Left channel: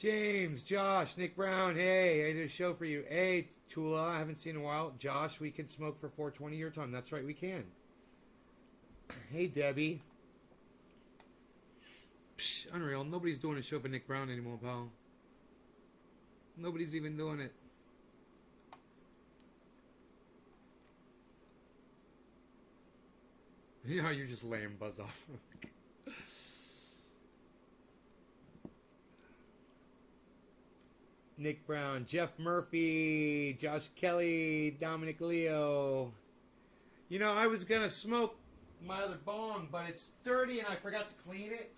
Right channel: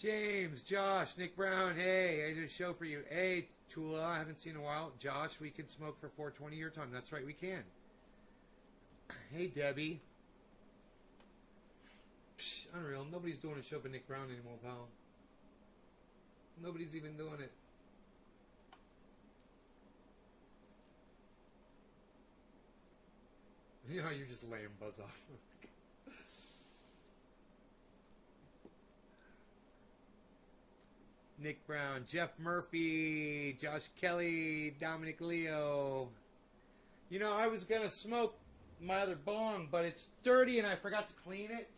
James, Josh, Nick Brown. Hey, I did a show for you. Hey, Tula, I haven't seen in a while. Josh, we can smoke for 420 your time. That's right, we can. Hey, Debbie. Psh, unreal. Nobody's doing a show for Nick Brown anymore, pal. Nobody's even doing it. You know, you're just lame, buzz off. Nick Brown, Jeff Murphy, Josh Kelly, Dominic Leo. You know, I was going to smoke my other bong, but it's dirty and I forgot to clean it.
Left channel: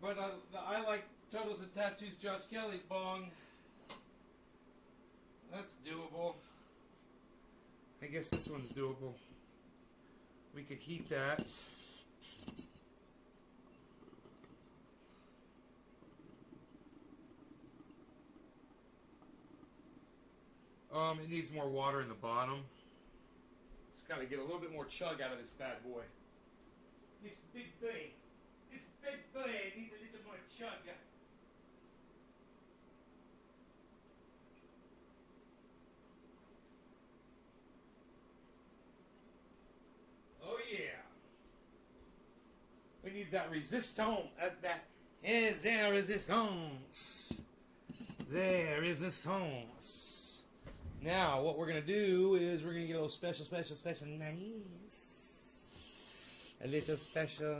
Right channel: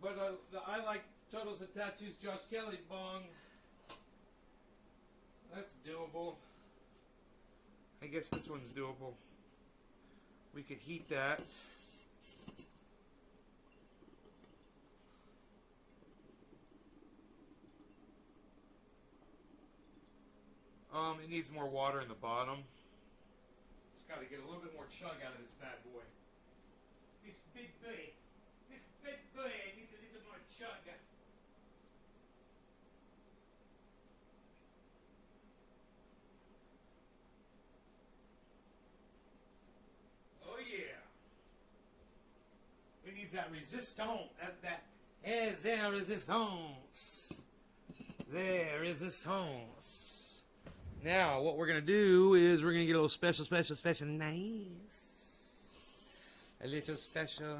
But I like Totals and Tattoos Josh Kelly bong. That's doable. I guess this one's doable. We could heat that. It needs more water in the bottom. Just gotta get a little bit more chug out of this bad boy. This big boy needs a little more chug. Oh yeah. We need that resistance. That is there resistance. There is resistance. Now, what we're going to do is we're going to get a little special nice. A little special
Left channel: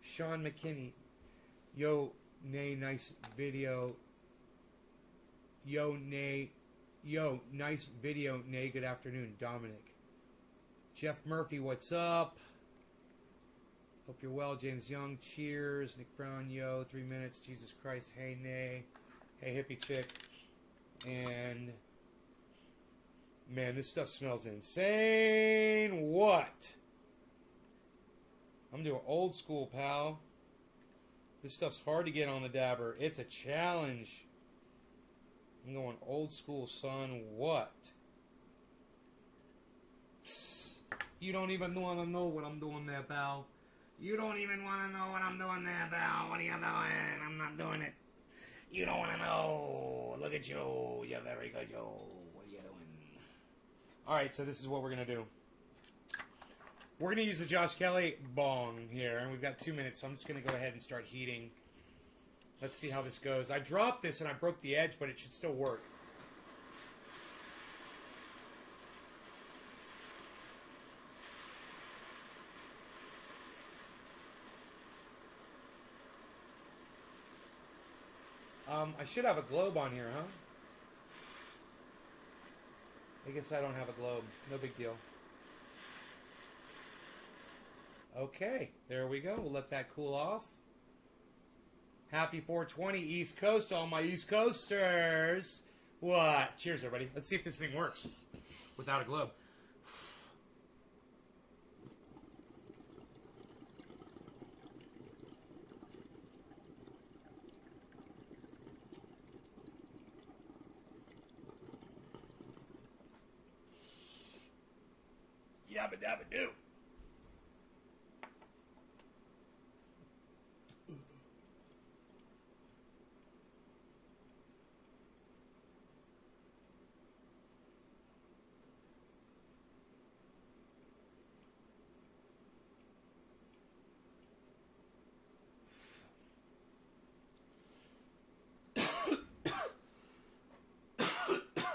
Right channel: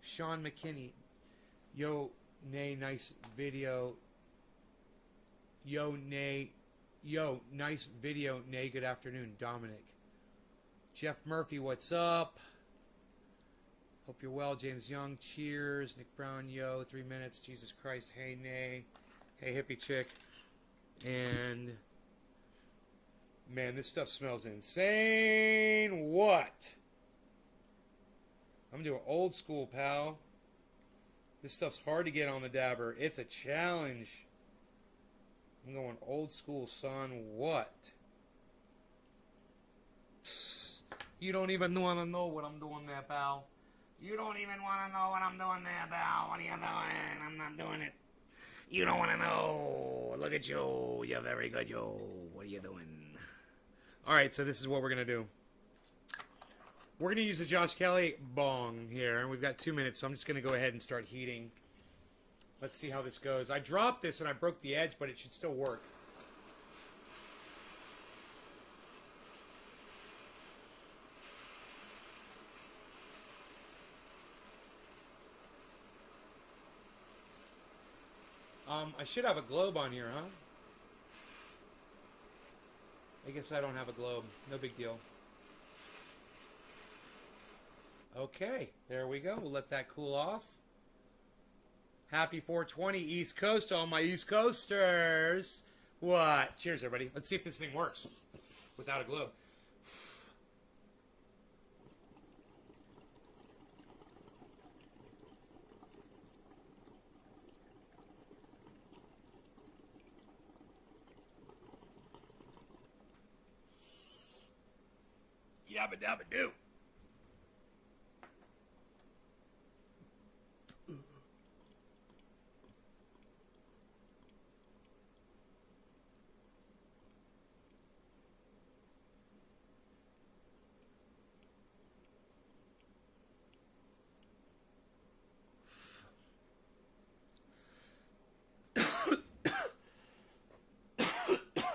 Sean McKinney. Yo, nay, nice video. Yo, nice video, nay, good afternoon, Dominic. Jeff Murphy, what's up? Hope you're well, James Young, cheers. Nick Brown, yo, 3 minutes, Jesus Christ, hey, nay. Hey, hippie chick. And... man, this stuff smells insane. What? I'm doing old school, pal. This stuff's hard to get on the dabber. It's a challenge. I'm going old school, son. What? Psst. You don't even want to know what I'm doing there, pal. You don't even want to know what I'm doing there, pal. What are you doing? I'm not doing it. You don't want to know. Look at you. You're very good, yo. What are you doing? Alright, so this is what we're going to do. We're going to use the Josh Kelly bong here. And we've got 2 minutes, so I'm just going to go ahead and start heating. Let's see how this goes. I dropped this and I broke the edge, but it should still work. I should have a globe on here, huh? I guess I don't have a globe. No big deal. Okay, there we go. We'll let that cool off. Happy 420 East Coast, all my East Coasters. What? Cheers, everybody. Let's see if this thing works without a globe. Yabba dabba do.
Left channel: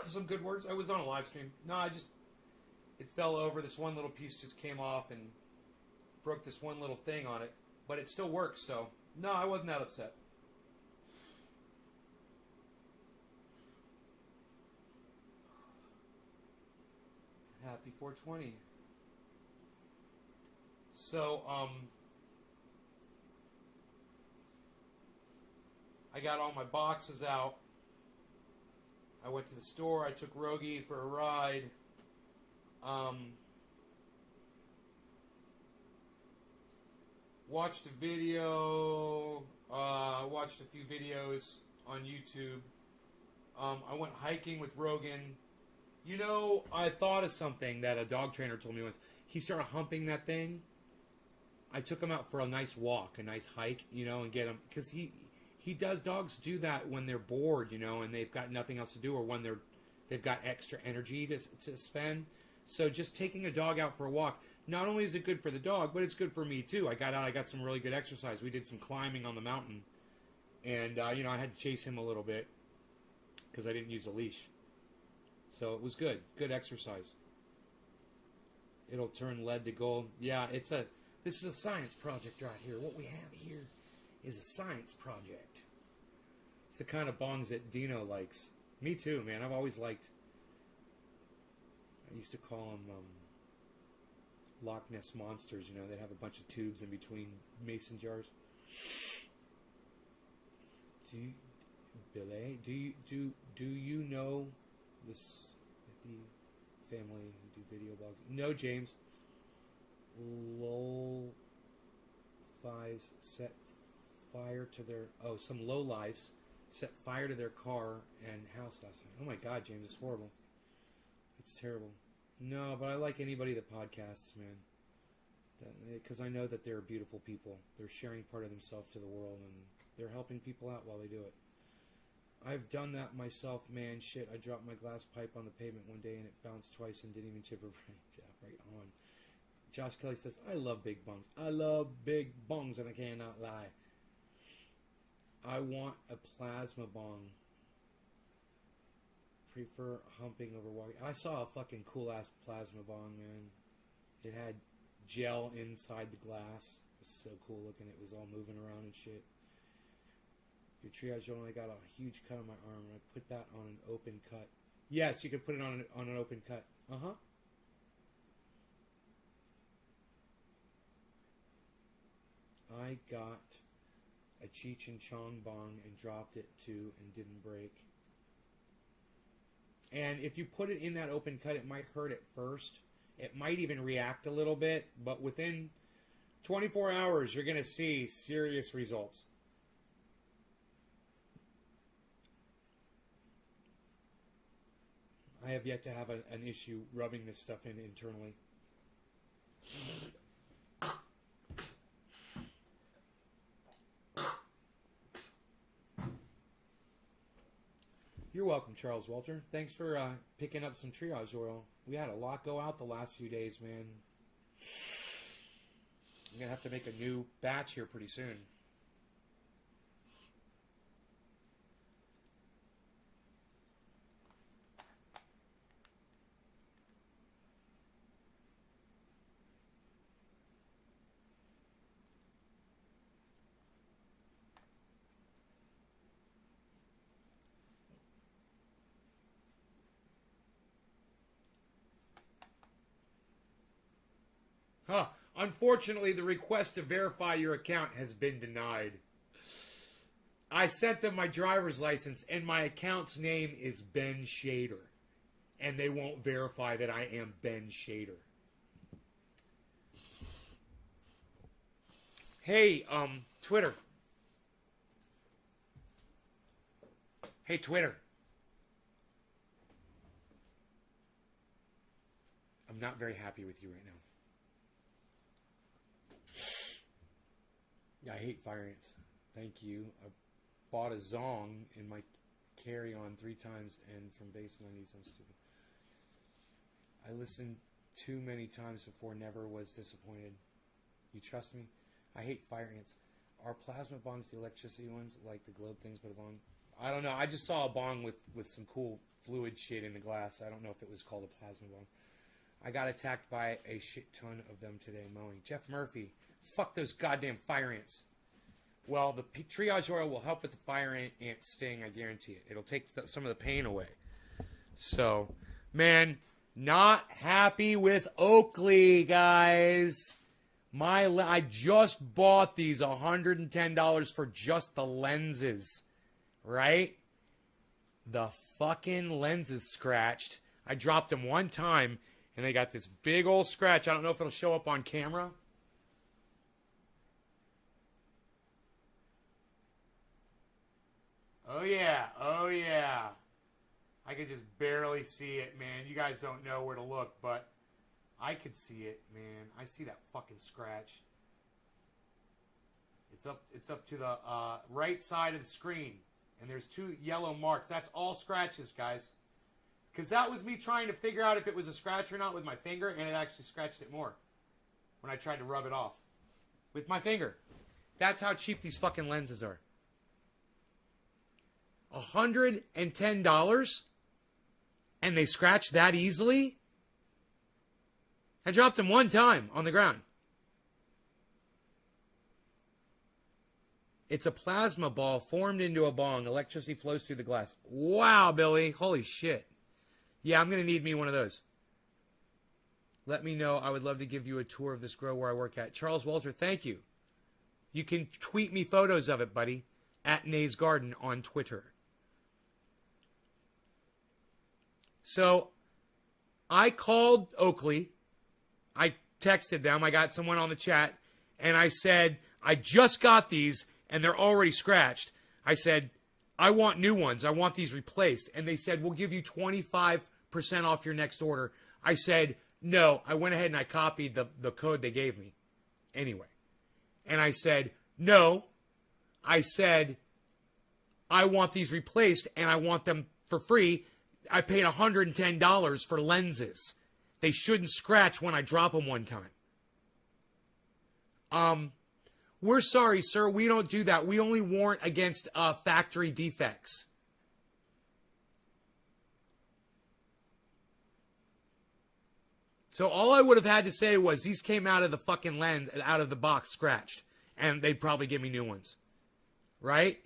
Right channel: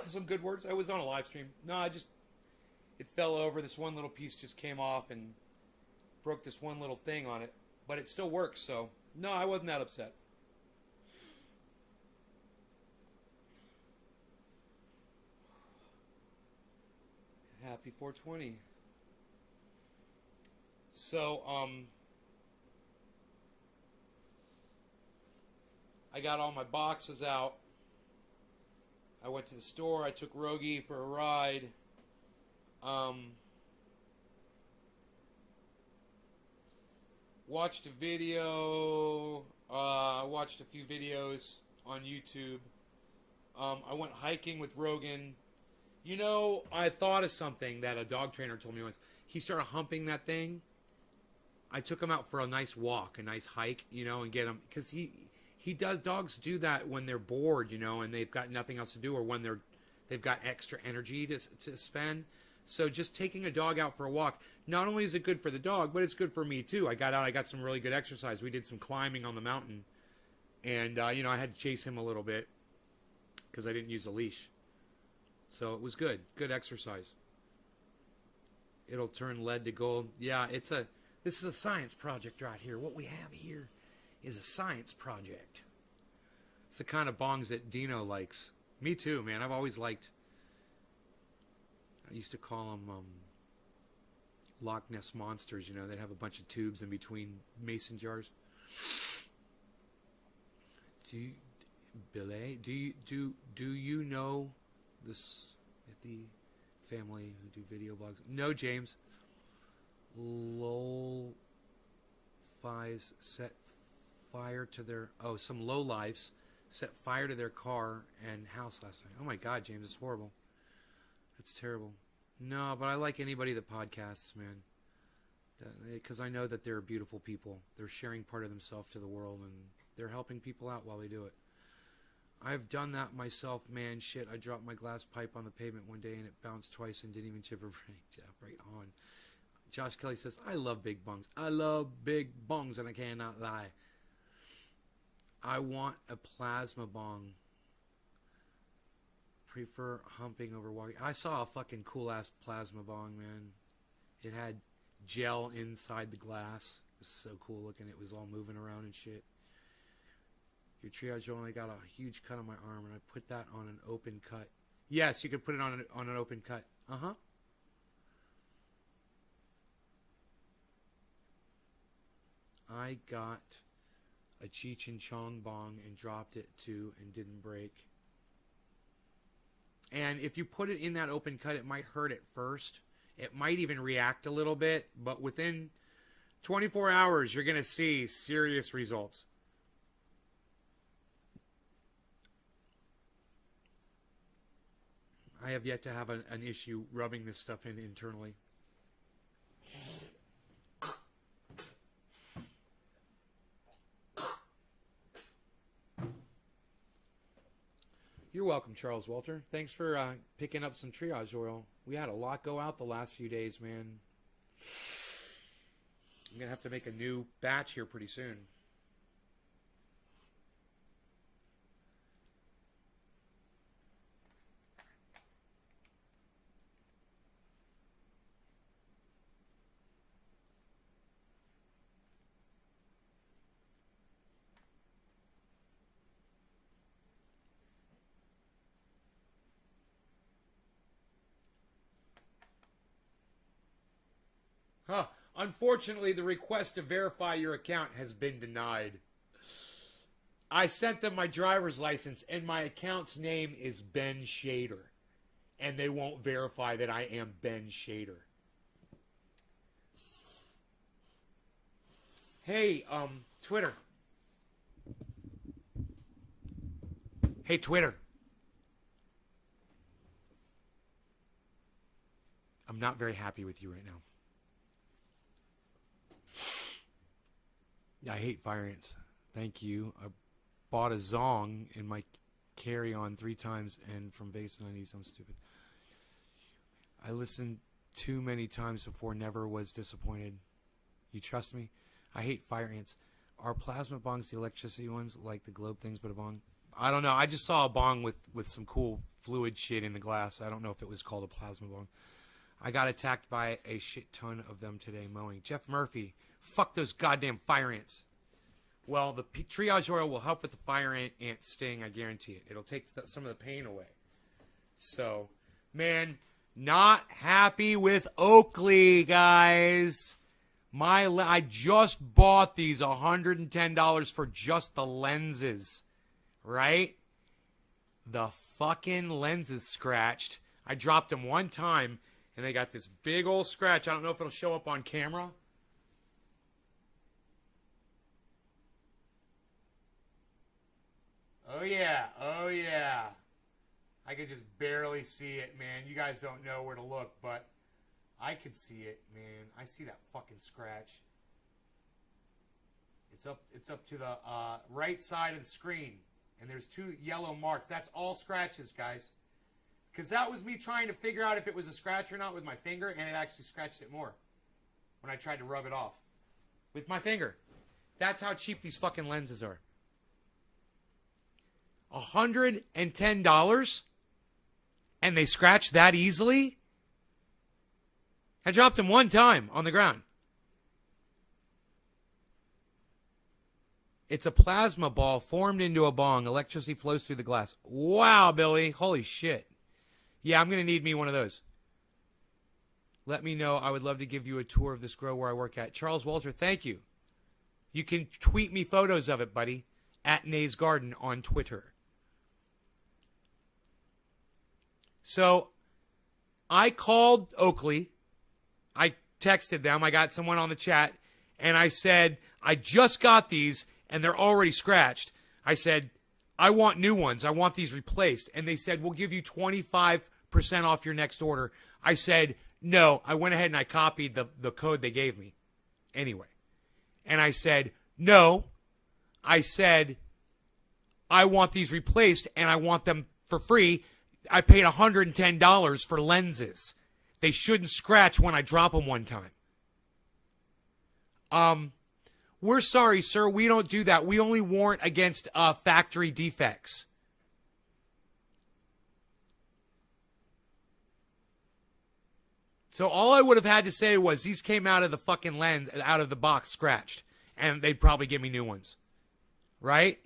Some good words. I was on a live stream. No, it fell over. This one little piece just came off and broke this one little thing on it. But it still works, so no, I wasn't that upset. Happy 420. So, I got all my boxes out. I went to the store. I took Rogie for a ride. Watched a video. Watched a few videos on YouTube. I went hiking with Rogan. You know, I thought of something that a dog trainer told me once. He started humping that thing. I took him out for a nice walk, a nice hike, you know, and get him, because he does, dogs do that when they're bored, you know, and they've got nothing else to do, or when they've got extra energy to spend. So just taking a dog out for a walk, not only is it good for the dog, but it's good for me too. I got out, I got some really good exercise. We did some climbing on the mountain, and you know, I had to chase him a little bit because I didn't use a leash. So it was good exercise. It'll turn lead to gold. Yeah, this is a science project right here. What we have here is a science project. It's the kind of bongs that Dino likes. Me too, man. I've always liked, I used to call them Loch Ness monsters, you know. They'd have a bunch of tubes in between mason jars. Do you know this, the family who do video blogs? No, James. Lol Fies set fire to their, some low lives set fire to their car and house last night. Oh my God, James, it's horrible. It's terrible. No, but I like anybody that podcasts, man, because I know that they're beautiful people. They're sharing part of themselves to the world, and they're helping people out while they do it. I've done that myself, man. Shit, I dropped my glass pipe on the pavement one day and it bounced twice and didn't even chip a break. Right on. Josh Kelly says, I love big bongs. I love big bongs, and I cannot lie. I want a plasma bong. Prefer humping over walking. I saw a fucking cool ass plasma bong, man. It had gel inside the glass. It was so cool looking. It was all moving around and shit. Your triage only got a huge cut on my arm, and I put that on an open cut. Yes, you can put it on an open cut. Uh-huh. I got a Cheech and Chong bong and dropped it too and didn't break. And if you put it in that open cut, it might hurt at first. It might even react a little bit, but within 24 hours, you're going to see serious results. I have yet to have an issue rubbing this stuff in internally. You're welcome, Charles Walter. Thanks for picking up some triage oil. We had a lot go out the last few days, man. I'm going to have to make a new batch here pretty soon. Huh. Unfortunately, the request to verify your account has been denied. I sent them my driver's license, and my account's name is Ben Shader. And they won't verify that I am Ben Shader. Hey, Twitter. Hey, Twitter. I'm not very happy with you right now. I hate fire ants. Thank you. I bought a Zong in my carry-on 3 times, and from Vegas to 90s, I'm stupid. I listened too many times before, never was disappointed. You trust me? I hate fire ants. Are plasma bongs the electricity ones, like the globe things, but a bong? I don't know. I just saw a bong with some cool fluid shit in the glass. I don't know if it was called a plasma bong. I got attacked by a shit ton of them today mowing. Jeff Murphy. Fuck those goddamn fire ants. Well, the triage oil will help with the fire ant sting, I guarantee it. It'll take some of the pain away. So, man, not happy with Oakley, guys. I just bought these $110 for just the lenses, right? The fucking lenses scratched. I dropped them one time, and they got this big old scratch. I don't know if it'll show up on camera. Oh, yeah. Oh, yeah. I can just barely see it, man. You guys don't know where to look, but I could see it, man. I see that fucking scratch. It's up to the right side of the screen, and there's 2 yellow marks. That's all scratches, guys. Because that was me trying to figure out if it was a scratch or not with my finger, and it actually scratched it more when I tried to rub it off with my finger. That's how cheap these fucking lenses are. $110, and they scratch that easily? I dropped them one time on the ground. It's a plasma ball formed into a bong. Electricity flows through the glass. Wow, Billy. Holy shit. Yeah, I'm going to need me one of those. Let me know. I would love to give you a tour of this grow where I work at. Charles Walter, thank you. You can tweet me photos of it, buddy, at Nays Garden on Twitter. So I called Oakley. I texted them. I got someone on the chat, and I said, I just got these, and they're already scratched. I said, I want new ones. I want these replaced. And they said, we'll give you 25% off your next order. I said, no. I went ahead and I copied the code they gave me anyway. And I said, no. I said, I want these replaced, and I want them for free. I paid $110 for lenses. They shouldn't scratch when I drop them one time. We're sorry, sir. We don't do that. We only warrant against factory defects. So all I would have had to say was these came out of the fucking lens, out of the box scratched. And they'd probably give me new ones. Right?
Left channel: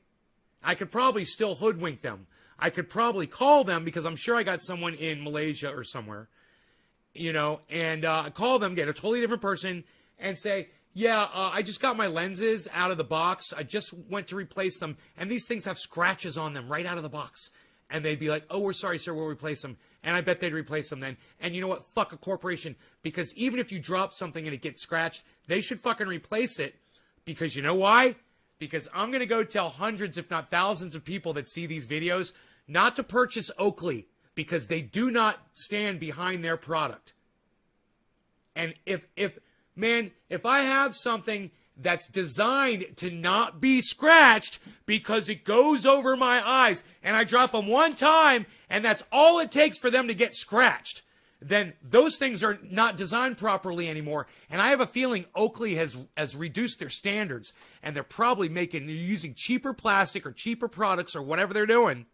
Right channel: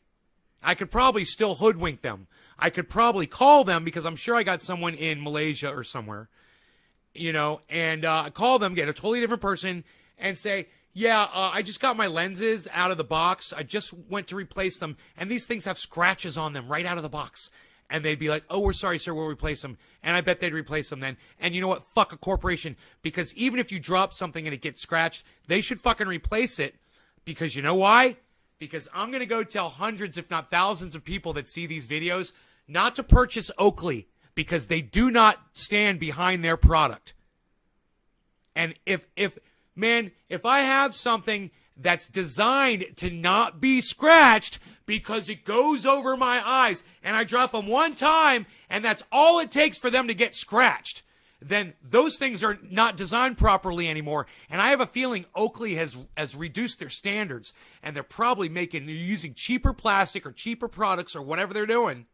I could probably still hoodwink them. I could probably call them because I'm sure I got someone in Malaysia or somewhere. And call them, get a totally different person, and say, yeah, I just got my lenses out of the box. I just went to replace them, and these things have scratches on them right out of the box. And they'd be like, oh, we're sorry, sir, we'll replace them. And I bet they'd replace them then. And you know what? Fuck a corporation. Because even if you drop something and it gets scratched, they should fucking replace it. Because you know why? Because I'm going to go tell hundreds, if not thousands of people that see these videos not to purchase Oakley because they do not stand behind their product. And if I have something that's designed to not be scratched because it goes over my eyes and I drop them one time and that's all it takes for them to get scratched, then those things are not designed properly anymore. And I have a feeling Oakley has reduced their standards, and they're probably using cheaper plastic or cheaper products or whatever they're doing.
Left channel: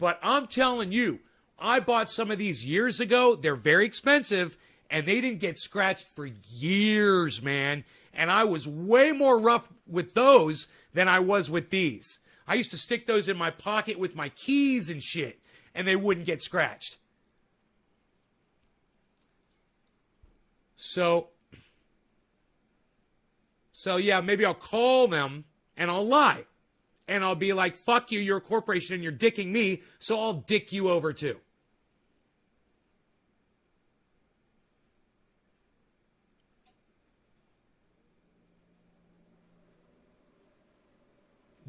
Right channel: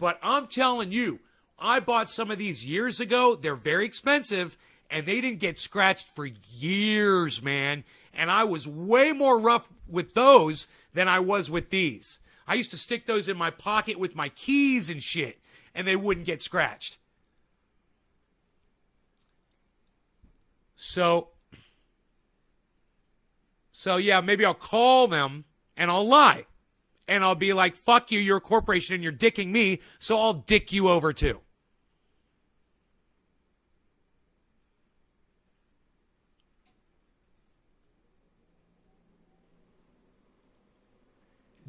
But I'm telling you, I bought some of these years ago. They're very expensive, and they didn't get scratched for years, man. And I was way more rough with those than I was with these. I used to stick those in my pocket with my keys and shit, and they wouldn't get scratched. So yeah, maybe I'll call them and I'll lie. And I'll be like, fuck you, you're a corporation and you're dicking me, so I'll dick you over too.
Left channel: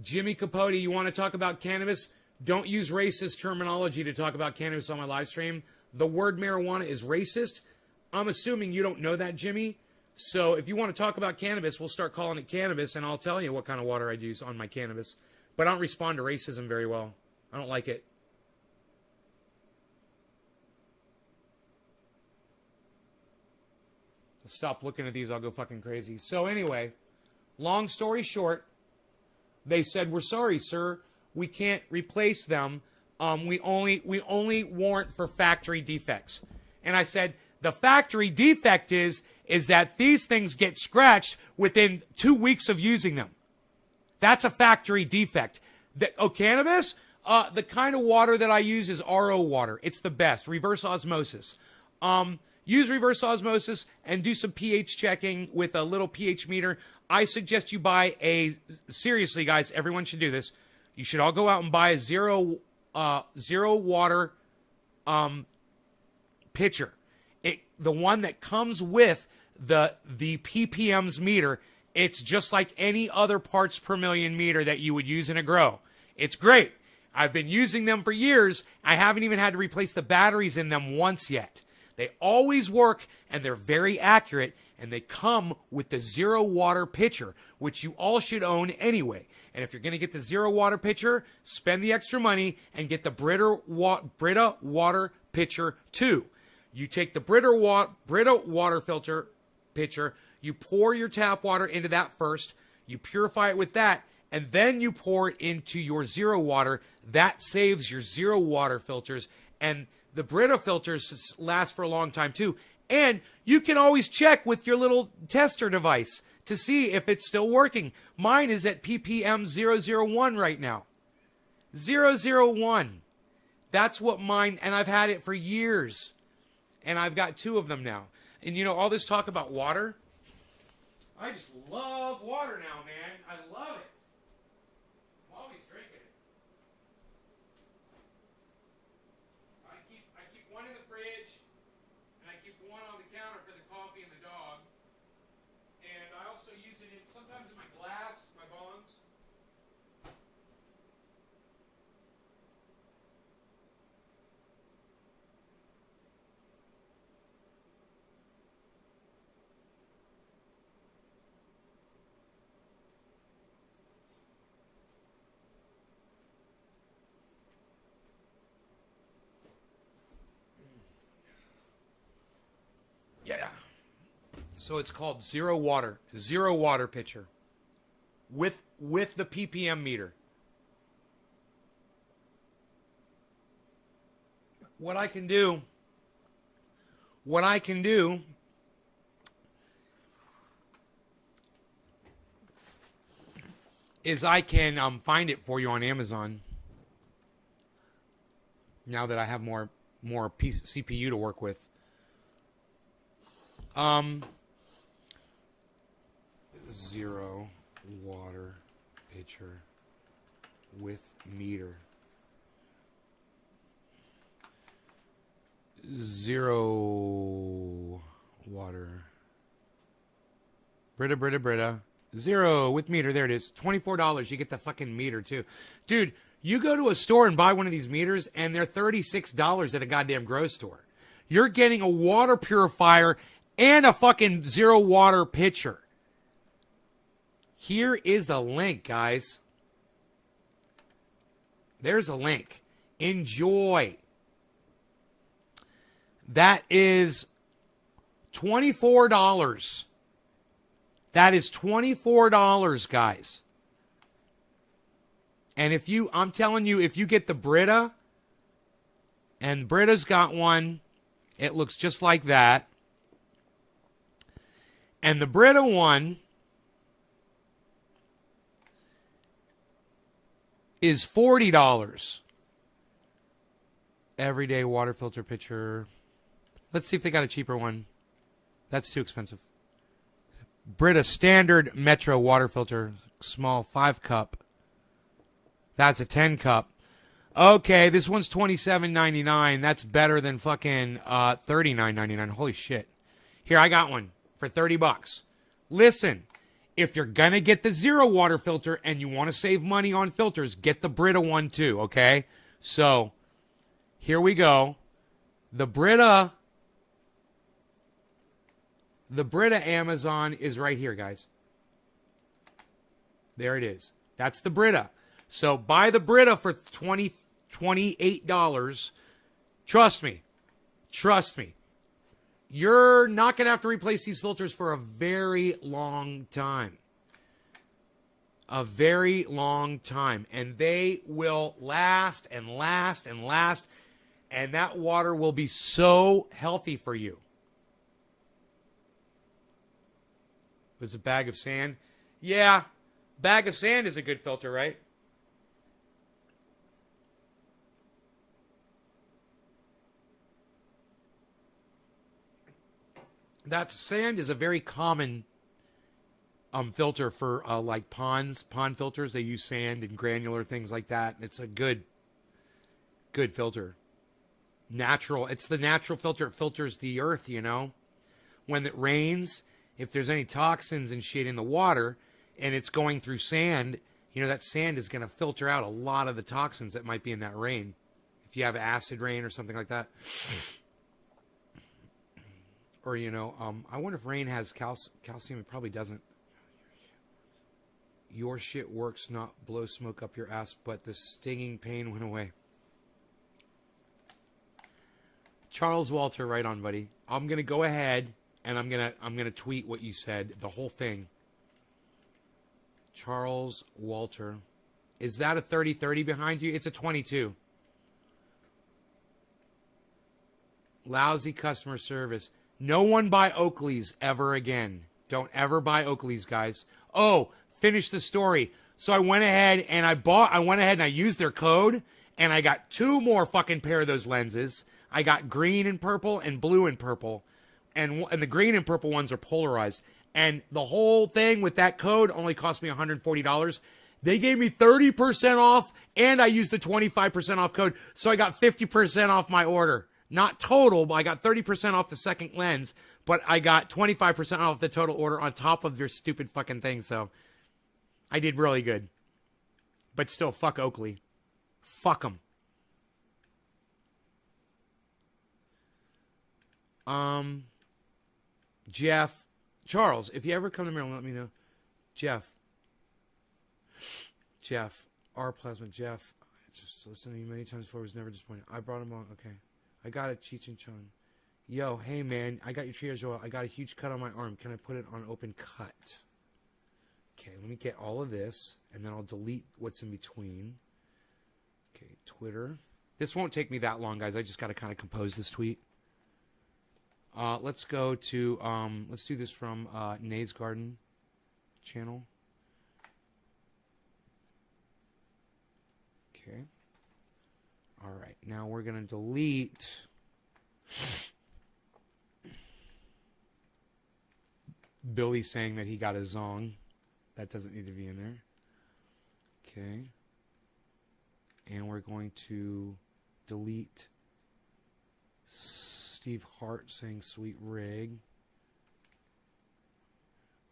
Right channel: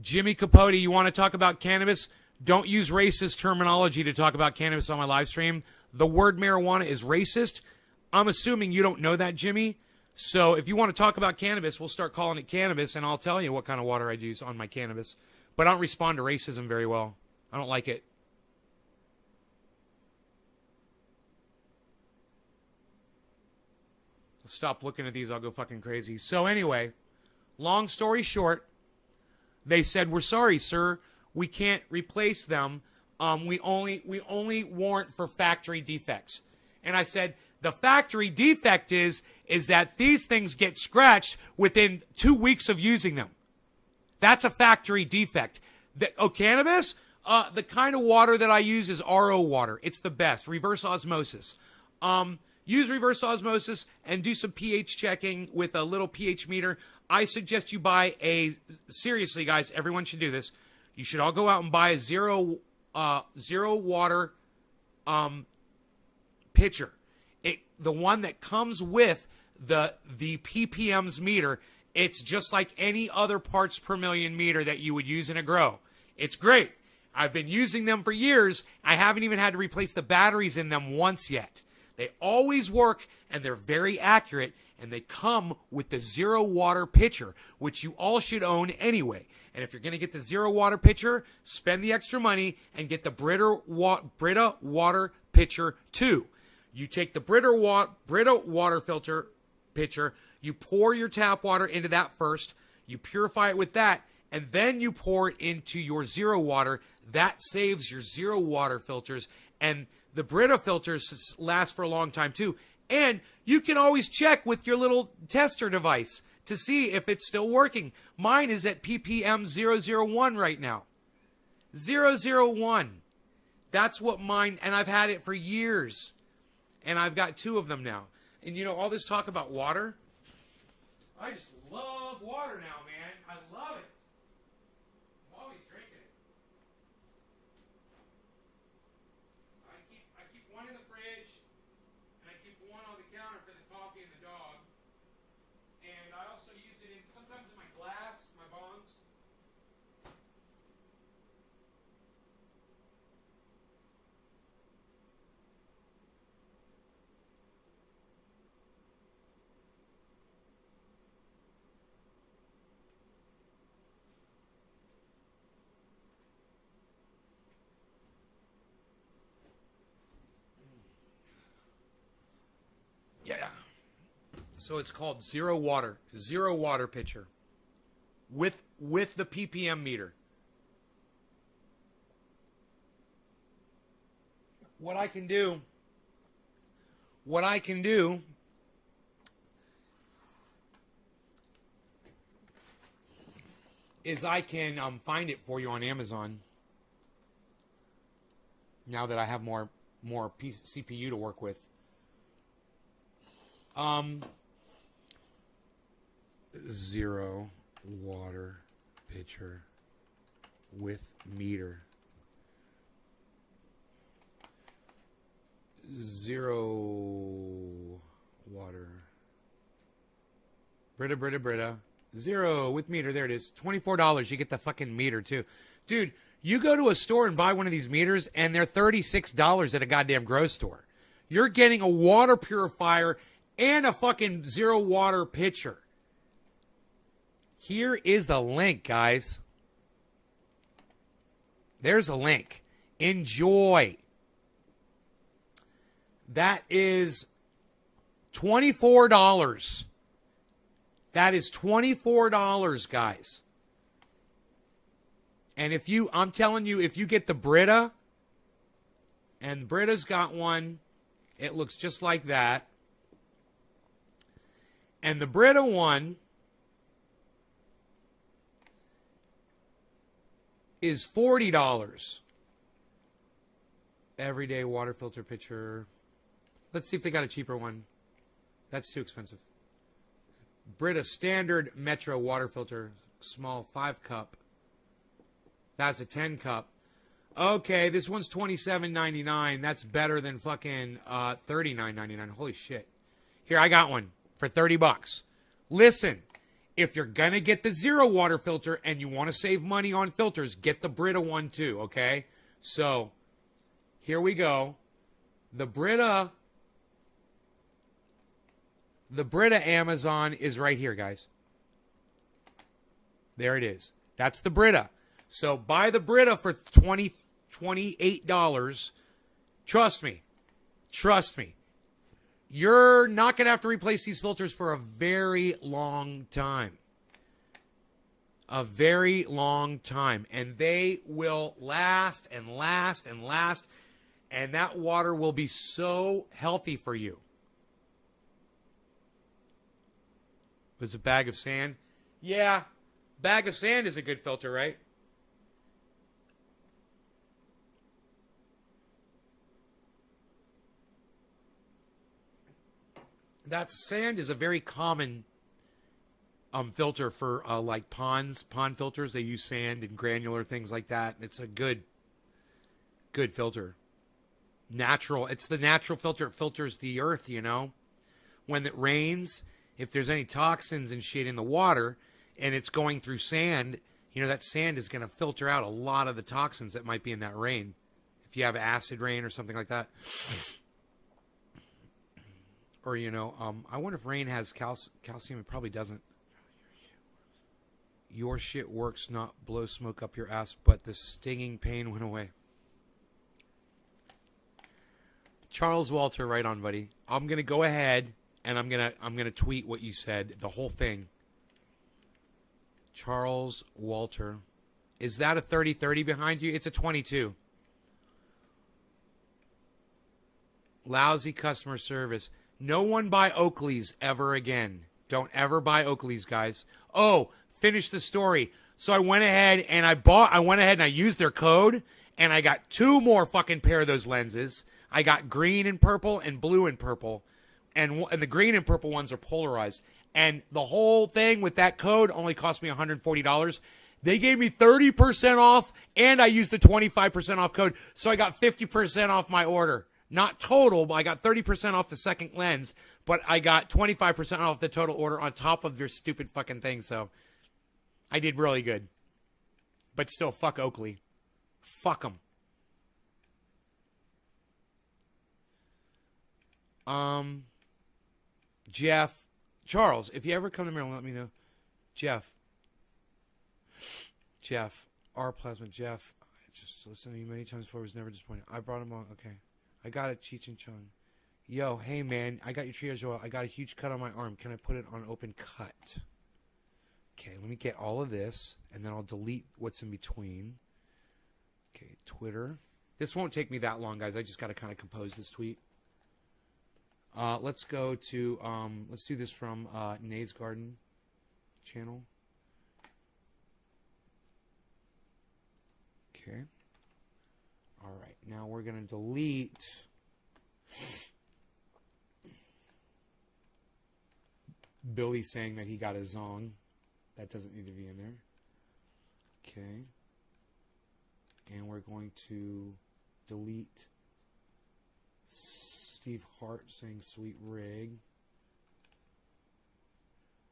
Jimmy Capote, you want to talk about cannabis? Don't use racist terminology to talk about cannabis on my live stream. The word marijuana is racist. I'm assuming you don't know that, Jimmy. So if you want to talk about cannabis, we'll start calling it cannabis, and I'll tell you what kind of water I use on my cannabis. But I don't respond to racism very well. I don't like it. Stop looking at these. I'll go fucking crazy. So anyway, long story short, they said, we're sorry, sir. We can't replace them. We only warrant for factory defects. And I said, the factory defect is that these things get scratched within 2 weeks of using them. That's a factory defect. Cannabis, the kind of water that I use is RO water. It's the best. Reverse osmosis. Use reverse osmosis and do some pH checking with a little pH meter. I suggest you buy seriously, guys, everyone should do this. You should all go out and buy a zero water pitcher. The one that comes with the ppms meter. It's just like any other parts per million meter that you would use in a grow. It's great. I've been using them for years. I haven't even had to replace the batteries in them once yet. They always work, and they're very accurate, And they come with the Zero Water pitcher, which you all should own anyway. And if you're going to get the Zero Water pitcher, spend the extra money and get the Brita Water pitcher too. You take the Brita water filter pitcher, you pour your tap water into that first, you purify it with that, and then you pour it into your Zero Water. That saves your Zero Water filters, and the Brita filters last for a long time too. And you can always check with your little tester device to see if it's still working. Mine is at ppm 001 right now. 001. That's what mine, and I've had it for years. And I've got 2 of them now. And you know, all this talk about water, I just love water now, man. I love it. I'm always drinking it. I keep one in the fridge, and I keep one on the counter for the coffee and the dog. And I also use it sometimes in my glass, my bongs. Yeah. So it's called Zero Water pitcher with the ppm meter. What I can do is I can find it for you on Amazon. Now that I have more CPU to work with. Zero Water pitcher with meter. Zero Water. Brita. Zero with meter. There it is. $24. You get the fucking meter too. Dude, you go to a store and buy one of these meters and they're $36 at a goddamn grocery store. You're getting a water purifier and a fucking Zero Water pitcher. Here is the link, guys. There's a link. Enjoy. That is $24. That is $24, guys. And I'm telling you, if you get the Brita, and Brita's got one, it looks just like that. And the Brita one is $40. Everyday water filter pitcher. Let's see if they got a cheaper one. That's too expensive. Brita standard Metro water filter, small 5-cup. That's a 10-cup. Okay, this one's $27.99. That's better than fucking $39.99. Holy shit. Here, I got one for $30. Listen, if you're going to get the Zero Water filter and you want to save money on filters, get the Brita one too, okay? So, here we go. The Brita Amazon is right here, guys. There it is. That's the Brita. So buy the Brita for $28. Trust me. You're not going to have to replace these filters for a very long time. A very long time. And they will last and last and last. And that water will be so healthy for you. It's a bag of sand. Yeah, bag of sand is a good filter, right? That sand is a very common filter for like pond filters. They use sand and granular things like that. It's a good filter. Natural. It's the natural filter. It filters the earth, you know. When it rains, if there's any toxins and shit in the water and it's going through sand, you know, that sand is going to filter out a lot of the toxins that might be in that rain. If you have acid rain or something like that. Or, I wonder if rain has calcium. It probably doesn't. Your shit works, not blow smoke up your ass, but the stinging pain went away. Charles Walter, right on, buddy. I'm gonna go ahead and I'm gonna tweet what you said, the whole thing. Charles Walter. Is that a 30-30 behind you? It's a 22. Lousy customer service. No one buy Oakley's ever again. Don't ever buy Oakley's, guys. Oh, finish the story. So I went ahead and I used their code and I got 2 more fucking pair of those lenses. I got green and purple and blue and purple. And the green and purple ones are polarized. And the whole thing with that code only cost me $140. They gave me 30% off and I used the 25% off code. So I got 50% off my order. Not total, but I got 30% off the second lens, but I got 25% off the total order on top of their stupid fucking thing. So I did really good. But still, fuck Oakley. Fuck them. Jeff. Charles, if you ever come to Maryland, let me know. Jeff. R. Plasma. Jeff. I just listened to you many times before. I was never disappointed. I brought him on. Okay. I got it, Cheech and Chong. Yo, hey, man. I got your triage oil. I got a huge cut on my arm. Can I put it on open cut? Okay, let me get all of this, and then I'll delete what's in between. Okay, Twitter. This won't take me that long, guys. I just got to kind of compose this tweet. Let's go to, let's do this from Nays Garden channel. Okay. All right, now we're going to delete Billy saying that he got a zong. That doesn't need to be in there. Okay. And we're going to delete Steve Hart saying sweet rig.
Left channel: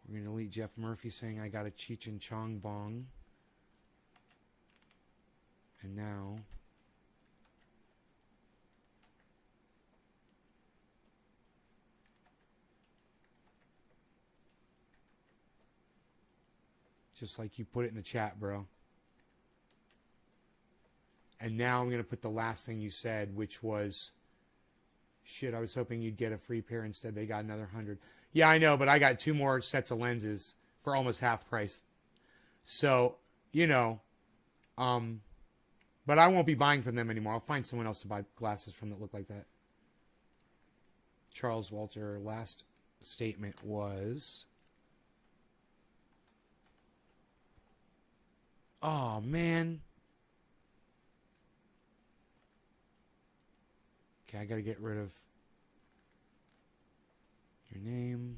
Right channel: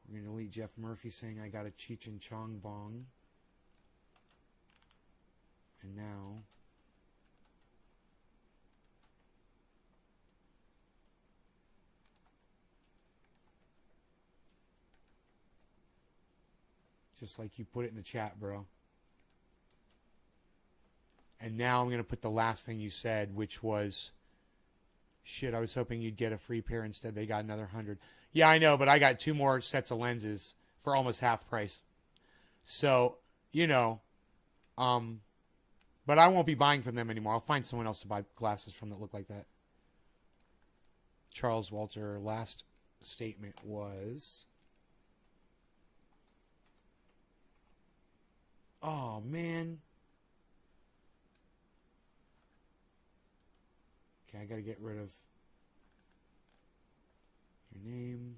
We're going to delete Jeff Murphy saying I got a Cheech and Chong bong. And now just like you put it in the chat, bro. And now I'm going to put the last thing you said, which was, shit, I was hoping you'd get a free pair. Instead, they got another 100. Yeah, I know, but I got 2 more sets of lenses for almost half price. So, but I won't be buying from them anymore. I'll find someone else to buy glasses from that look like that. Charles Walter, last statement was, oh, man. Okay, I got to get rid of your name.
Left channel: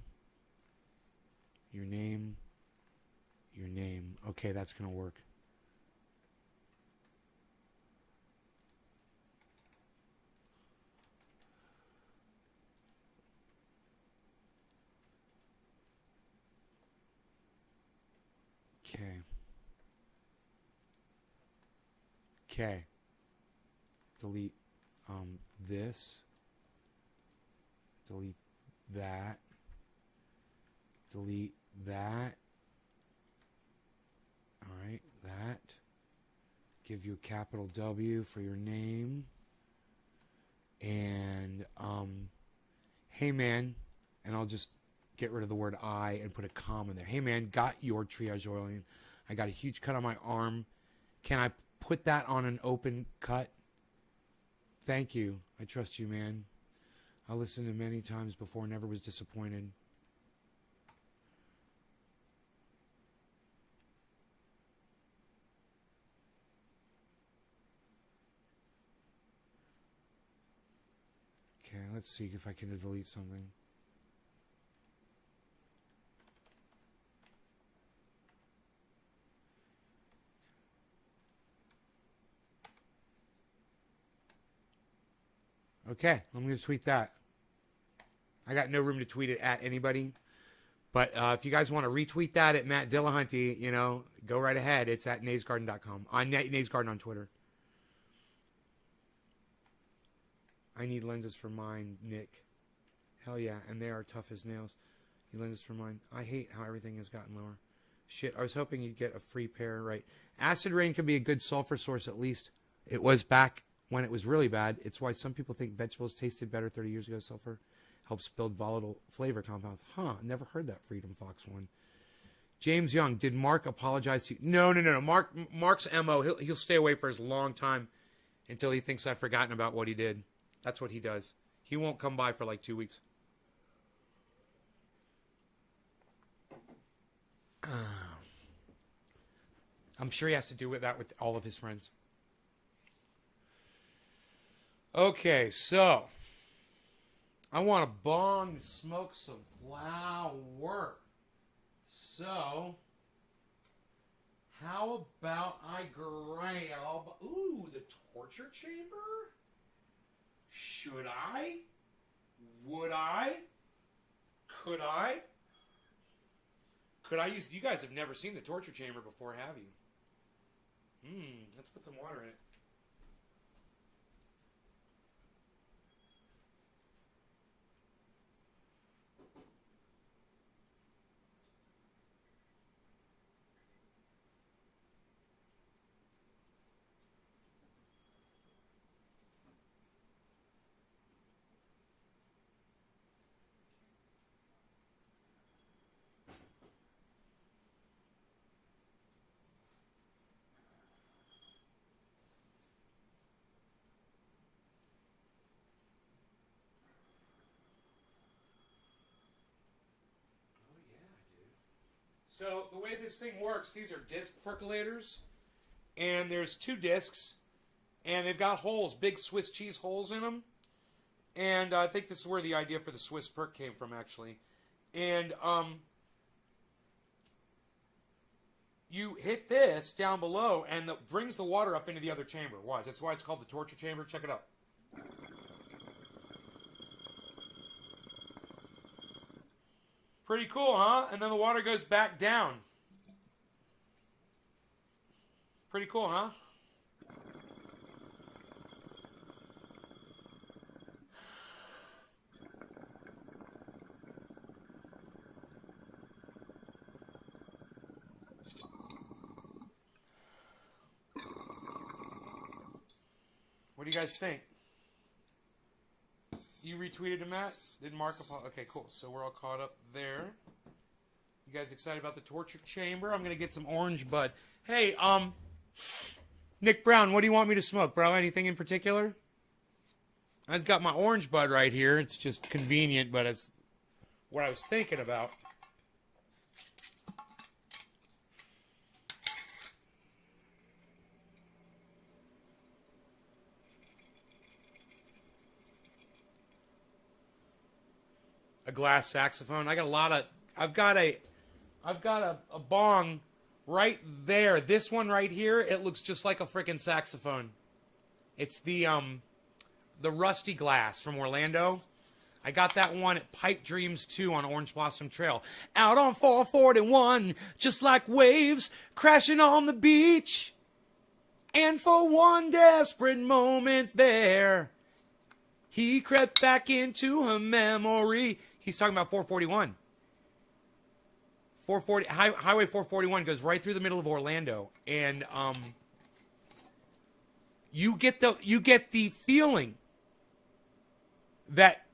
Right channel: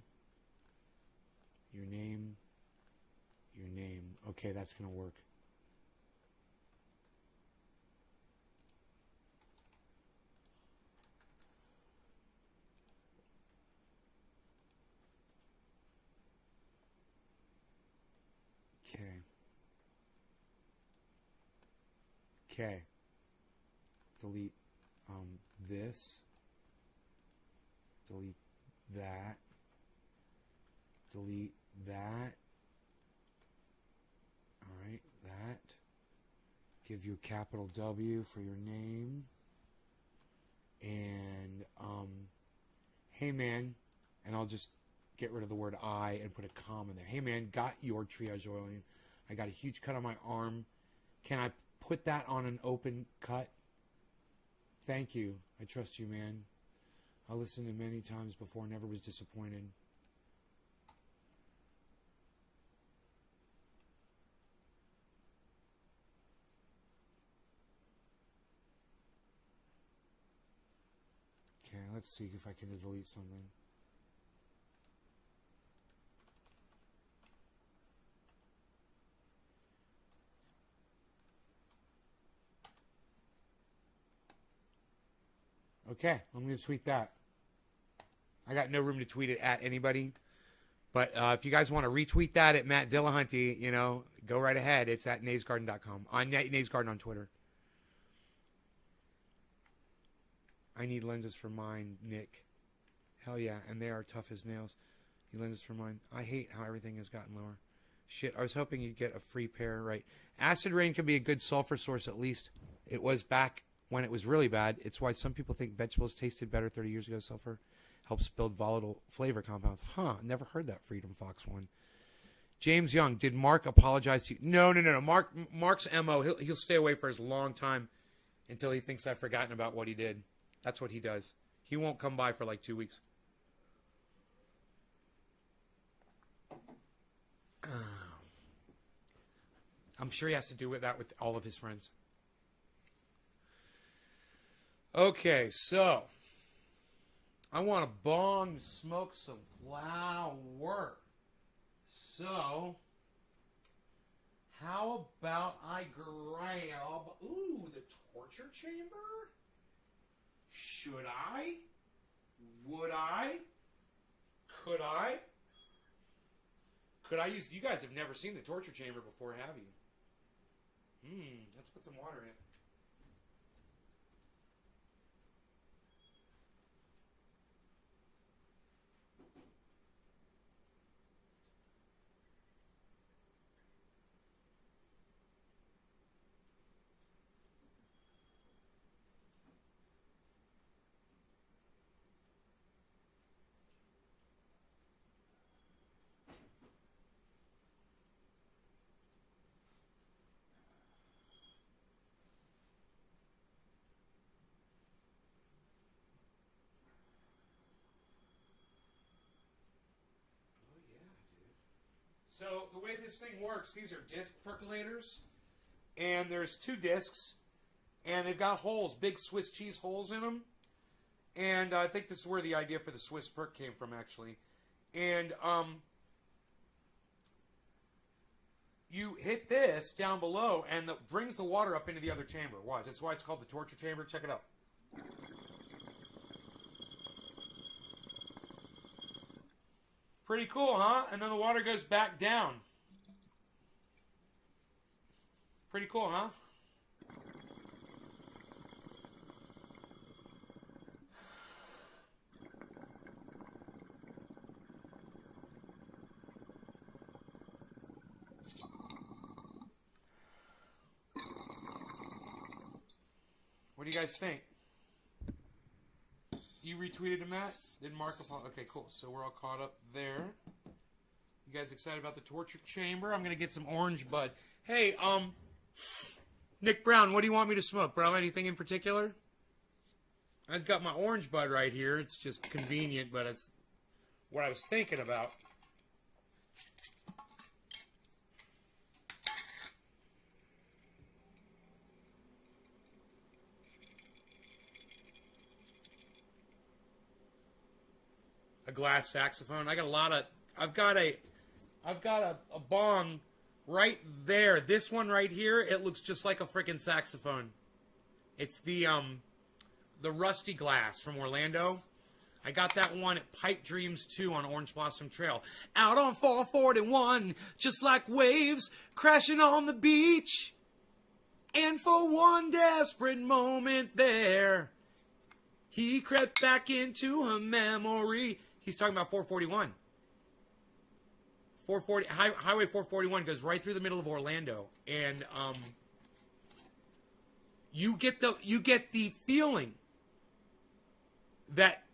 Okay, that's going to work. Okay. Delete this. Delete that. Delete that. All right, that. Give you a capital W for your name. And hey man, and I'll just get rid of the word I and put a comma in there. Hey man, got your triage oil in. I got a huge cut on my arm. Can I put that on an open cut? Thank you. I trust you, man. I listened to many times before, never was disappointed. Okay, let's see if I can delete something. Okay, I'm going to tweet that. I got no room to tweet it at anybody. But if you guys want to retweet that at Matt Dillahunty, go right ahead. It's at naysgarden.com. On Naysgarden on Twitter. I need lenses for mine, Nick. Hell yeah, and they are tough as nails. He lends us for mine. I hate how everything has gotten lower. Shit, I was hoping you'd get a free pair, right? Acid rain could be a good sulfur source at least. It was back when it was really bad. It's why some people think vegetables tasted better 30 years ago. Sulfur helps build volatile flavor compounds. Huh, never heard that Freedom Fox one. James Young, did Mark apologize to you? No. Mark's MO, he'll stay away for a long time until he thinks I've forgotten about what he did. That's what he does. He won't come by for like 2 weeks. I'm sure he has to do that with all of his friends. Okay, so I want to bong smoke some flower. So how about I grab the torture chamber? Should I? Would I? Could I? Could I use... You guys have never seen the torture chamber before, have you? Let's put some water in it. So the way this thing works, these are disc percolators, and there's 2 discs, and they've got holes, big Swiss cheese holes in them, and I think this is where the idea for the Swiss perk came from, actually. And you hit this down below, and it brings the water up into the other chamber. Watch, that's why it's called the torture chamber. Check it out. Pretty cool, huh? And then the water goes back down. Pretty cool, huh? What do you guys think? You retweeted him, Matt? Did Mark apologize? Okay, cool. So we're all caught up there. You guys excited about the torture chamber? I'm gonna get some orange bud. Hey, Nick Brown, what do you want me to smoke, bro? Anything in particular? I've got my orange bud right here. It's just convenient, but it's what I was thinking about. A glass saxophone. I've got a bong right there. This one right here, it looks just like a freaking saxophone. It's the Rusty Glass from Orlando. I got that one at Pipe Dreams 2 on Orange Blossom Trail. Out on 441, just like waves crashing on the beach. And for one desperate moment there, he crept back into her memory. He's talking about 441. Highway 441 goes right through the middle of Orlando, and you get the feeling that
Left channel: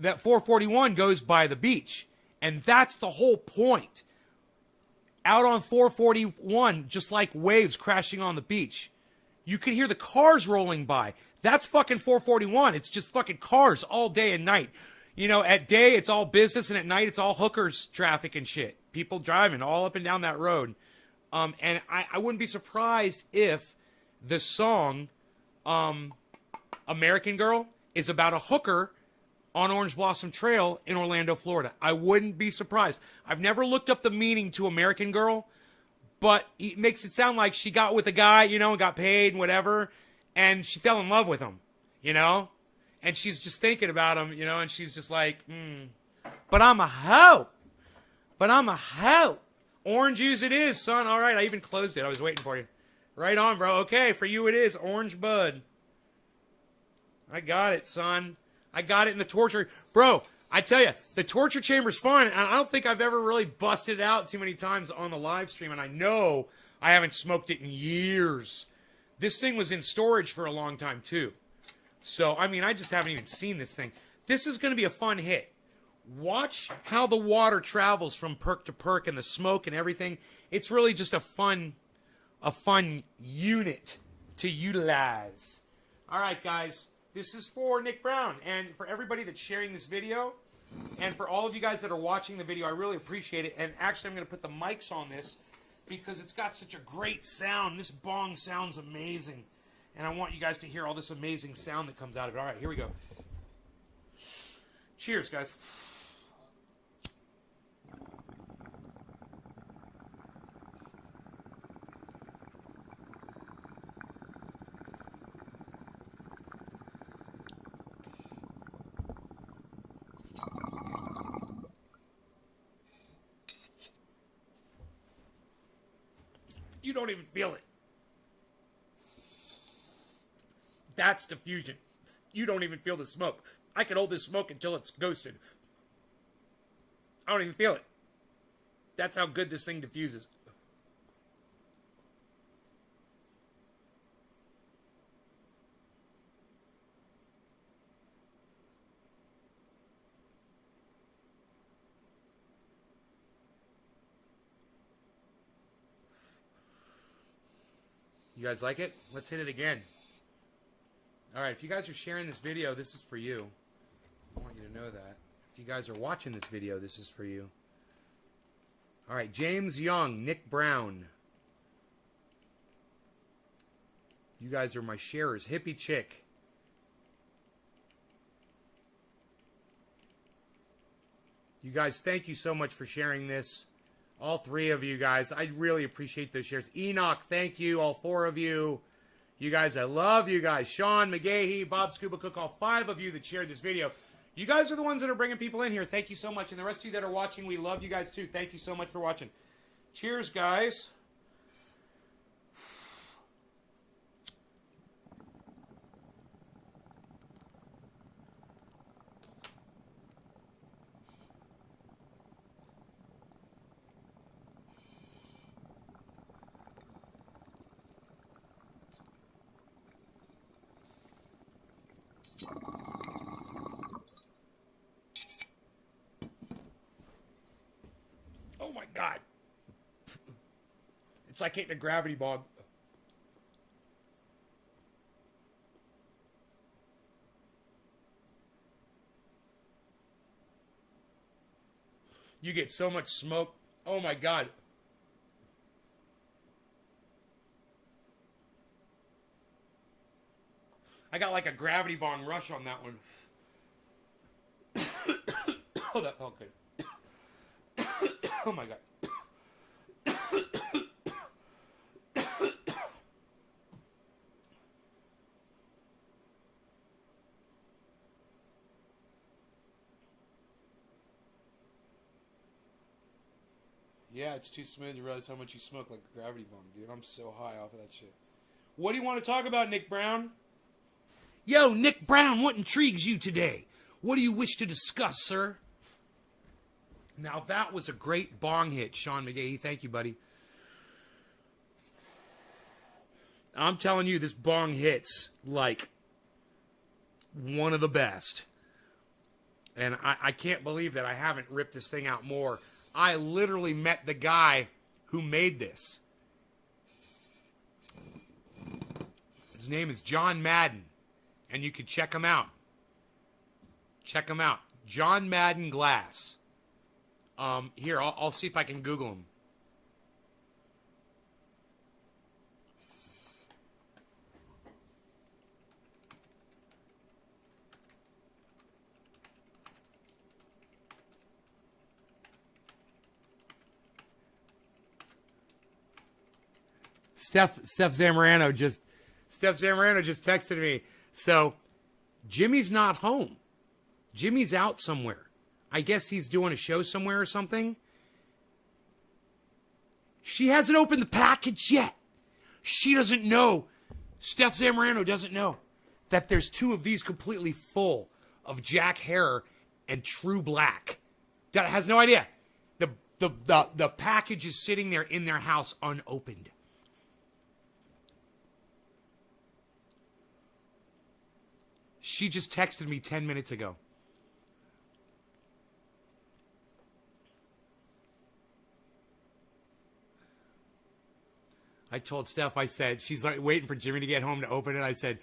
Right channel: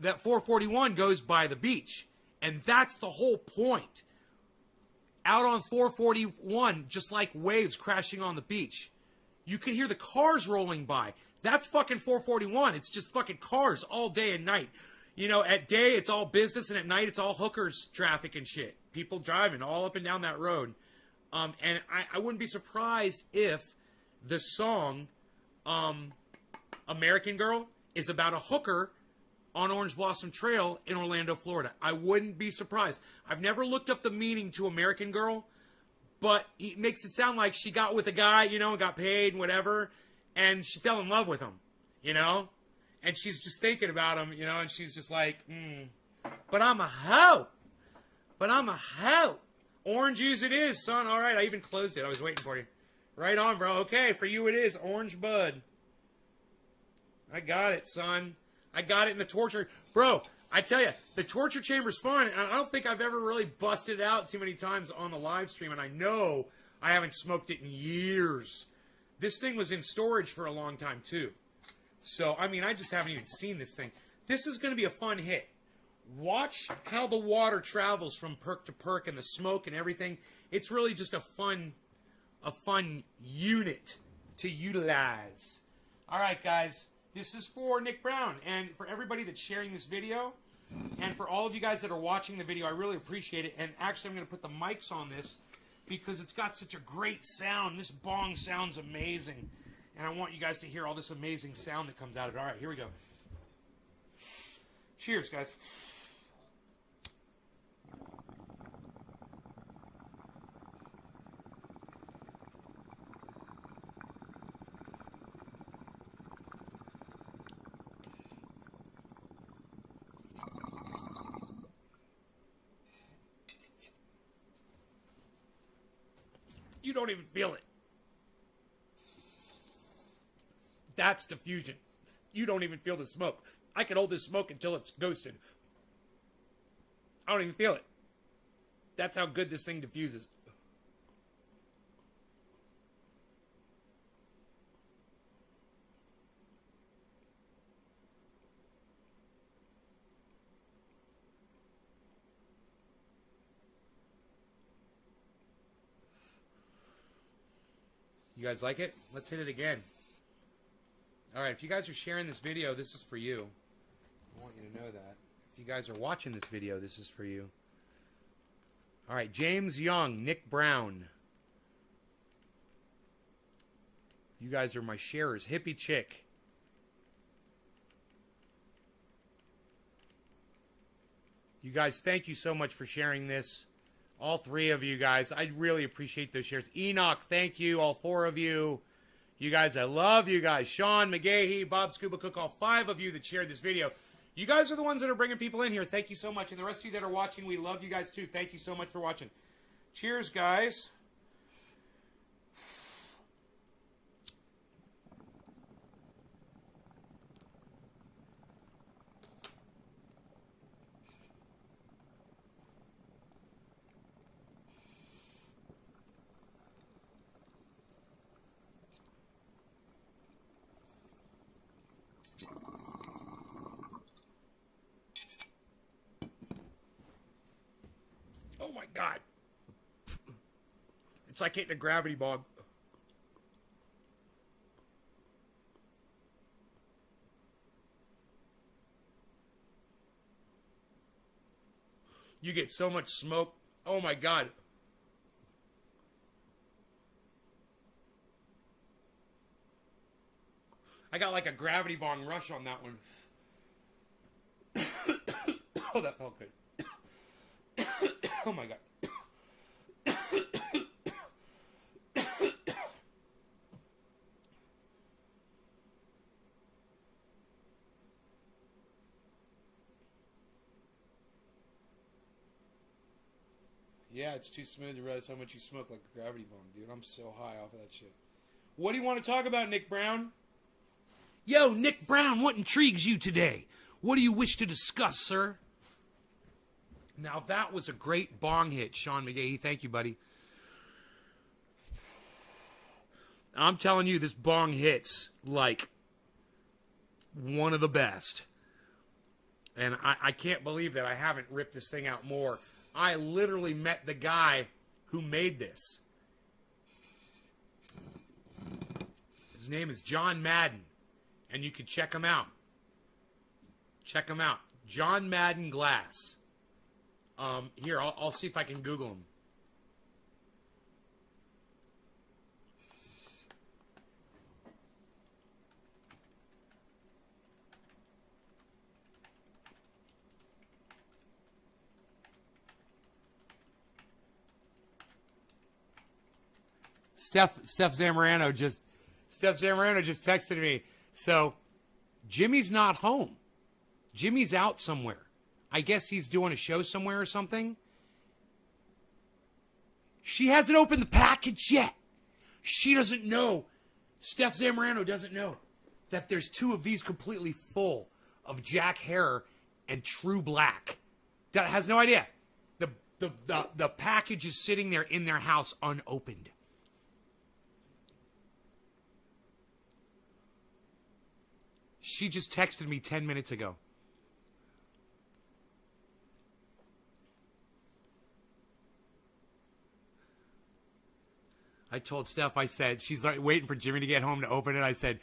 441 goes by the beach, and that's the whole point. Out on 441, just like waves crashing on the beach, you can hear the cars rolling by. That's fucking 441. It's just fucking cars all day and night. You know, at day, it's all business, and at night, it's all hookers traffic and shit. People driving all up and down that road. And I wouldn't be surprised if the song American Girl is about a hooker on Orange Blossom Trail in Orlando, Florida. I wouldn't be surprised. I've never looked up the meaning to American Girl, but it makes it sound like she got with a guy, you know, and got paid and whatever, and she fell in love with him, you know? And she's just thinking about him, you know, and she's just like, but I'm a hoe. But I'm a hoe. Orange juice it is, son. All right, I even closed it. I was waiting for you. Right on, bro. Okay, for you it is. Orange bud. I got it, son. I got it in the torture. Bro, I tell you, the torture chamber's fun, and I don't think I've ever really busted it out too many times on the live stream, and I know I haven't smoked it in years. This thing was in storage for a long time, too. So, I mean, I just haven't even seen this thing. This is going to be a fun hit. Watch how the water travels from perk to perk and the smoke and everything. It's really just a fun unit to utilize. All right, guys. This is for Nick Brown, and for everybody that's sharing this video, and for all of you guys that are watching the video, I really appreciate it. And actually, I'm going to put the mics on this because it's got such a great sound. This bong sounds amazing, and I want you guys to hear all this amazing sound that comes out of it. All right, here we go. Cheers, guys. You don't even feel it. That's diffusion. You don't even feel the smoke. I can hold this smoke until it's ghosted. I don't even feel it. That's how good this thing diffuses. You guys like it? Let's hit it again. All right, if you guys are sharing this video, this is for you. I want you to know that. If you guys are watching this video, this is for you. All right, James Young, Nick Brown. You guys are my sharers. Hippie Chick. You guys, thank you so much for sharing this. All three of you guys. I really appreciate those shares. Enoch, thank you. All four of you. You guys, I love you guys. Sean McGahee, Bob Scuba Cook, all five of you that shared this video. You guys are the ones that are bringing people in here. Thank you so much. And the rest of you that are watching, we love you guys too. Thank you so much for watching. Cheers, guys. Oh my God. It's like hitting a gravity bog. You get so much smoke. Oh my God. I got like a gravity bong rush on that one. Oh, that felt good. Oh my God. Yeah, it's too smooth to realize how much you smoke like the gravity bong, dude. I'm so high off of that shit. What do you want to talk about, Nick Brown? Yo, Nick Brown, what intrigues you today? What do you wish to discuss, sir? Now, that was a great bong hit, Sean McGahee. Thank you, buddy. I'm telling you, this bong hits like one of the best. And I can't believe that I haven't ripped this thing out more. I literally met the guy who made this. His name is John Madden. And you can check him out. Check him out. John Madden Glass. Here, I'll see if I can Google him. Steph Zamorano just texted me. So, Jimmy's not home. Jimmy's out somewhere. I guess he's doing a show somewhere or something. She hasn't opened the package yet. She doesn't know. Steph Zamorano doesn't know that there's two of these completely full of Jack Herer and True Black. That has no idea. The package is sitting there in their house unopened. She just texted me 10 minutes ago. I told Steph, I said, she's like waiting for Jimmy to get home to open it. I said,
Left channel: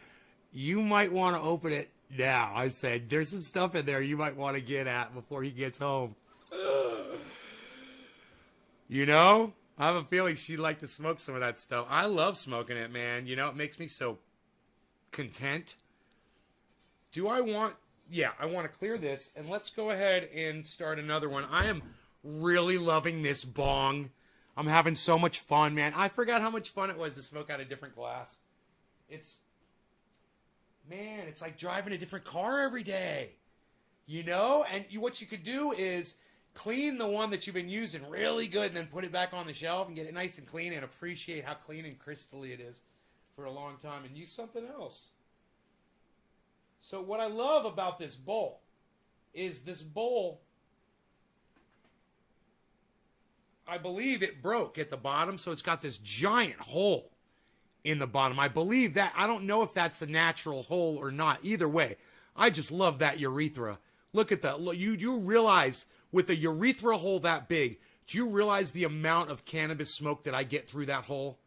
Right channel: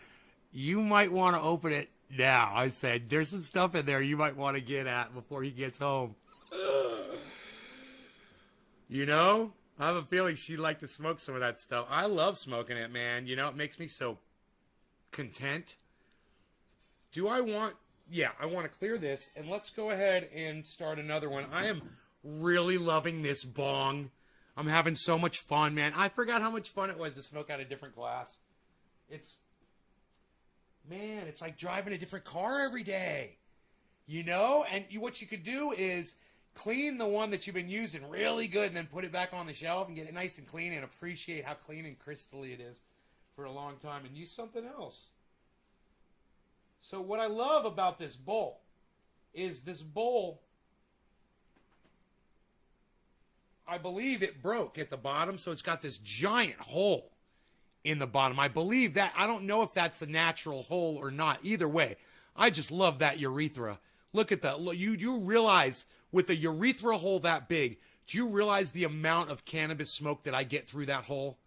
you might want to open it now. I said, there's some stuff in there you might want to get at before he gets home. You know? I have a feeling she'd like to smoke some of that stuff. I love smoking it, man. You know, it makes me so content. Do I want... Yeah, I want to clear this. And let's go ahead and start another one. I am really loving this bong. I'm having so much fun, man. I forgot how much fun it was to smoke out a different glass. Man, it's like driving a different car every day. You know? And what you could do is clean the one that you've been using really good and then put it back on the shelf and get it nice and clean and appreciate how clean and crystally it is for a long time and use something else. So what I love about this bowl is this bowl, I believe it broke at the bottom, so it's got this giant hole in the bottom. I believe that. I don't know if that's the natural hole or not. Either way, I just love that urethra. Look at that. Look, you realize with a urethra hole that big, do you realize the amount of cannabis smoke that I get through that hole?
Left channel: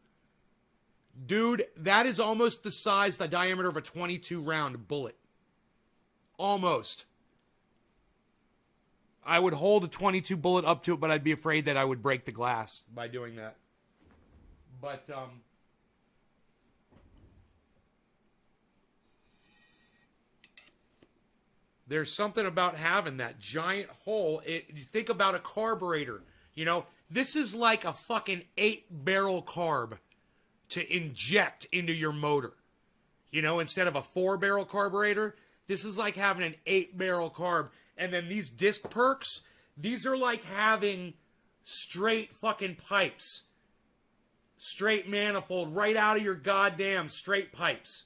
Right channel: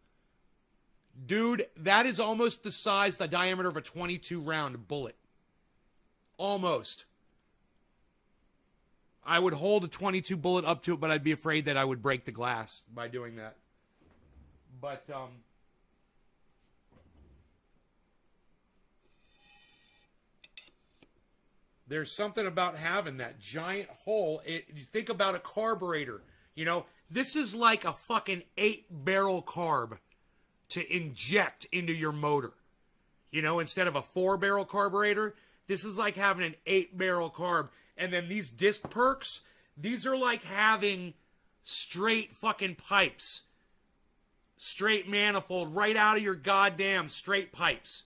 Dude, that is almost the size, the diameter of a 22 round bullet. Almost. I would hold a 22 bullet up to it, but I'd be afraid that I would break the glass by doing that. But, there's something about having that giant hole. You think about a carburetor. You know, this is like a fucking 8-barrel carb to inject into your motor. You know, instead of a 4-barrel carburetor, this is like having an 8-barrel carb. And then these disc perks, these are like having straight fucking pipes. Straight manifold right out of your goddamn straight pipes.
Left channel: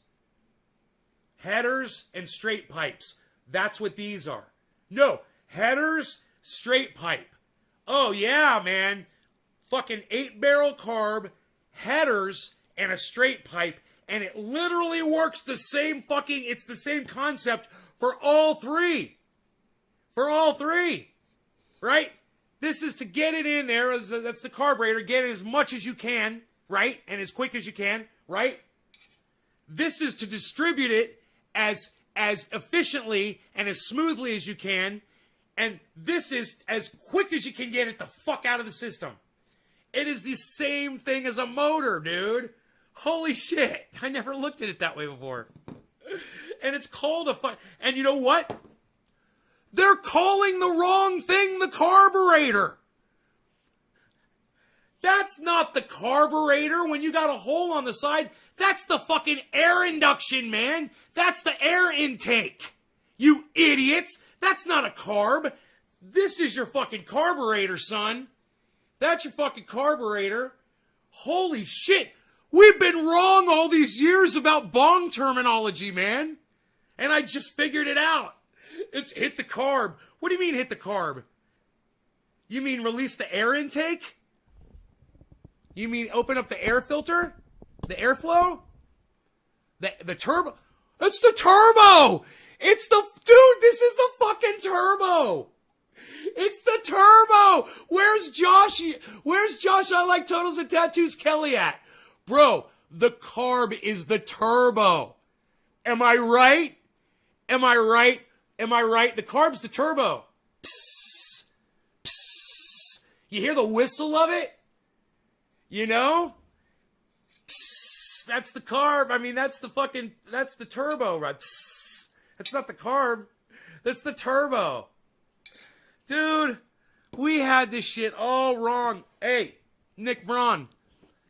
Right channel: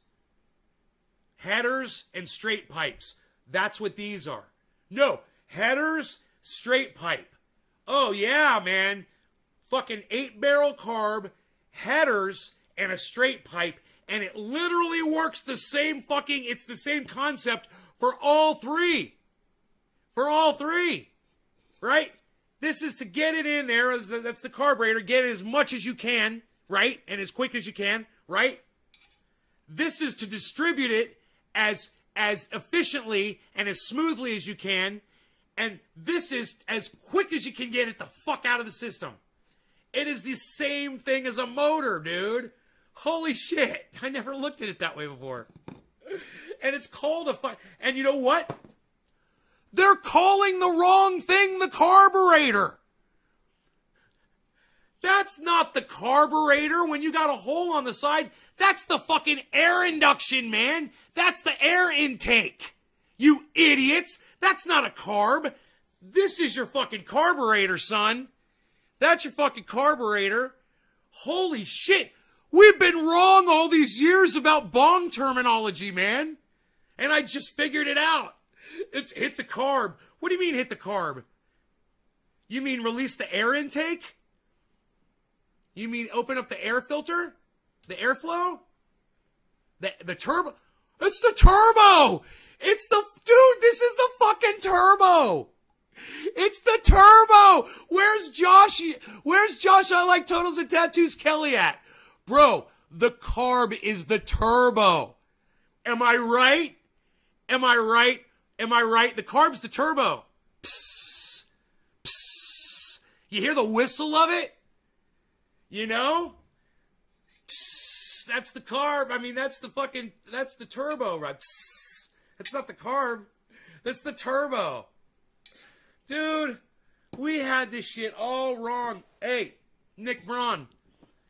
Headers and straight pipes. That's what these are. No, headers, straight pipe. Oh yeah, man. Fucking 8-barrel carb, headers, and a straight pipe. And it literally works the same fucking, it's the same concept for all three. For all three. Right? This is to get it in there. That's the carburetor. Get it as much as you can. Right? And as quick as you can. Right? This is to distribute it as efficiently and as smoothly as you can. And this is as quick as you can get it the fuck out of the system. It is the same thing as a motor, dude. Holy shit. I never looked at it that way before. And it's called a and you know what? They're calling the wrong thing the carburetor. That's not the carburetor when you got a hole on the side. That's the fucking air induction, man. That's the air intake. You idiots. That's not a carb. This is your fucking carburetor, son. That's your fucking carburetor. Holy shit. We've been wrong all these years about bong terminology, man. And I just figured it out. It's hit the carb. What do you mean hit the carb? You mean release the air intake? You mean open up the air filter? The airflow? The turbo? It's the turbo! It's the... Dude, this is the fucking turbo! It's the turbo! Where's Josh? Where's Josh I Like Totals and Tattoos Kelly at? Bro, the carb is the turbo. Am I right? Am I right? Am I right? The carb's the turbo. Psst. Psst. You hear the whistle of it? You know? Psst. That's the carb. I mean, that's the turbo, right? Psst. That's not the carb. That's the turbo. Dude, we had this shit all wrong. Hey, Nick Braun,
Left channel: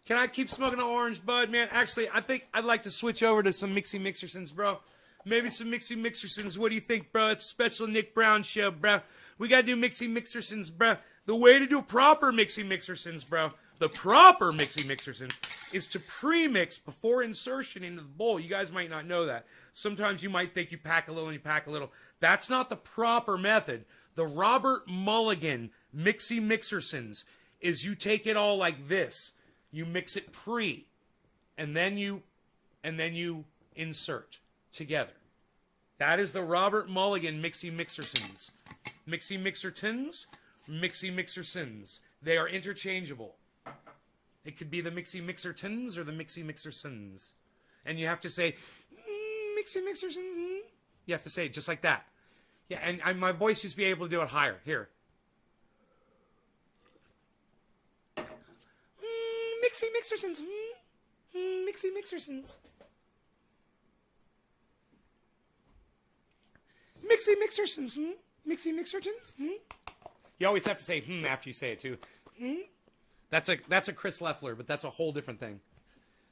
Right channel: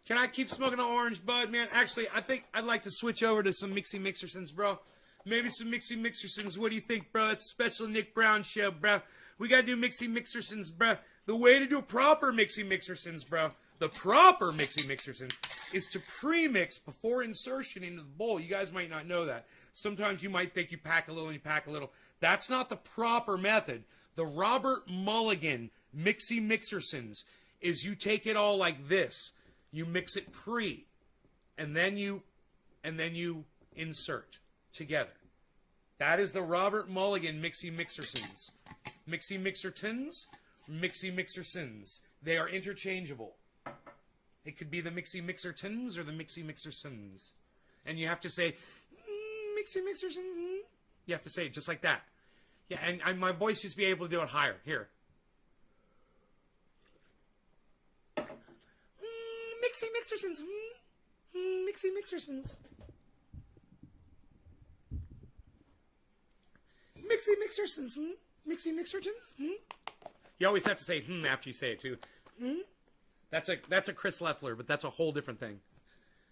can I keep smoking the orange bud, man? Actually, I think I'd like to switch over to some Mixy Mixersons, bro. Maybe some Mixy Mixersons. What do you think, bro? It's a special Nick Brown show, bro. We gotta do Mixy Mixersons, bro. The way to do proper Mixy Mixersons, bro. The proper Mixy Mixersons is to pre-mix before insertion into the bowl. You guys might not know that. Sometimes you might think you pack a little and you pack a little. That's not the proper method. The Robert Mulligan Mixie Mixersons is you take it all like this. You mix it pre, and then you insert together. That is the Robert Mulligan Mixie Mixersons. Mixie Mixertons, Mixie Mixersons. They are interchangeable. It could be the Mixie Mixertons or the Mixie Mixersons. And you have to say, Mixie Mixersons. You have to say it just like that. Yeah, and my voice used to be able to do it higher. Here. Mixie Mixersons. Mixie Mixersons. Mixie Mixersons. Mixie Mixertons. You always have to say after you say it too. That's a Chris Leffler, but that's a whole different thing.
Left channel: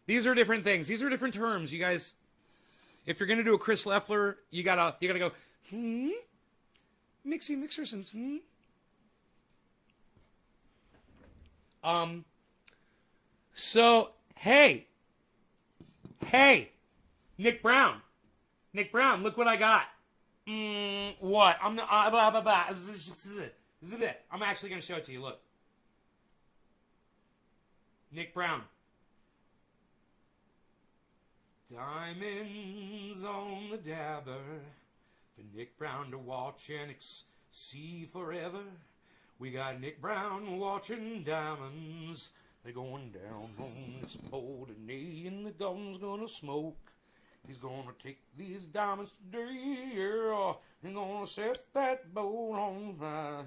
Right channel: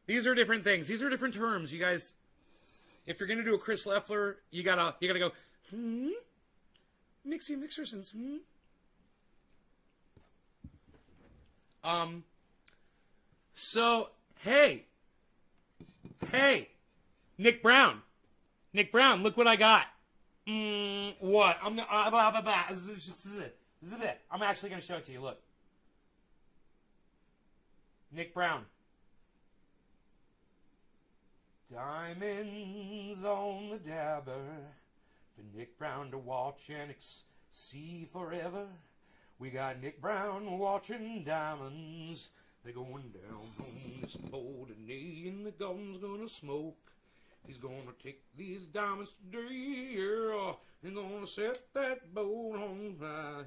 These are different things. These are different terms. You guys, if you're gonna do a Chris Leffler, you gotta go Mixie Mixersons. So hey, Nick Brown, look what I got. What? I'm actually gonna show it to you. Look, Nick Brown. Diamonds on the dabber for Nick Brown to watch and see forever. We got Nick Brown watching diamonds. They're going down on this boat today, and the gun's gonna smoke. He's gonna take these diamonds today, yeah. He's gonna set that boat on fire.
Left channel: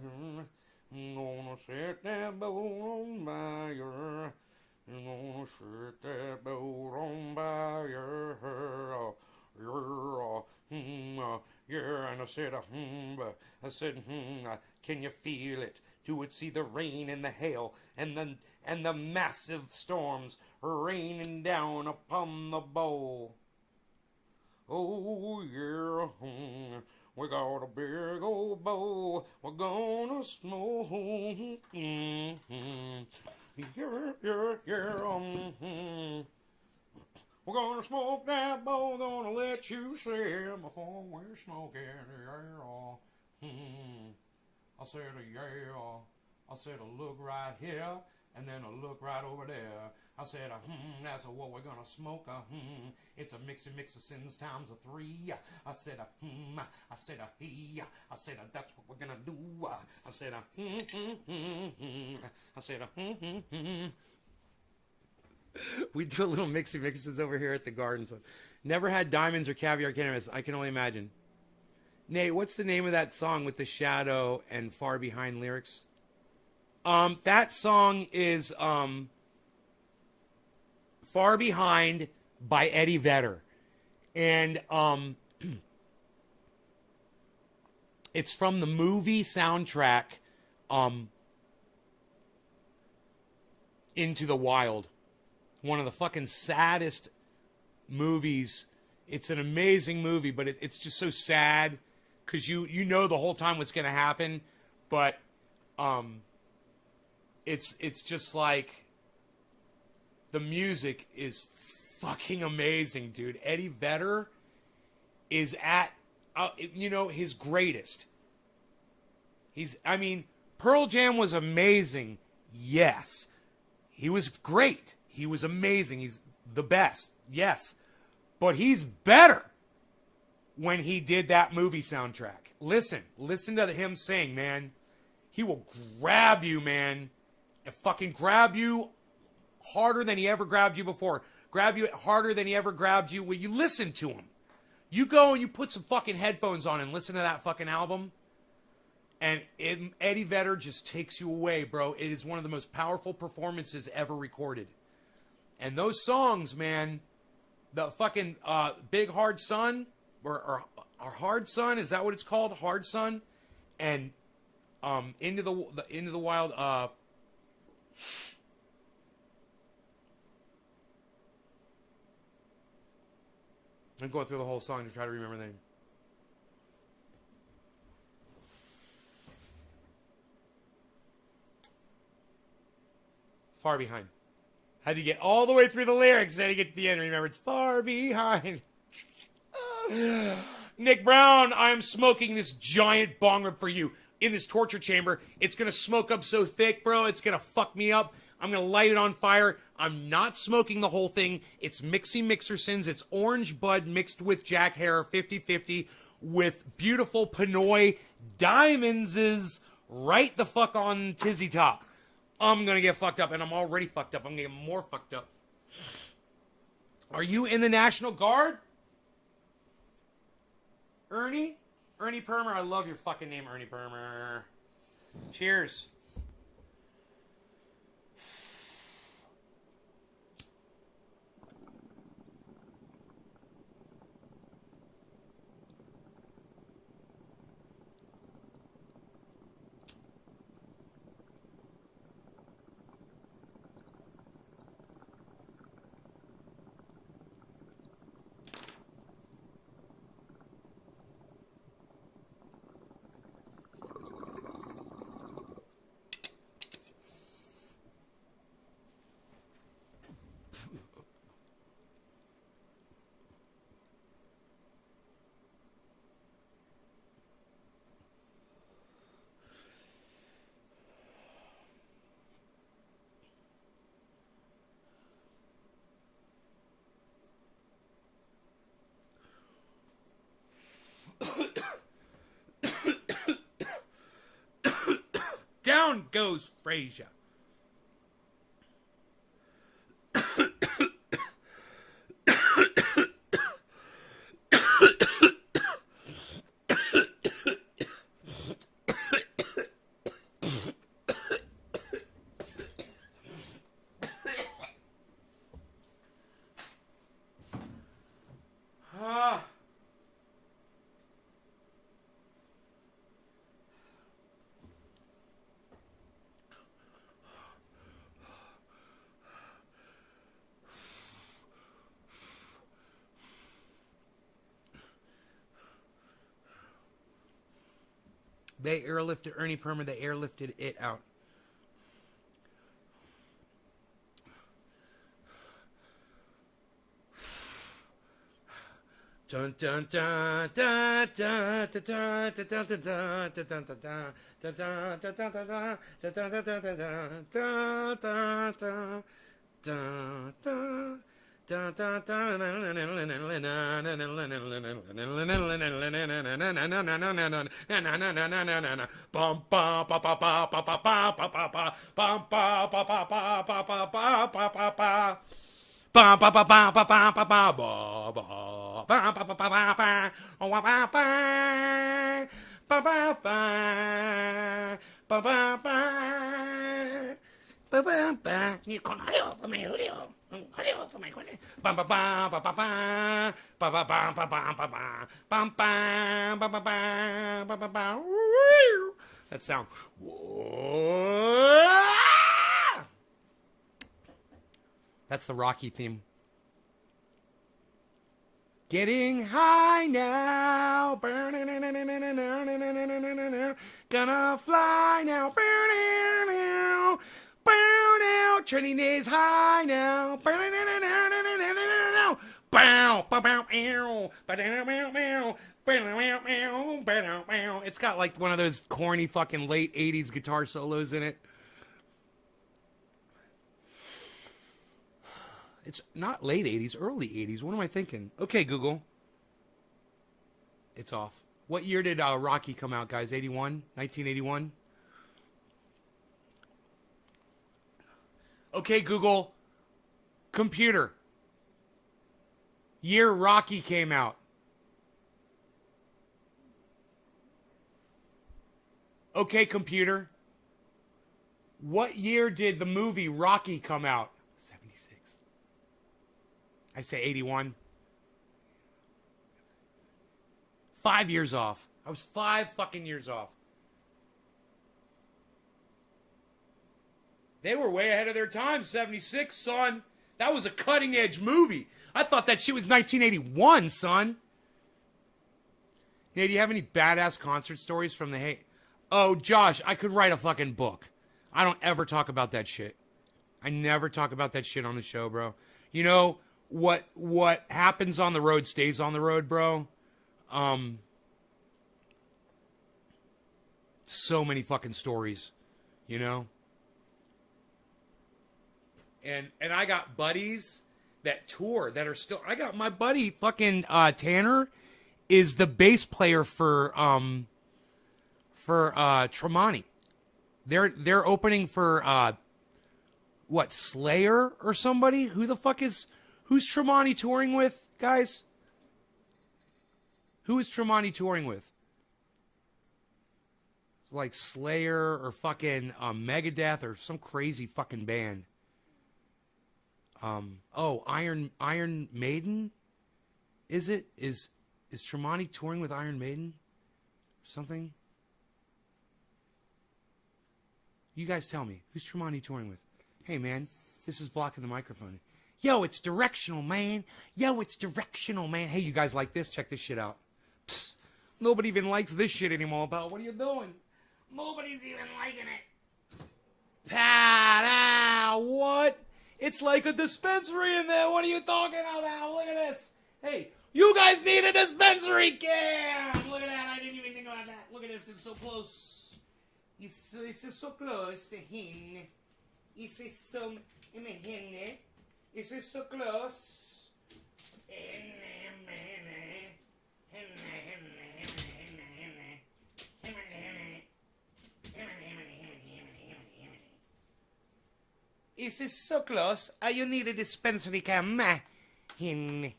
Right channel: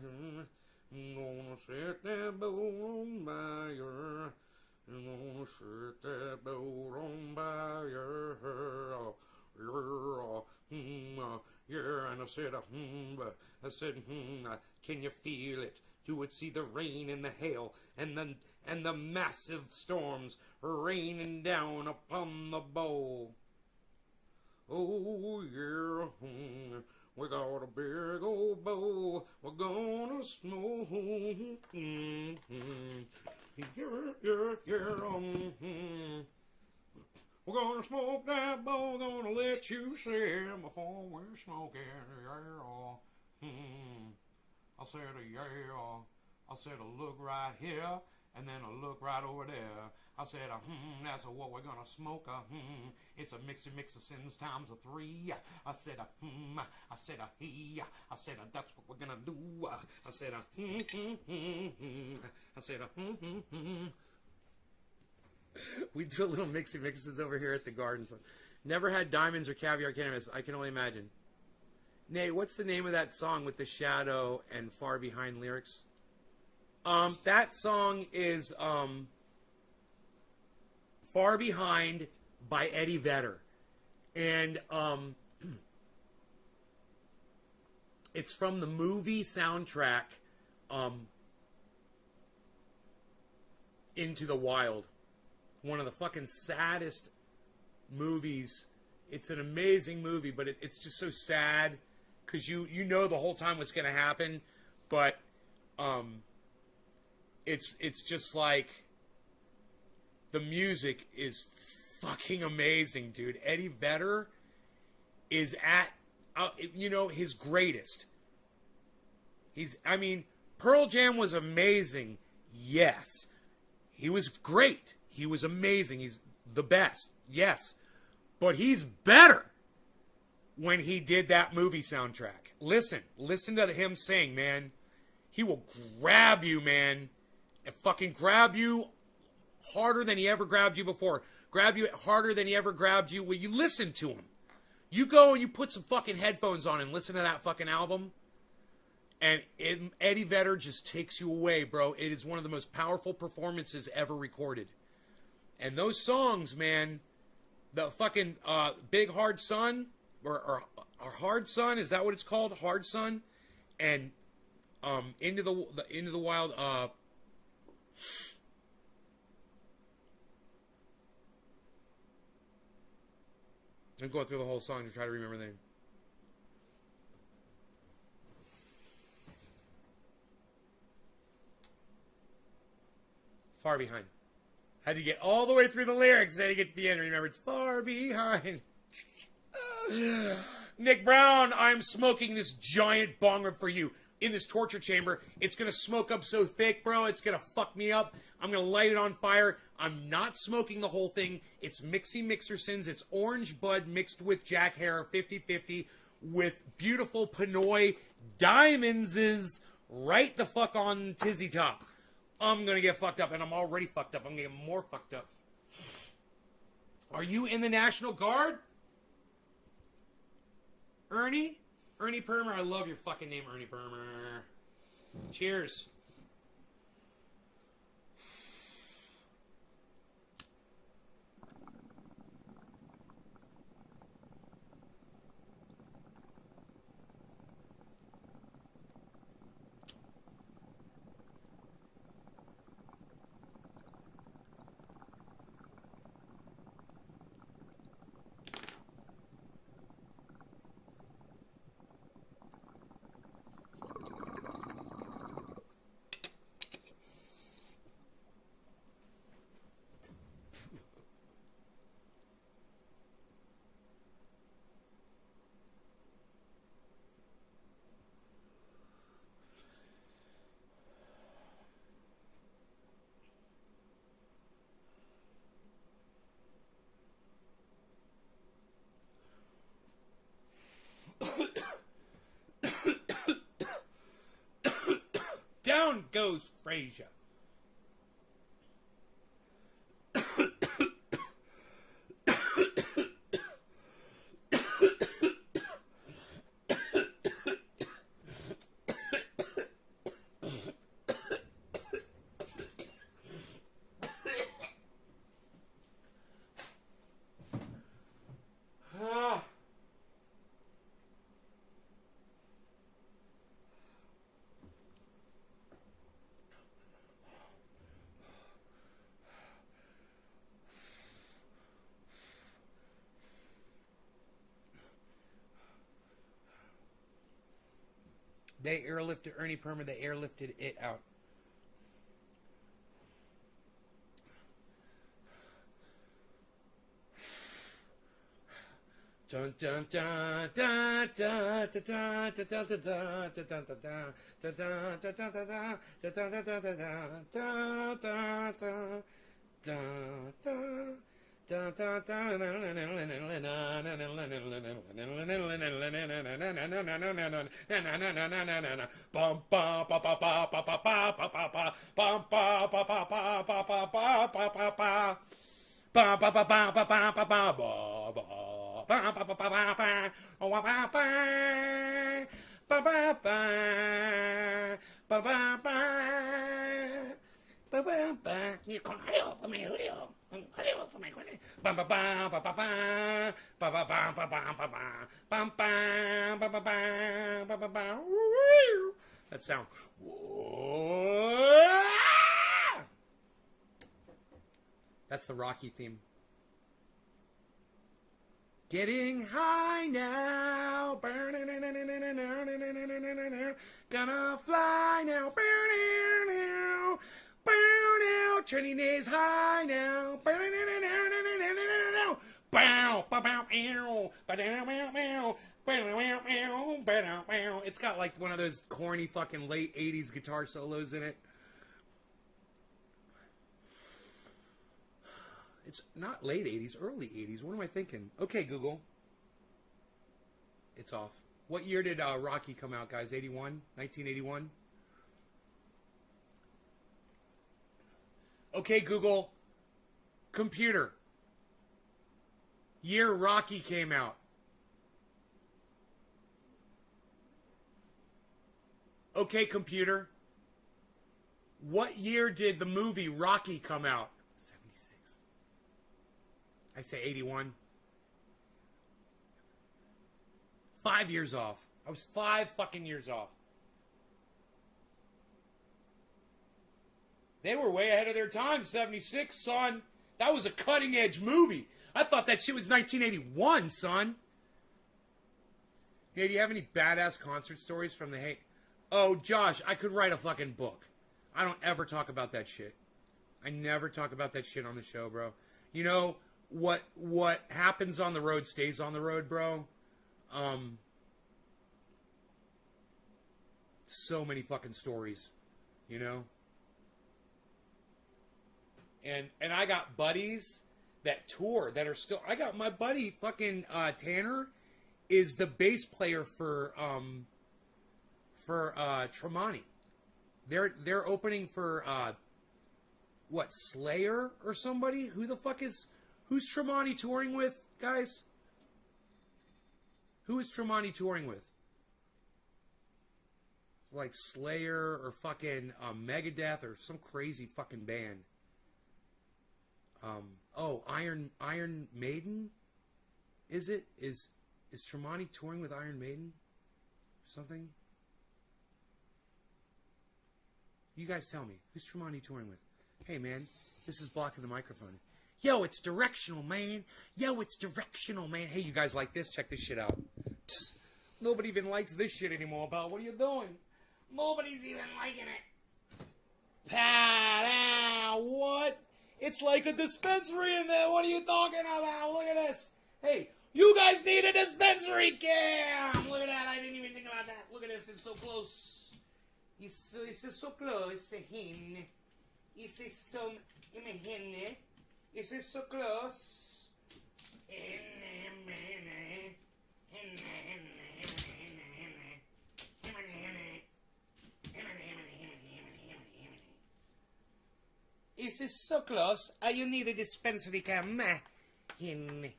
He's gonna set that boat on fire. He's gonna set that boat on fire. Yeah, and I said, can you feel it? Do it, see the rain and the hail and the massive storms raining down upon the bowl. Oh yeah, we got a big old bowl. We're gonna smoke. We're gonna smoke that bowl. Gonna let you see before we're smoking. Yeah. I said yeah. I said look right here. And then a look right over there. I said, that's what we're gonna smoke. It's a Mixersons times 3. I said, I said, I said, that's what we're gonna do. I said, I said, We do a little Mixersons over here at the garden. So, never had diamonds or caviar cannabis. I can only imagine. Nate, what's the name of that song with the shadow and far behind lyrics? That song is Far Behind by Eddie Vedder. And it's from the movie soundtrack Into the Wild. One of the fucking saddest movies. It's an amazing movie, but it's just so sad because you know the whole time what's going to happen, but it's just like the music is fucking amazing, dude. Eddie Vedder is at his greatest. Pearl Jam was amazing. Yes. He was great. He was amazing. He's the best. Yes. But he's better when he did that movie soundtrack. Listen to him sing, man. He will grab you, man. And fucking grab you harder than he ever grabbed you before. Grab you harder than he ever grabbed you when you listen to him. You go and you put some fucking headphones on and listen to that fucking album. And Eddie Vedder just takes you away, bro. It is one of the most powerful performances ever recorded. And those songs, man, the fucking Big Hard Sun, or Hard Sun, is that what it's called? Hard Sun? And Into the Wild, I'm going through the whole song to try to remember the name. Far Behind. Had to get all the way through the lyrics, then to get to the end. Remember, it's far behind. Nick Brown, I'm smoking this giant bong rip for you in this torture chamber. It's going to smoke up so thick, bro. It's going to fuck me up. I'm going to light it on fire. I'm not smoking the whole thing. It's Mixie Mixersons. It's orange bud mixed with Jack Herer 50-50 with beautiful Pinoy diamonds right the fuck on tizzy top. I'm going to get fucked up, and I'm already fucked up. I'm going to get more fucked up. Are you in the National Guard? Ernie? Ernie Permer. I love your fucking name, Ernie Permer. Cheers. Down goes Frasier. They airlifted Ernie Permer. They airlifted it out. Dun dun dun dun dun dun dun dun dun dun that sound. That's the Rocky theme. Getting high now, gonna fly now, turning days high now, it's got like one of those corny fucking late 80s guitar solos in it. It's not late 80s, early 80s. What am I thinking? Okay, Google. It's off. What year did Rocky come out, guys? 81? 1981? Okay, Google. Computer. Year Rocky came out. Okay, computer. What year did the movie Rocky come out? I say 81. 5 years off. I was 5 fucking years off. They were way ahead of their time, 76, son. That was a cutting edge movie. I thought that shit was 1981, son. Hey, do you have any badass concert stories from the Oh, Josh, I could write a fucking book. I don't ever talk about that shit. I never talk about that shit on the show, bro. You know, what happens on the road stays on the road, bro. So many fucking stories, you know? And I got buddies that tour that are still. I got my buddy fucking Tanner is the bass player for Tremonti. They're opening for what, Slayer or somebody? Who's Tremonti touring with, guys? Who is Tremonti touring with? It's like Slayer or fucking Megadeth or some crazy fucking band. Iron Maiden? Is Tremonti touring with Iron Maiden? Something? You guys tell me. Who's Tremonti touring with? Hey, man, this is blocking the microphone. Yo, it's directional, man. Hey, you guys like this? Check this shit out. Psst. Nobody even likes this shit anymore, pal. What are you doing? Nobody's even liking it. Pal, what? It's like a dispensary in there. What are you talking about? Look at this. Hey, you guys need a dispensary cam. Look at that. I didn't even think about that. Look at this. It's so close. It's so close. It's so close. Is this so close? You need a dispensary cam. Hin.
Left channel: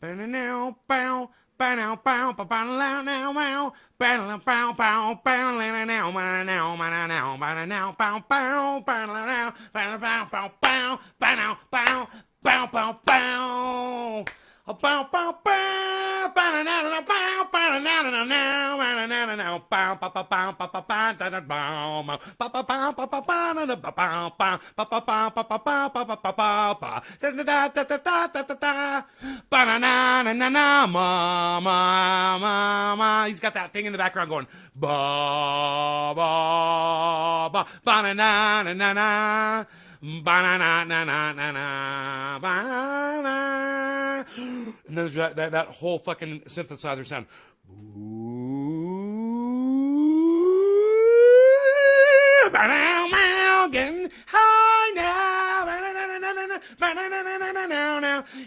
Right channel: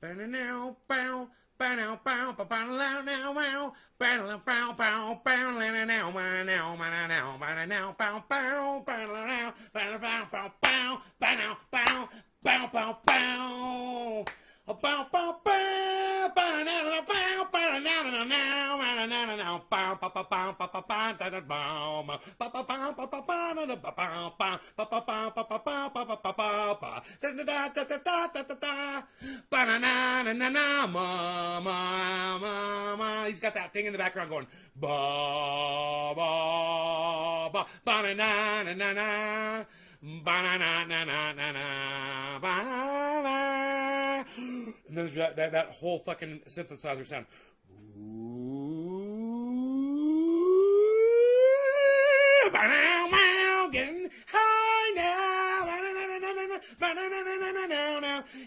Now, bow. Now, he's got that thing in the background going ba ba ba ba na na na na na ba na na na na na na ba na, and there's that whole fucking synthesizer sound. Getting high now.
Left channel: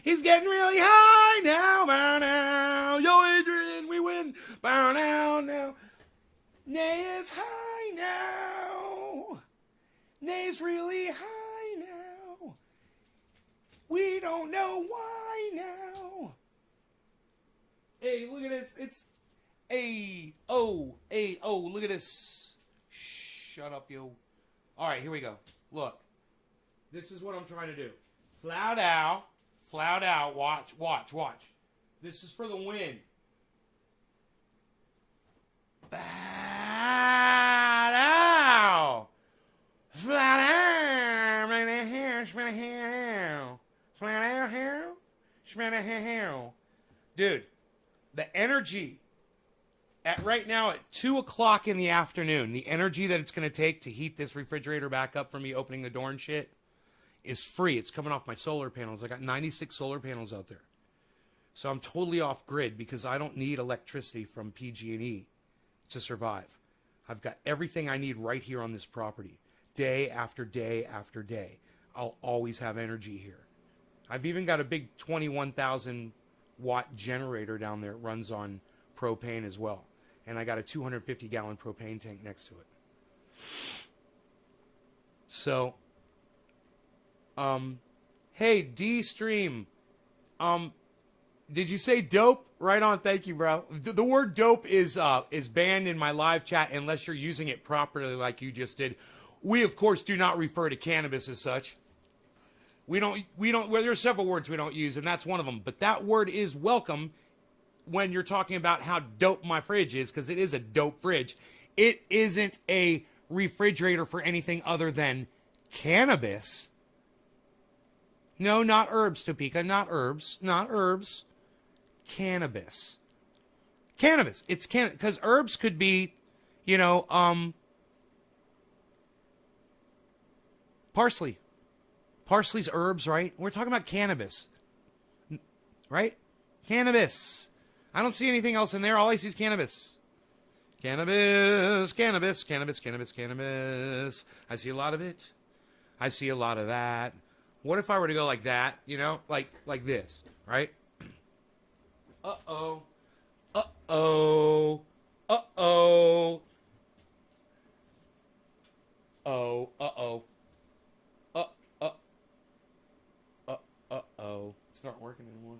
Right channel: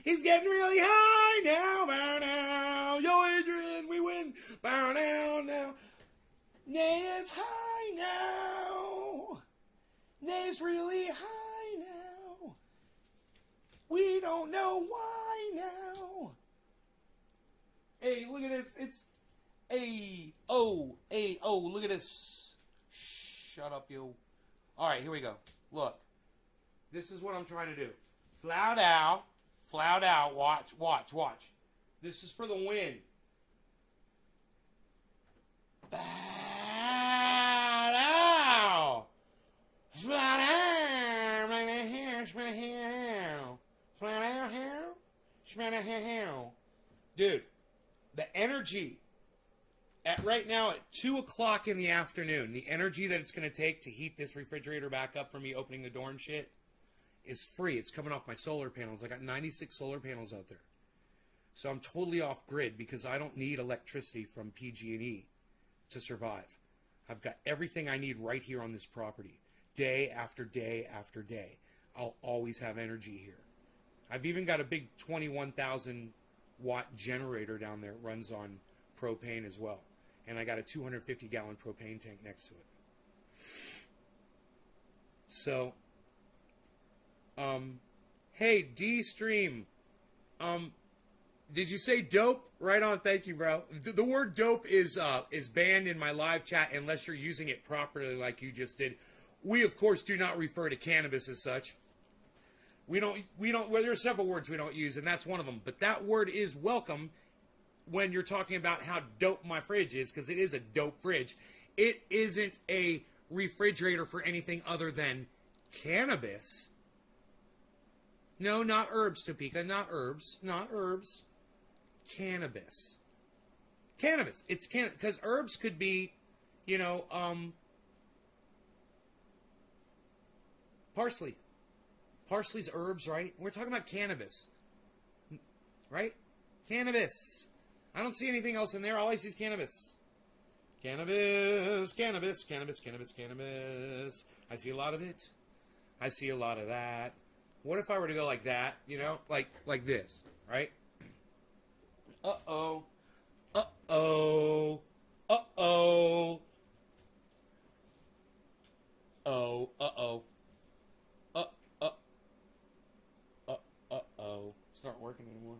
He's getting really high now. Yo, Adrian, we win. Now. Nay's high now. Nay's really high now. We don't know why now. Hey, look at this. It's look at this. Shut up, you. All right, here we go. Look. This is what I'm trying to do. Flout out. Watch. This is for the win. Flat out. Dude, the energy right now at 2 o'clock in the afternoon, the energy that it's going to take to heat this refrigerator back up for me opening the door and shit is free. It's coming off my solar panels. I got 96 solar panels out there. So I'm totally off grid because I don't need electricity from PG&E to survive. I've got everything I need right here on this property. Day after day after day. I'll always have energy here. I've even got a big 21,000 watt generator down there. It runs on propane as well. And I got a 250 gallon propane tank next to it. So, hey, D-Stream, did you say dope? Right on, thank you, bro. The word dope is banned in my live chat unless you're using it properly like you just did. We, of course, do not refer to cannabis as such. We don't, well, there are several words we don't use, and that's one of them. But that word is welcome when you're talking about how dope my fridge is, because it is a dope fridge. It isn't a refrigerator for anything other than cannabis. No, not herbs, Topeka. Not herbs. Cannabis. Cannabis. It's because herbs could be, parsley. Parsley's herbs, right? We're talking about cannabis, right? Cannabis. I don't see anything else in there. All I see is cannabis. Cannabis, cannabis, cannabis, cannabis, cannabis. I see a lot of it. I see a lot of that. What if I were to go like that, you know? Like this, right? Uh-oh. Uh-oh. Uh-oh. Oh, uh-oh. Uh-oh. It's not working anymore.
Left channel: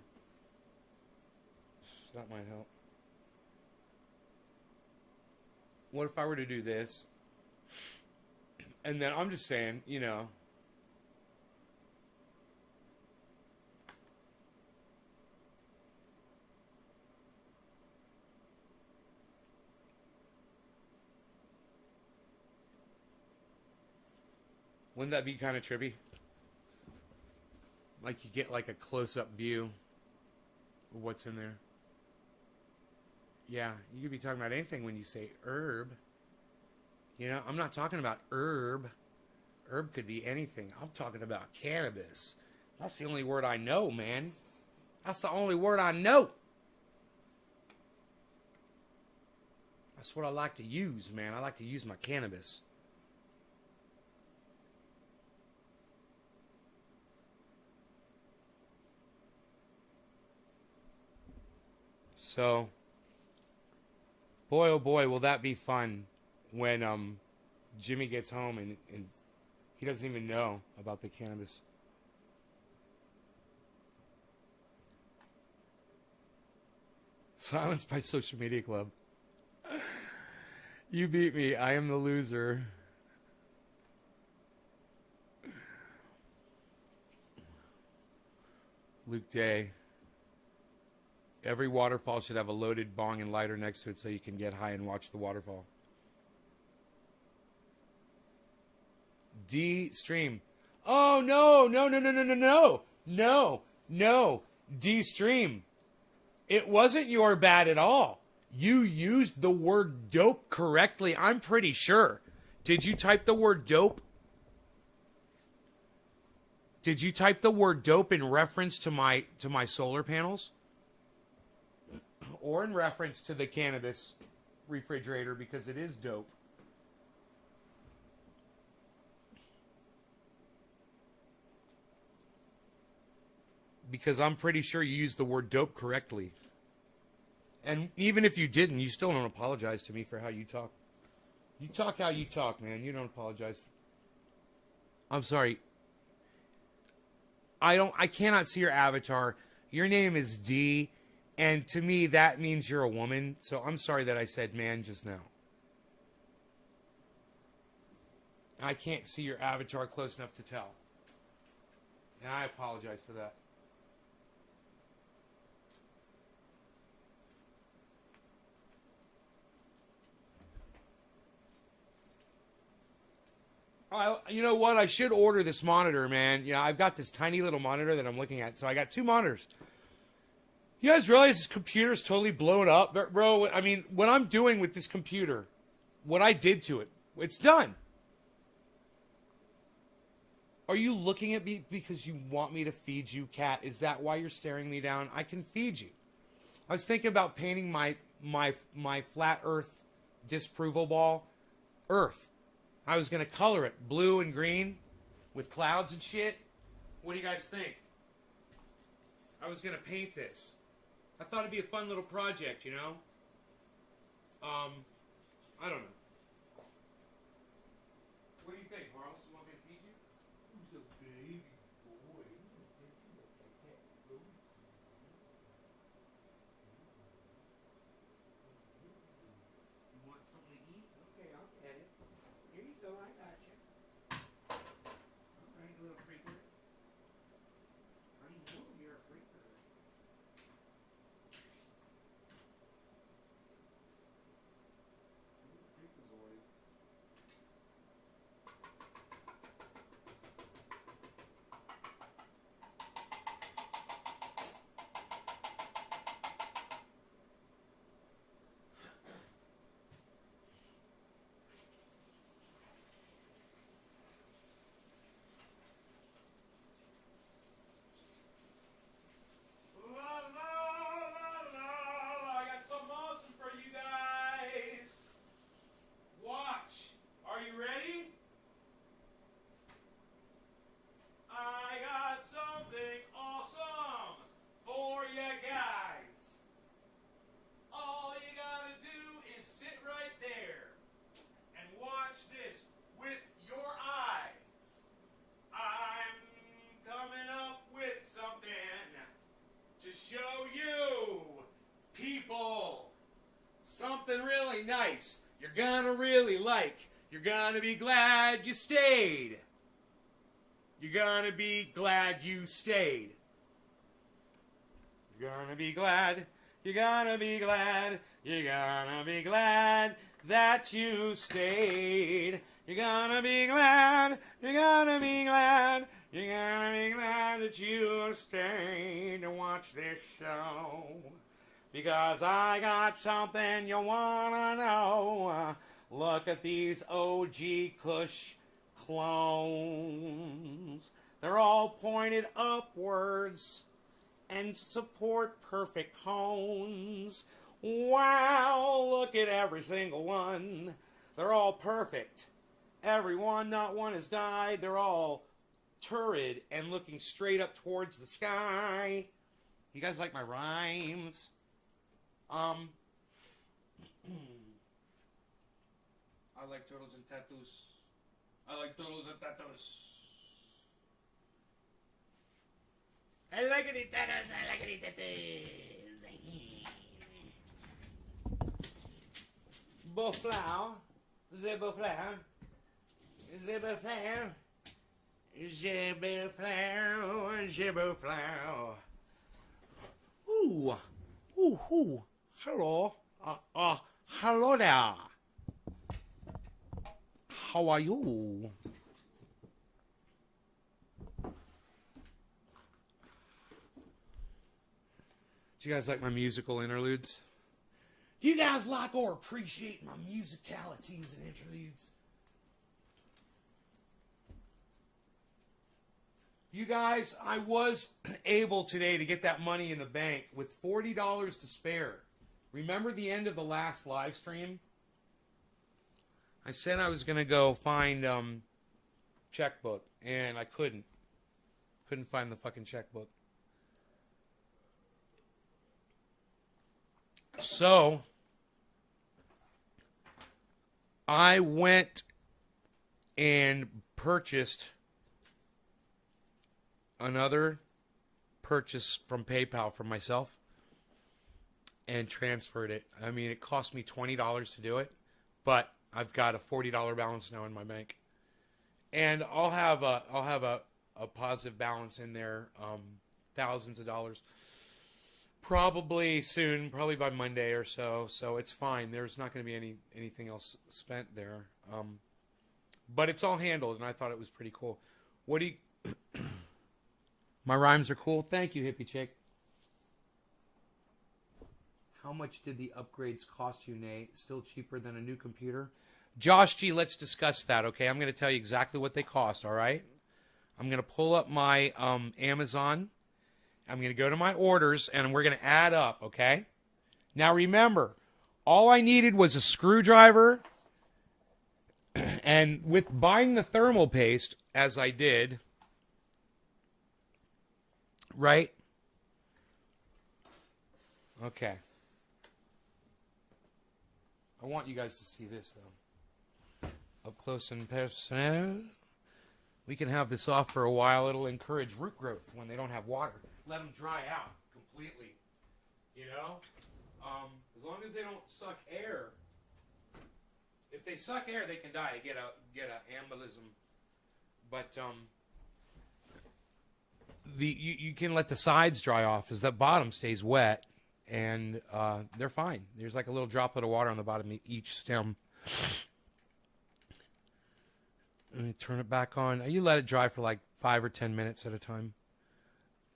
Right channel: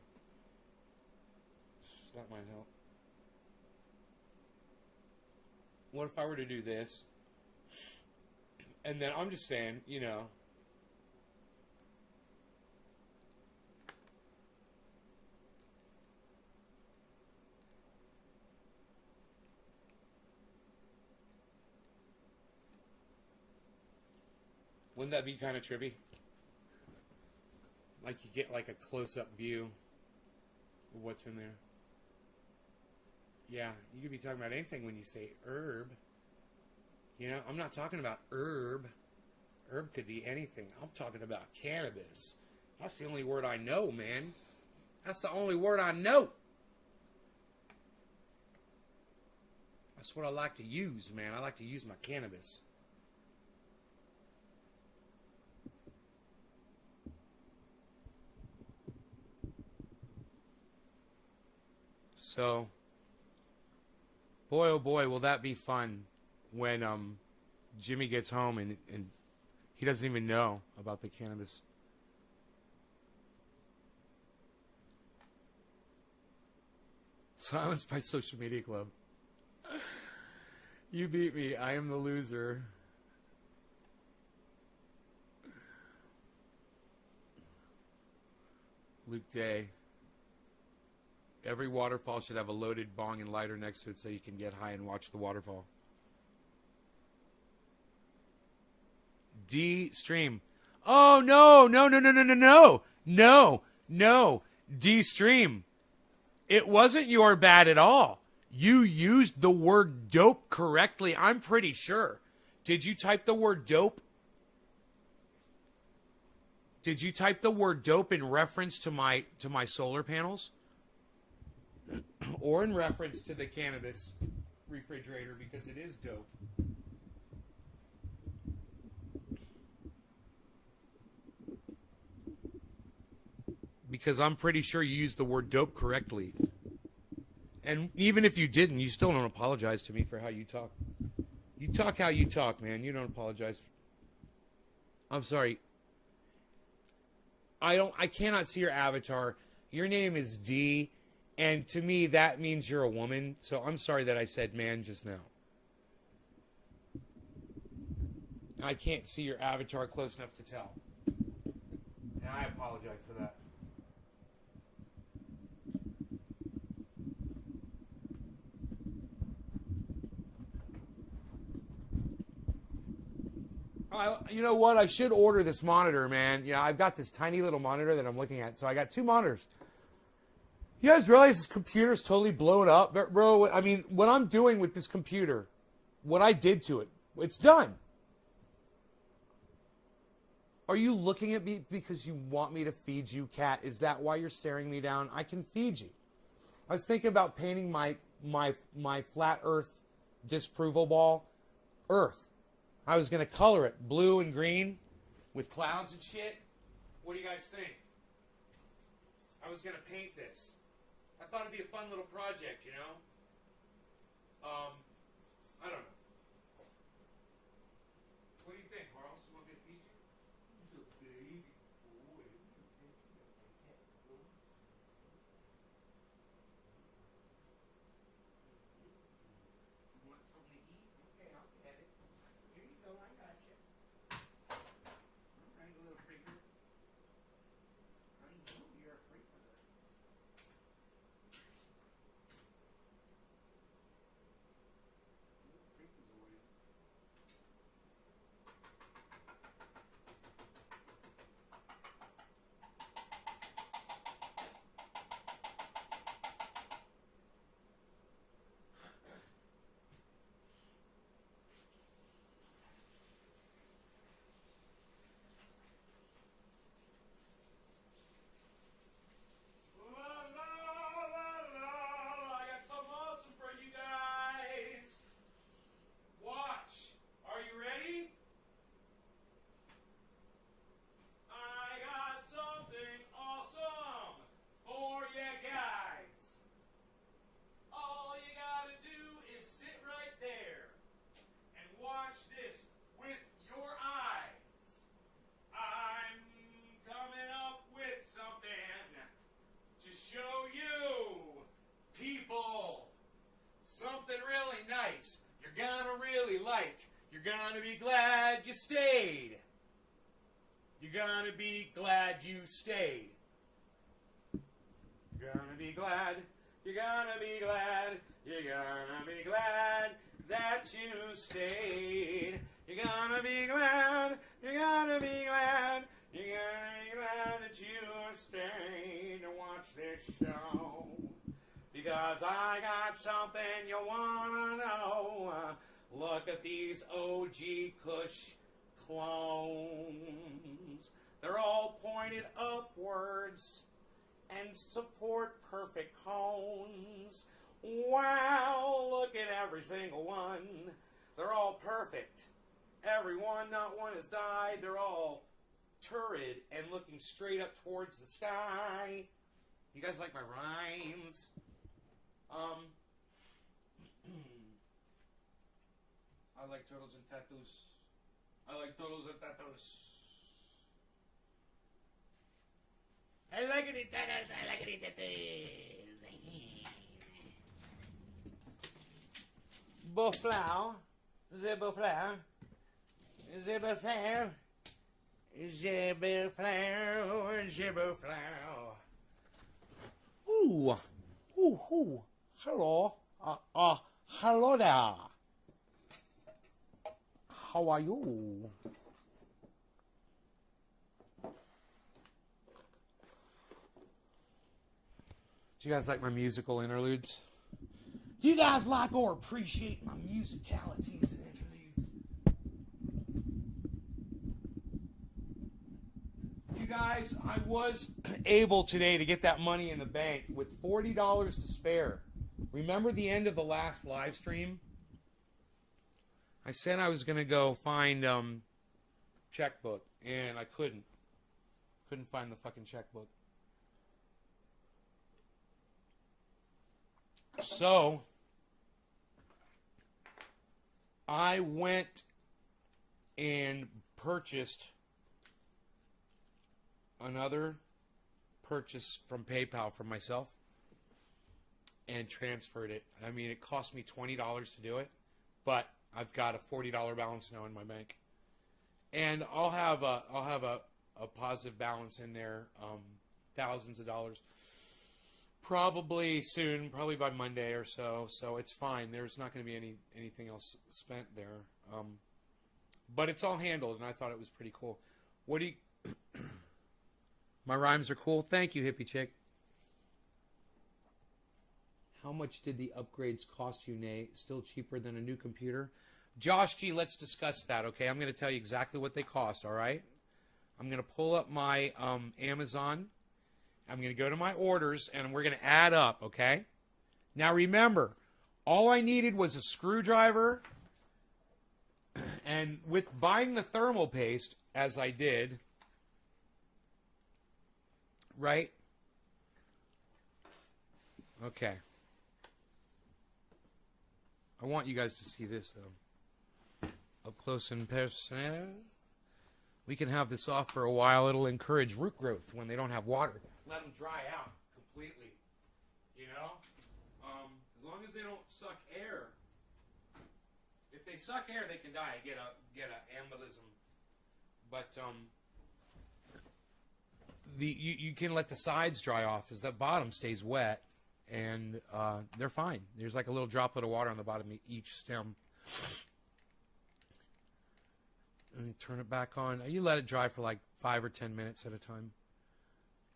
That might help. What if I were to do this? And then I'm just saying, you know. Wouldn't that be kind of trippy? Like you get like a close-up view of what's in there. Yeah, you could be talking about anything when you say herb. You know, I'm not talking about herb. Herb could be anything. I'm talking about cannabis. That's the only word I know, man. That's the only word I know. That's what I like to use, man. I like to use my cannabis. So, boy, oh boy, will that be fun when Jimmy gets home and he doesn't even know about the cannabis. Silence by Social Media Club. You beat me. I am the loser. Luke Day. Every waterfall should have a loaded bong and lighter next to it so you can get high and watch the waterfall. D stream. Oh, no. No. D stream. It wasn't your bad at all. You used the word dope correctly, I'm pretty sure. Did you type the word dope? Did you type the word dope in reference to my solar panels? Or in reference to the cannabis refrigerator, because it is dope. Because I'm pretty sure you used the word dope correctly. And even if you didn't, you still don't apologize to me for how you talk. You talk how you talk, man. You don't apologize. I'm sorry. I cannot see your avatar. Your name is D, and to me that means you're a woman. So I'm sorry that I said man just now. I can't see your avatar close enough to tell. And I apologize for that. You know what? I should order this monitor, man. You know, I've got this tiny little monitor that I'm looking at. So I got two monitors. You guys realize this computer's totally blown up? Bro, I mean, what I'm doing with this computer, what I did to it, it's done. Are you looking at me because you want me to feed you, cat? Is that why you're staring me down? I can feed you. I was thinking about painting my flat earth disapproval ball earth. I was going to color it blue and green with clouds and shit. What do you guys think? I was going to paint this. I thought it'd be a fun little project, you know? I don't know. What do you think, Carlos? You want me to feed you? Who's a baby boy? You want something to eat? Okay, I'll get it. Here you go, I got you. All right, little freaker. I know you're a freaker. nice. You're gonna really like. You're gonna be glad you stayed. You're gonna be glad you stayed. You're gonna be glad. You're gonna be glad. You're gonna be glad that you stayed. You're gonna be glad. You're gonna be glad. You're gonna be glad that you stayed to watch this show. Because I got something you wanna know. Look at these OG Kush clones. They're all pointed upwards and support perfect cones. Wow, look at every single one. They're all perfect. Everyone, not one has died. They're all turrid and looking straight up towards the sky. You guys like my rhymes? I like turtles and tattoos. I like turtles and tattoos. I like it tattoos. I like it tattoos. Beauflower. The Beauflower. The Beauflower. The Beauflower. The Beauflower. Ooh. Ooh, ooh. Hello. Hello there. How are you? Do you guys like my musical interludes? Do you guys like or appreciate my musicalities and interludes? You guys, I was able today to get that money in the bank with $40 to spare. Remember the end of the last live stream? I said I was going to go find checkbook, and I couldn't. Couldn't find the fucking checkbook. So, I went and purchased another purchase from PayPal for myself and transferred it. I mean, it cost me $20 to do it, but I've got a $40 balance now in my bank, and I'll have a positive balance in there, thousands of dollars, probably soon, probably by Monday or so. So it's fine. There's not going to be anything else spent there, but it's all handled, and I thought it was pretty cool. What do you? My rhymes are cool. Thank you, hippie chick. How much did the upgrades cost you, Nate? Still cheaper than a new computer? Josh G, let's discuss that, okay? I'm going to tell you exactly what they cost, all right? I'm going to pull up my Amazon. I'm going to go to my orders, and we're going to add up, okay? Now, remember, all I needed was a screwdriver, and with buying the thermal paste, as I did, right? Okay. I want you guys to see this, though. Up close and personal. We can have this off for a while. It'll encourage root growth when they don't have water. Let them dry out completely. You know? As long as they don't suck air. If they suck air, they can die. Get a embolism. But you can let the sides dry off as that bottom stays wet, and they're fine. There's like a little droplet of water on the bottom of each stem. Let me turn it back on. You let it dry for like 5 or 10 minutes at a time.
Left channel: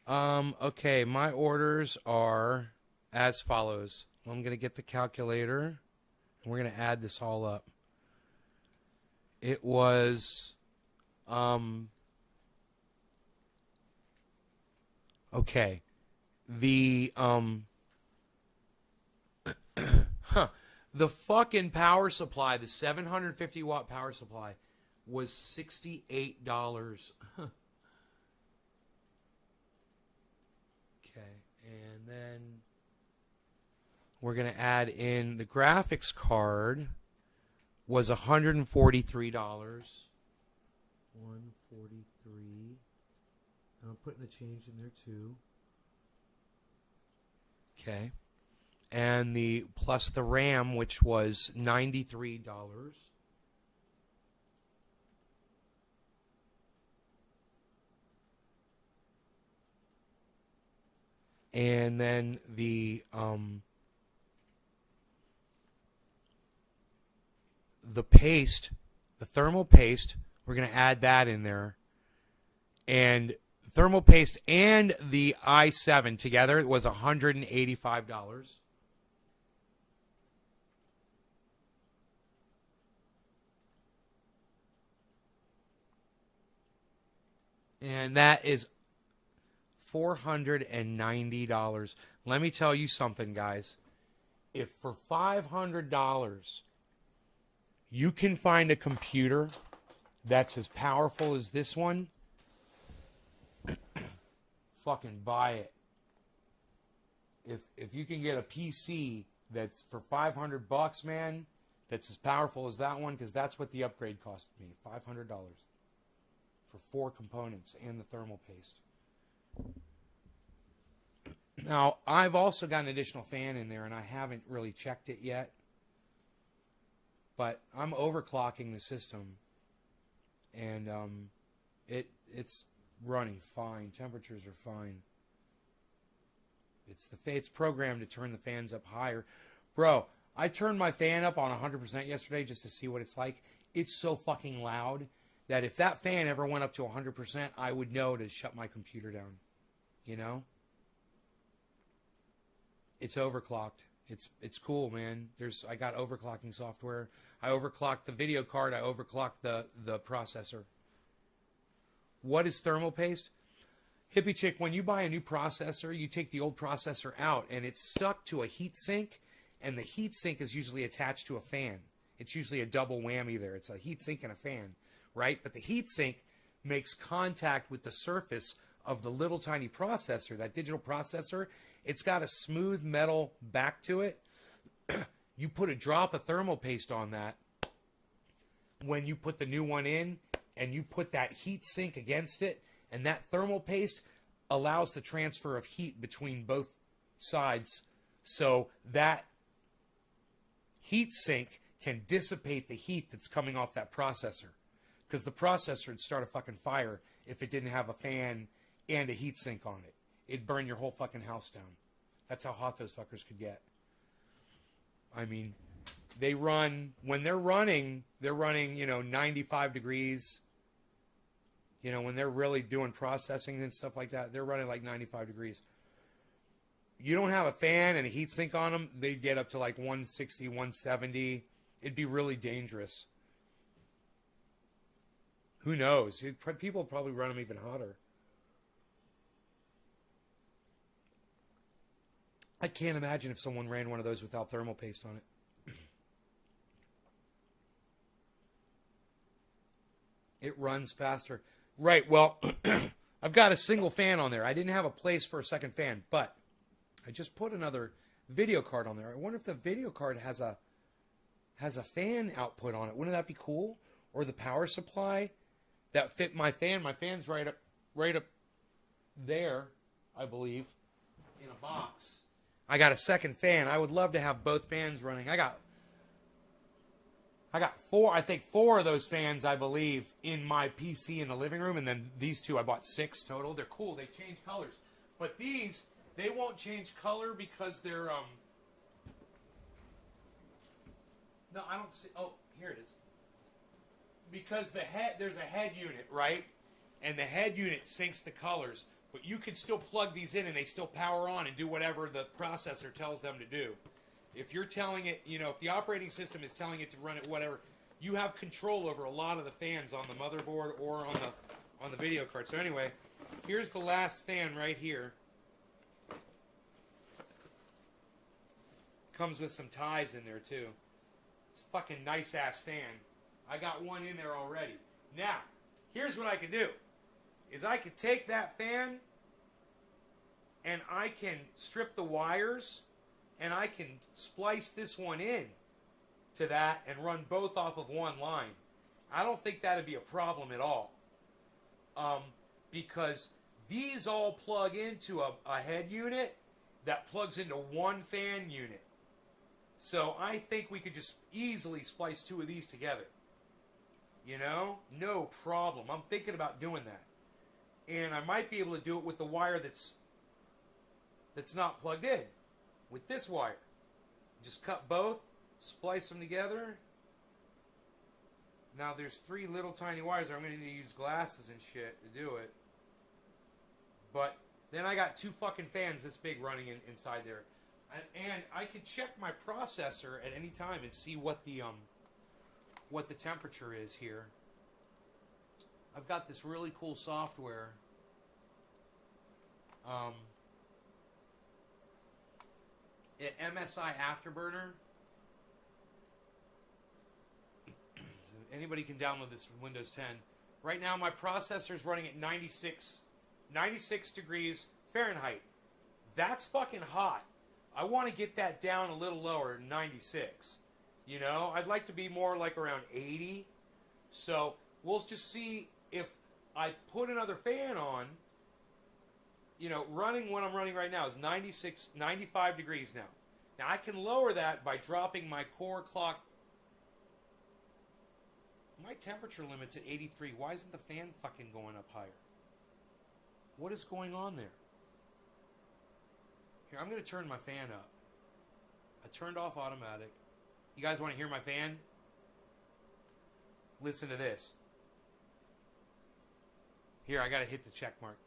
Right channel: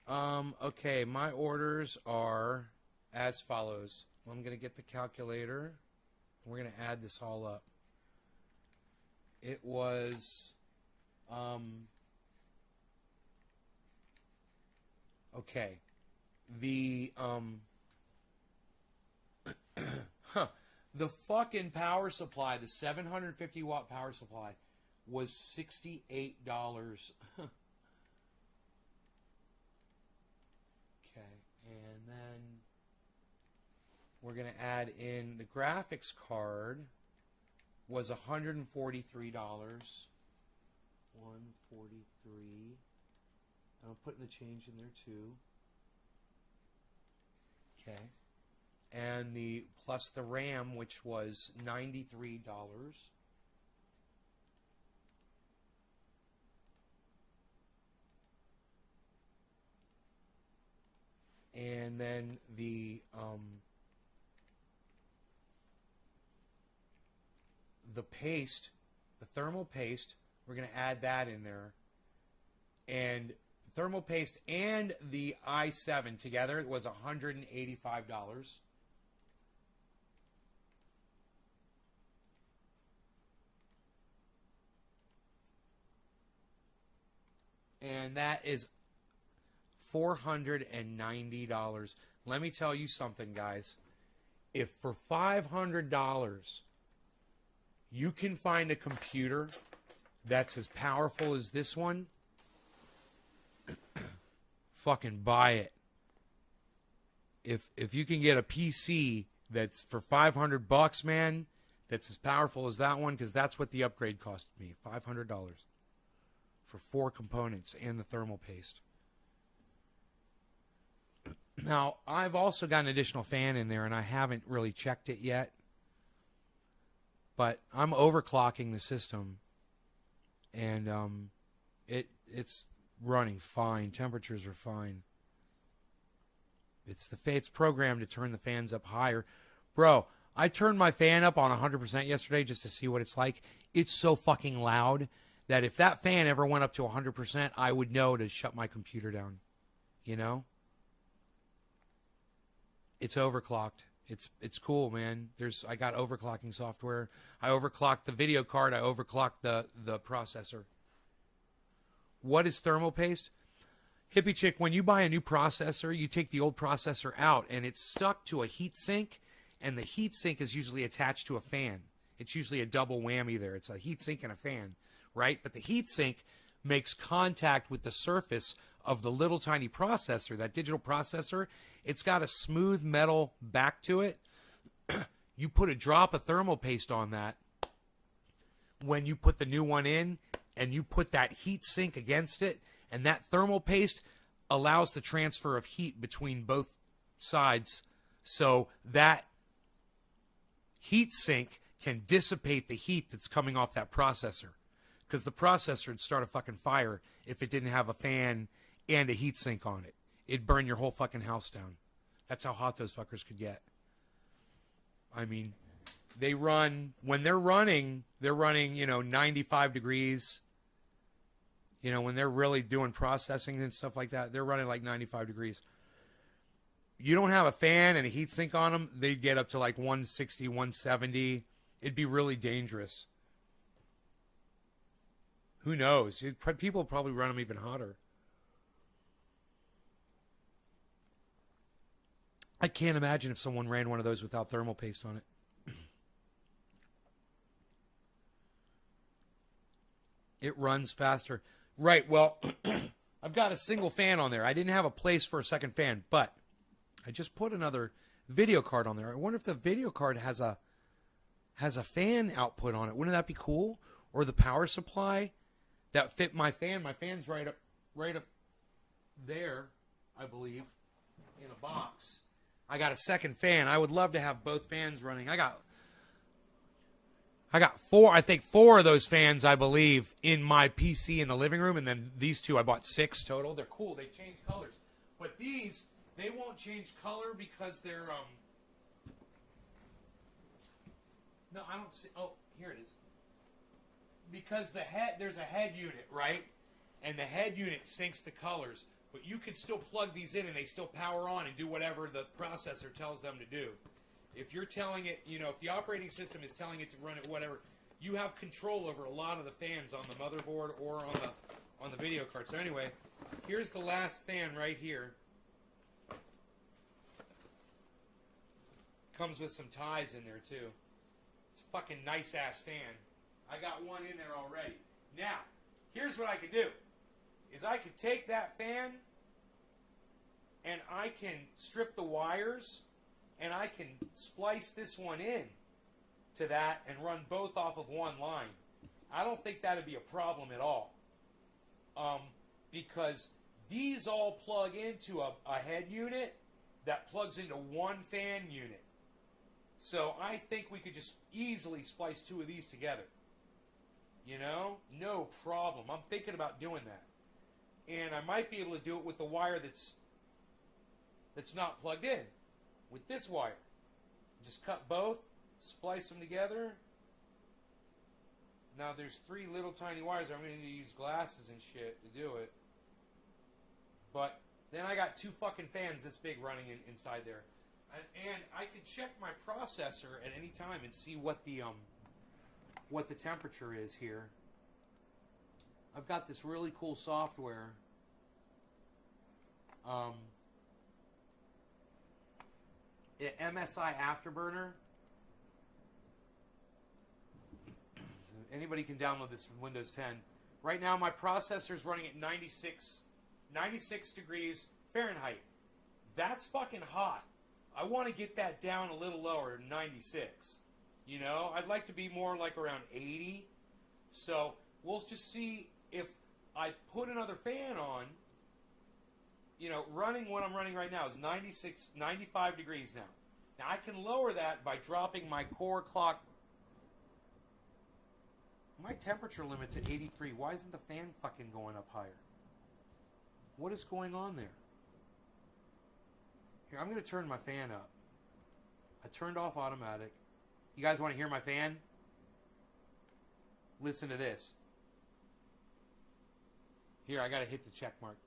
Okay, my orders are as follows. I'm going to get the calculator, and we're going to add this all up. It was, okay, the, the fucking power supply, the 750 watt power supply, was $68. Okay, and then we're going to add in the graphics card was $143. 143. I'm putting the change in there too. Okay. and the plus the RAM, which was $93. And then the paste, the thermal paste, we're going to add that in there. And thermal paste and the i7 together was $185. And that is $490. Let me tell you something, guys. If for $500 you can find a computer that's as powerful as this one, fucking buy it. If you can get a PC that's for $500, man, that's as powerful as that one, because that's what the upgrade cost me, $500 for 4 components and the thermal paste. Now, I've also got an additional fan in there, and I haven't really checked it yet. But I'm overclocking the system, and it's running fine. Temperatures are fine. It's programmed to turn the fans up higher. Bro, I turned my fan up on 100% yesterday just to see what it's like. It's so fucking loud that if that fan ever went up to 100%, I would know to shut my computer down. You know? It's overclocked. It's cool, man. I got overclocking software. I overclocked the video card. I overclocked the processor. What is thermal paste? Hippie chick, when you buy a new processor, you take the old processor out, and it's stuck to a heat sink, and the heat sink is usually attached to a fan. It's usually a double whammy there. It's a heat sink and a fan, right? But the heat sink makes contact with the surface of the little tiny processor, that digital processor. It's got a smooth metal back to it. You put a drop of thermal paste on that when you put the new one in, and you put that heat sink against it, and that thermal paste allows the transfer of heat between both sides, so that heat sink can dissipate the heat that's coming off that processor. Because the processor would start a fucking fire if it didn't have a fan and a heat sink on it. It'd burn your whole fucking house down. That's how hot those fuckers could get. I mean, when they're running, 95 degrees. When they're really doing processing and stuff like that, they're running like 95 degrees. You don't have a fan and a heat sink on them, they'd get up to like 160, 170. It'd be really dangerous. Who knows? People probably run them even hotter. I can't imagine if someone ran one of those without thermal paste on it. It runs faster. Right, well, I've got a single fan on there. I didn't have a place for a second fan, but I just put another video card on there. I wonder if the video card has a fan output on it. Wouldn't that be cool? Or the power supply that fit my fan. My fan's right up there, I believe, in a box. I got a second fan. I would love to have both fans running. I got four of those fans, I believe, in my PC in the living room, and then these two, I bought 6 total. They're cool. They change colors. But these, they won't change color because they're, no, I don't see, oh, here it is. Because there's a head unit, right? And the head unit syncs the colors. But you can still plug these in and they still power on and do whatever the processor tells them to do. If you're telling it, if the operating system is telling it to run it, whatever, you have control over a lot of the fans on the motherboard or on the video card. So anyway, here's the last fan right here. Comes with some ties in there too. It's a fucking nice ass fan. I got one in there already. Now, here's what I can do. Is I could take that fan and I can strip the wires and I can splice this one in to that and run both off of one line. I don't think that'd be a problem at all. Because these all plug into a head unit that plugs into one fan unit. So I think we could just easily splice 2 of these together. You know? No problem. I'm thinking about doing that. And I might be able to do it with the wire that's not plugged in. With this wire. Just cut both, splice them together. Now there's 3 little tiny wires. I'm going to need to use glasses and shit to do it. But then I got 2 fucking fans this big running inside there. And I can check my processor at any time and see what the temperature is here. I've got this really cool software. MSI Afterburner. So anybody can download this from Windows 10. Right now my processor is running at 96 degrees Fahrenheit. That's fucking hot. I want to get that down a little lower, 96. You know, I'd like to be more like around 80. So we'll just see if I put another fan on. You know, running what I'm running right now is 95 degrees now. Now I can lower that by dropping my core clock. My temperature limit's at 83. Why isn't the fan fucking going up higher? What is going on there? Here, I'm going to turn my fan up. I turned off automatic. You guys want to hear my fan? Listen to this. Here, I got to hit the check mark.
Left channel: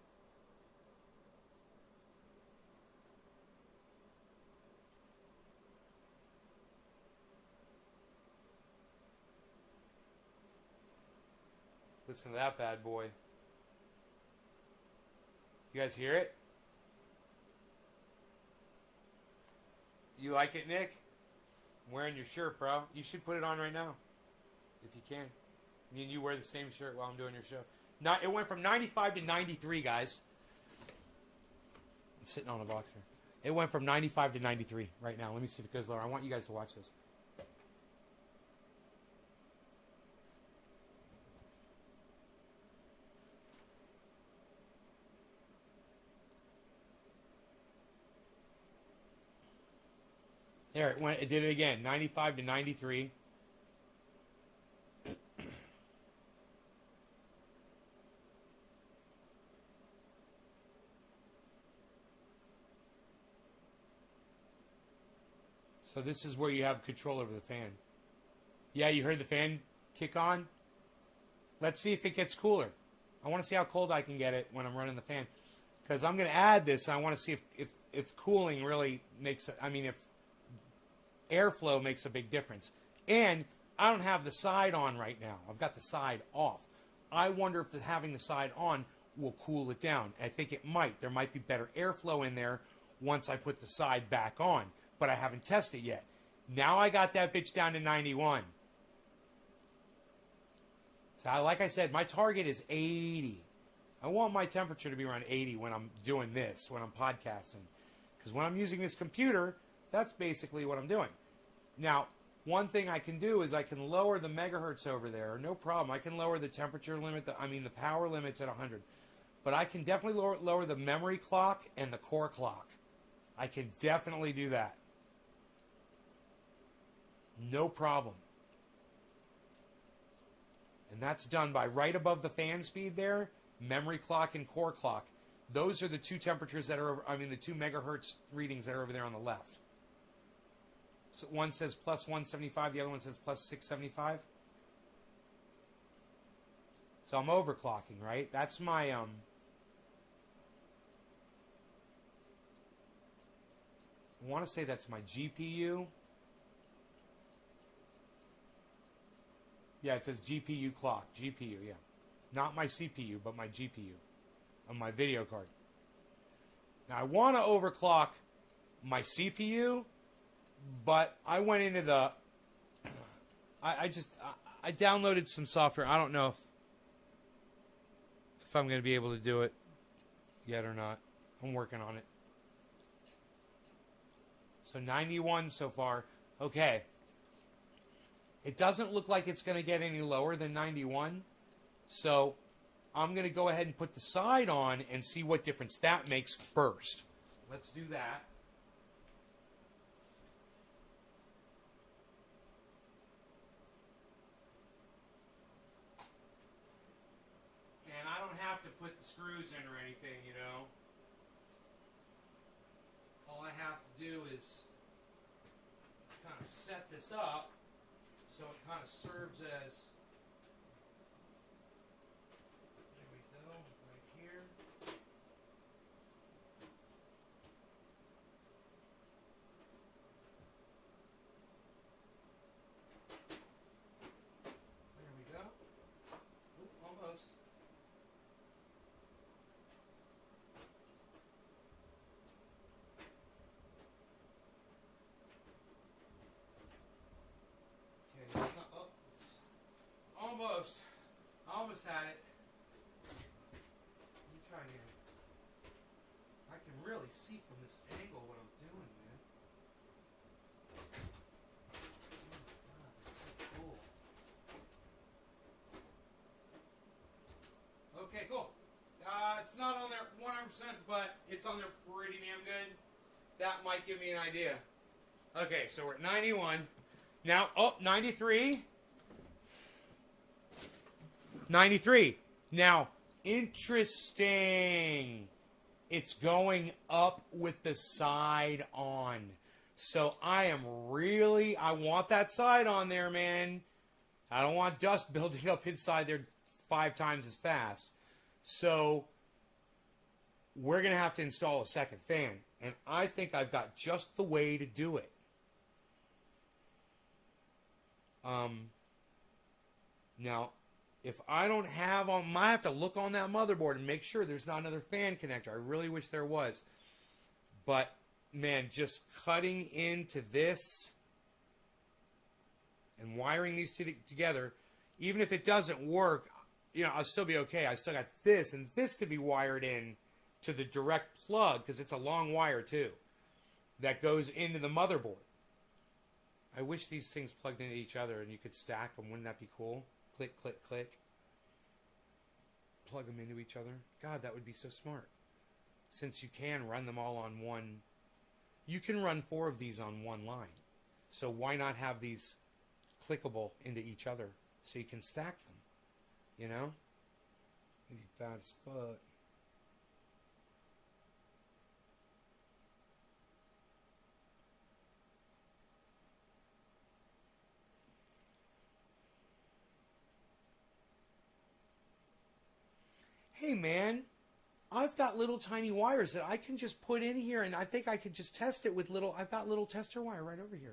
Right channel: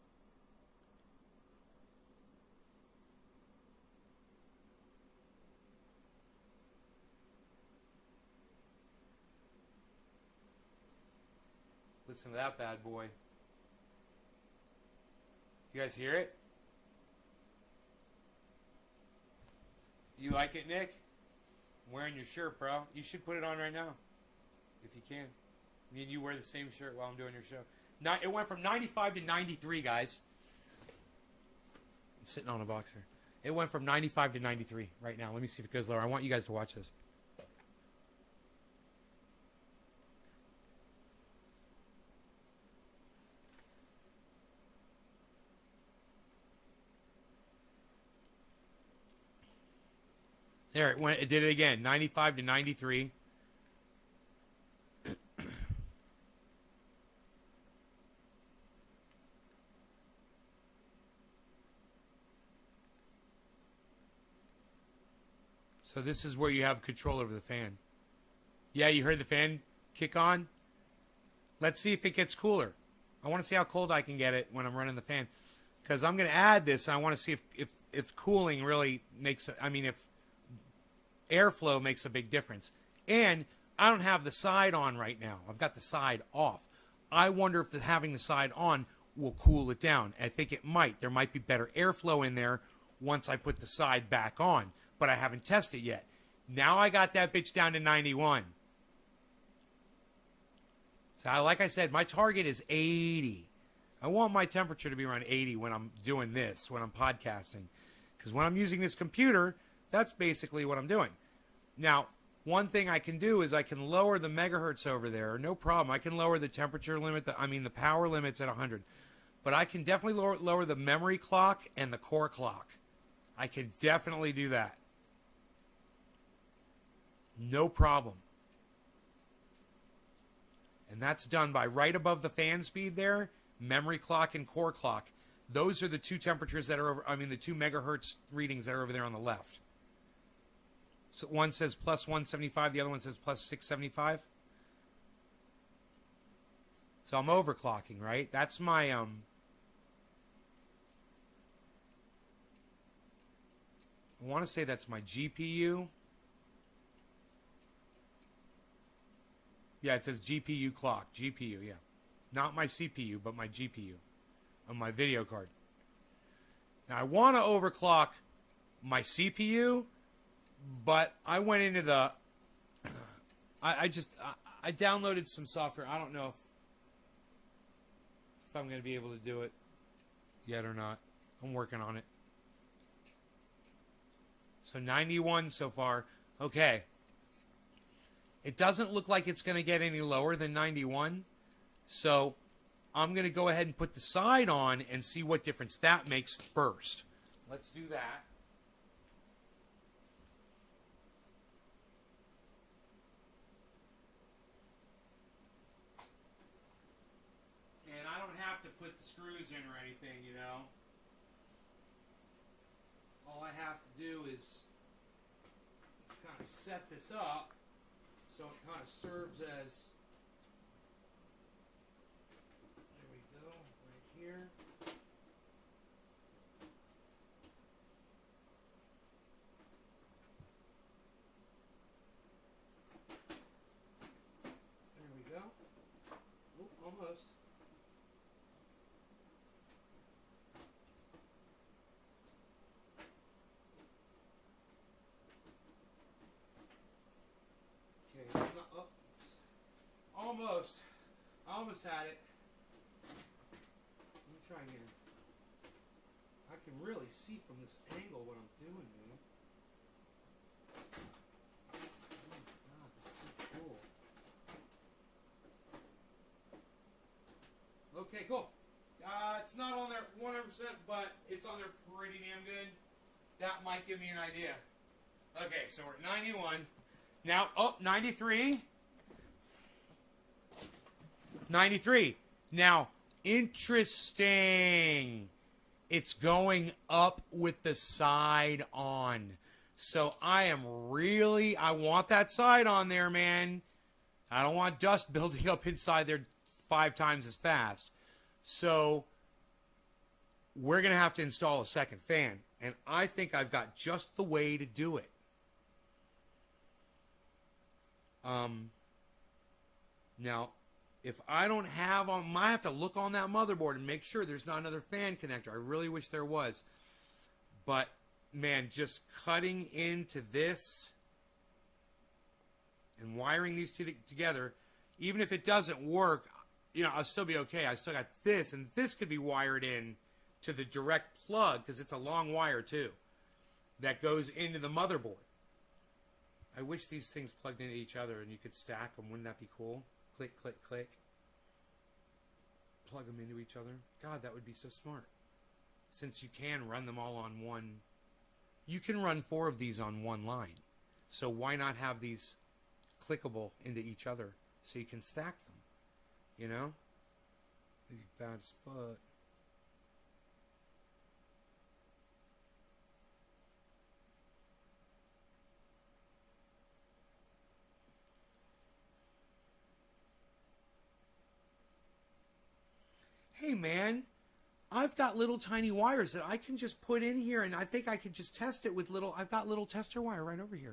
Listen to that bad boy. You guys hear it? You like it, Nick? I'm wearing your shirt, bro. You should put it on right now. If you can. Me and you wear the same shirt while I'm doing your show. It went from 95 to 93, guys. I'm sitting on a boxer. It went from 95 to 93 right now. Let me see if it goes lower. I want you guys to watch this. There, it did it again. 95 to 93. So this is where you have control over the fan. Yeah, you heard the fan kick on? Let's see if it gets cooler. I want to see how cold I can get it when I'm running the fan. Because I'm going to add this, and I want to see if cooling really makes... if airflow makes a big difference. And I don't have the side on right now. I've got the side off. I wonder if having the side on will cool it down. I think it might. There might be better airflow in there once I put the side back on. But I haven't tested yet. Now I got that bitch down to 91. So like I said, my target is 80. I want my temperature to be around 80 when I'm doing this, when I'm podcasting. Because when I'm using this computer, that's basically what I'm doing. Now, one thing I can do is I can lower the megahertz over there. No problem. I can lower the temperature limit, the power limit's at 100. But I can definitely lower the memory clock and the core clock. I can definitely do that. No problem. And that's done by right above the fan speed there, memory clock and core clock. Those are the 2 temperatures that are over, the 2 megahertz readings that are over there on the left. So one says plus 175, the other one says plus 675. So I'm overclocking, right? That's my, I want to say that's my GPU. Yeah, it says GPU clock. GPU, yeah. Not my CPU, but my GPU on my video card. Now, I want to overclock my CPU, but I went into the... I downloaded some software. I don't know if I'm going to be able to do it yet or not. I'm working on it. So 91 so far. Okay. It doesn't look like it's going to get any lower than 91. So I'm going to go ahead and put the side on and see what difference that makes first. Let's do that. put the screws in or anything, you know. All I have to do is kind of set this up so it kind of serves as, there we go, right here. There we go. Oop, almost. Okay, it's not, oh, it's almost. I almost had it. Let me try it here. I can really see from this angle what I'm doing, man. Oh my god, this is so cool. Okay, cool. It's not on there 100%, but it's on there pretty damn good. That might give me an idea. Okay, so we're at 91. Now, oh, 93. 93. Now, interesting. It's going up with the side on. So I want that side on there, man. I don't want dust building up inside there 5 times as fast. So we're going to have to install a second fan. And I think I've got just the way to do it. Now, if I don't have on, I have to look on that motherboard and make sure there's not another fan connector. I really wish there was. But, man, just cutting into this and wiring these two together, even if it doesn't work, you know, I'll still be okay. I still got this, and this could be wired in to the direct plug, because it's a long wire, too, that goes into the motherboard. I wish these things plugged into each other and you could stack them. Wouldn't that be cool? Click, click, click. Plug them into each other. God, that would be so smart. Since you can run them all on one. You can run 4 of these on one line. So why not have these clickable into each other so you can stack them? You know? It'd be bad as fuck. Hey man, I've got little tiny wires that I can just put in here, and I think I could just test it with I've got little tester wire right over here.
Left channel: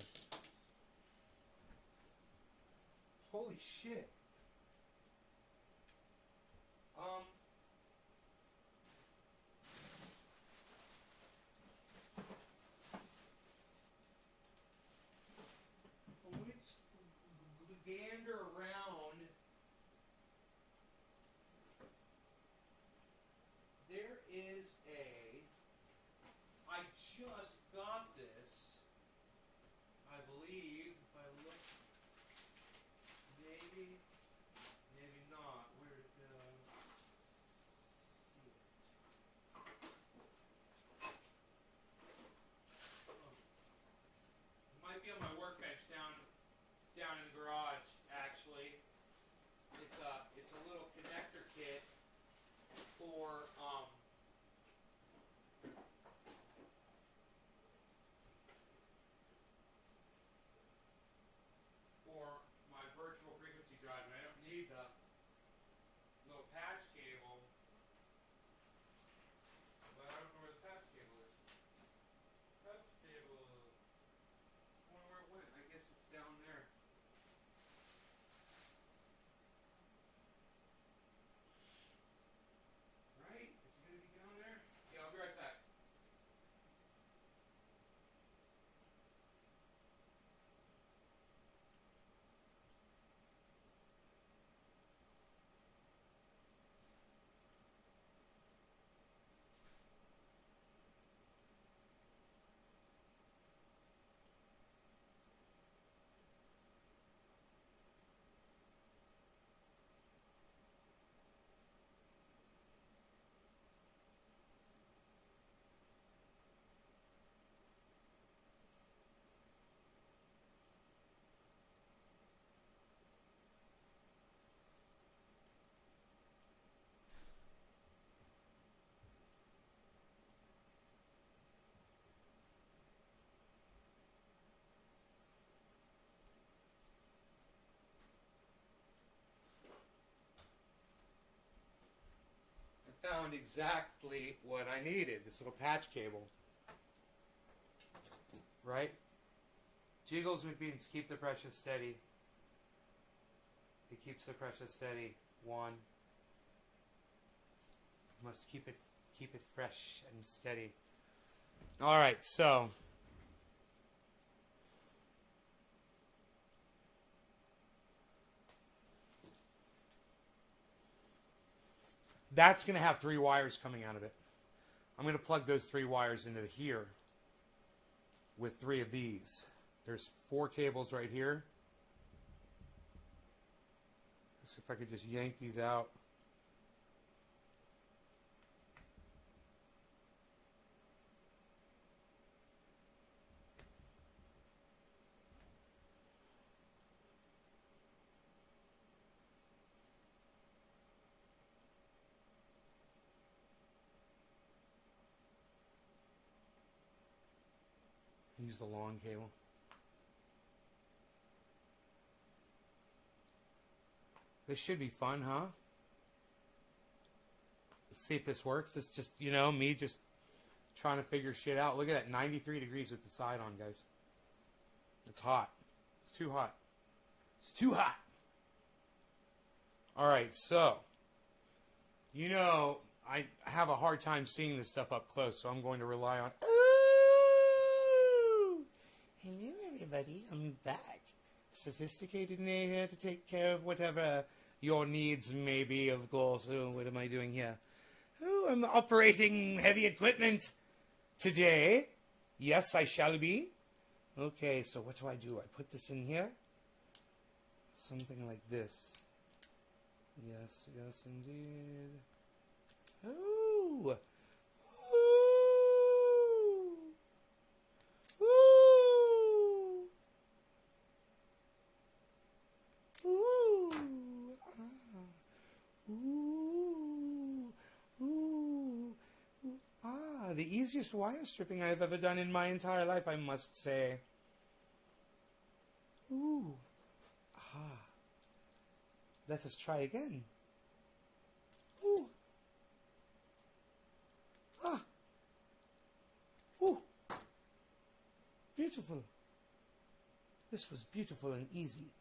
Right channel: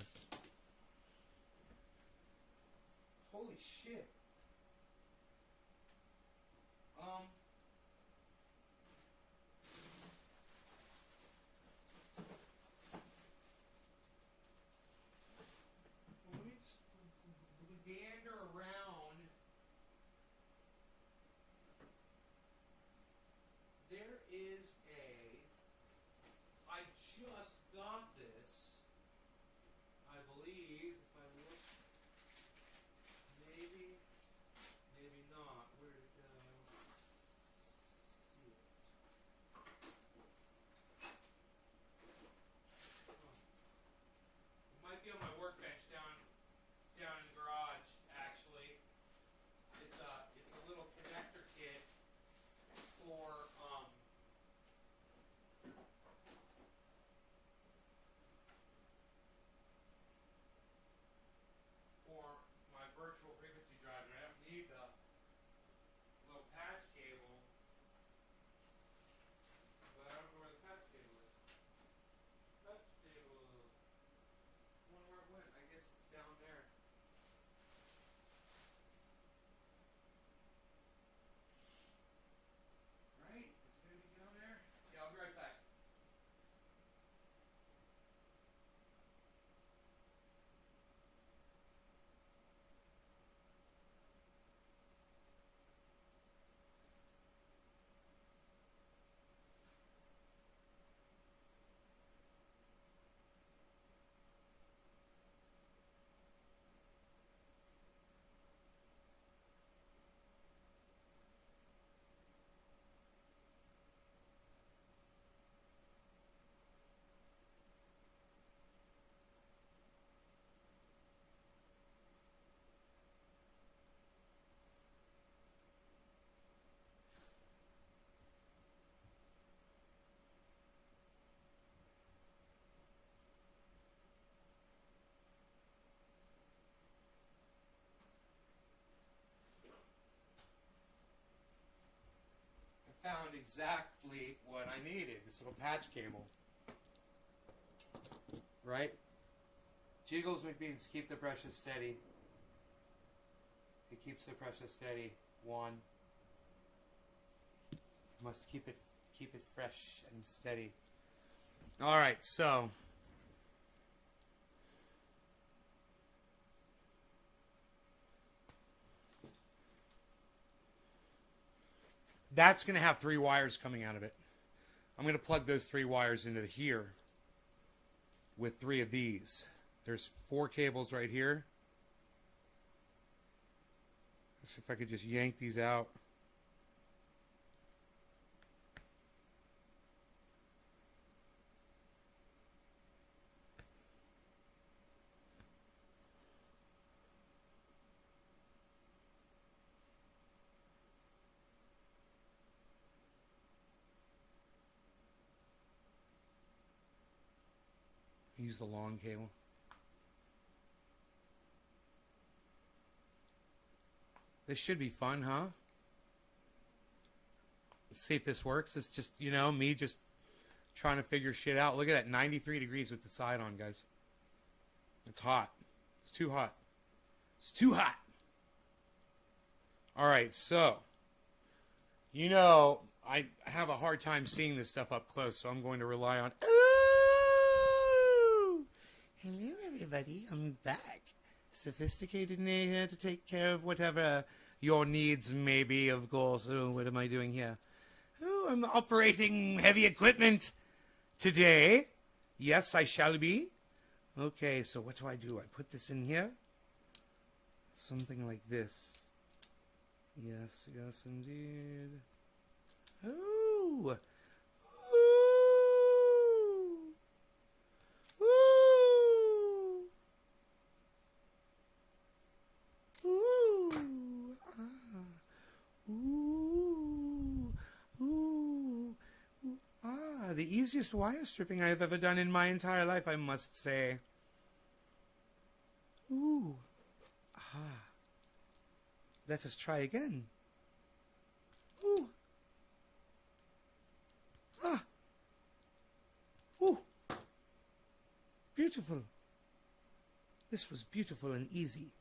Holy shit. Let me just gander around. There is I just got this, I believe, if I look, maybe not. Where did see it? It might be on my workbench down in the garage, actually. It's a little connector kit for my virtual frequency drive, and I don't need the little patch cable, but I don't know where the patch cable is. Patch cable, I wonder where it went. I guess it's down there. Right? Is it going to be down there? Okay, I'll be right back. found exactly what I needed. This little patch cable. Right? Jiggles McBeans, keep the pressure steady. It keeps the pressure steady. One. Must keep it fresh and steady. Alright, so that's going to have 3 wires coming out of it. I'm going to plug those 3 wires into here with 3 of these. There's 4 cables right here. Let's see if I could just yank these out. Use the long cable. This should be fun, huh? Let's see if this works. It's just, you know, me just trying to figure shit out. Look at that, 93 degrees with the side on, guys. It's hot. It's too hot. It's too hot. All right, so, you know, I have a hard time seeing this stuff up close, so I'm going to rely on... Hello, everybody. I'm back. Sophisticated Nay here to take care of whatever your needs may be, of course. Oh, what am I doing here? Oh, I'm operating heavy equipment today. Yes, I shall be. Okay, so what do? I put this in here? Something like this. Yes, yes, indeed. Oh! The easiest wire stripping I have ever done in my entire life, I must say. Ooh. Ah. Let us try again. Ooh. Ah. Ooh. Beautiful. This was beautiful and easy.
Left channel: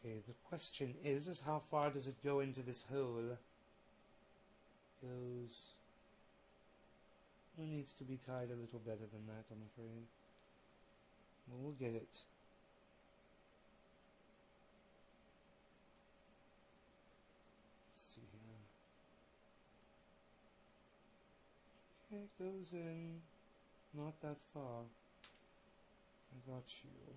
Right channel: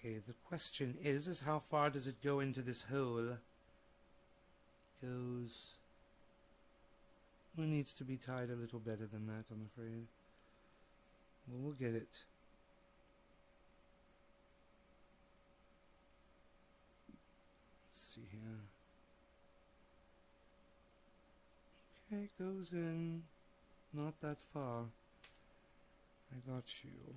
Okay, the question is how far does it go into this hole? Goes... It needs to be tied a little better than that, I'm afraid. Well, we'll get it. Let's see here. Okay, it goes in. Not that far. I got you.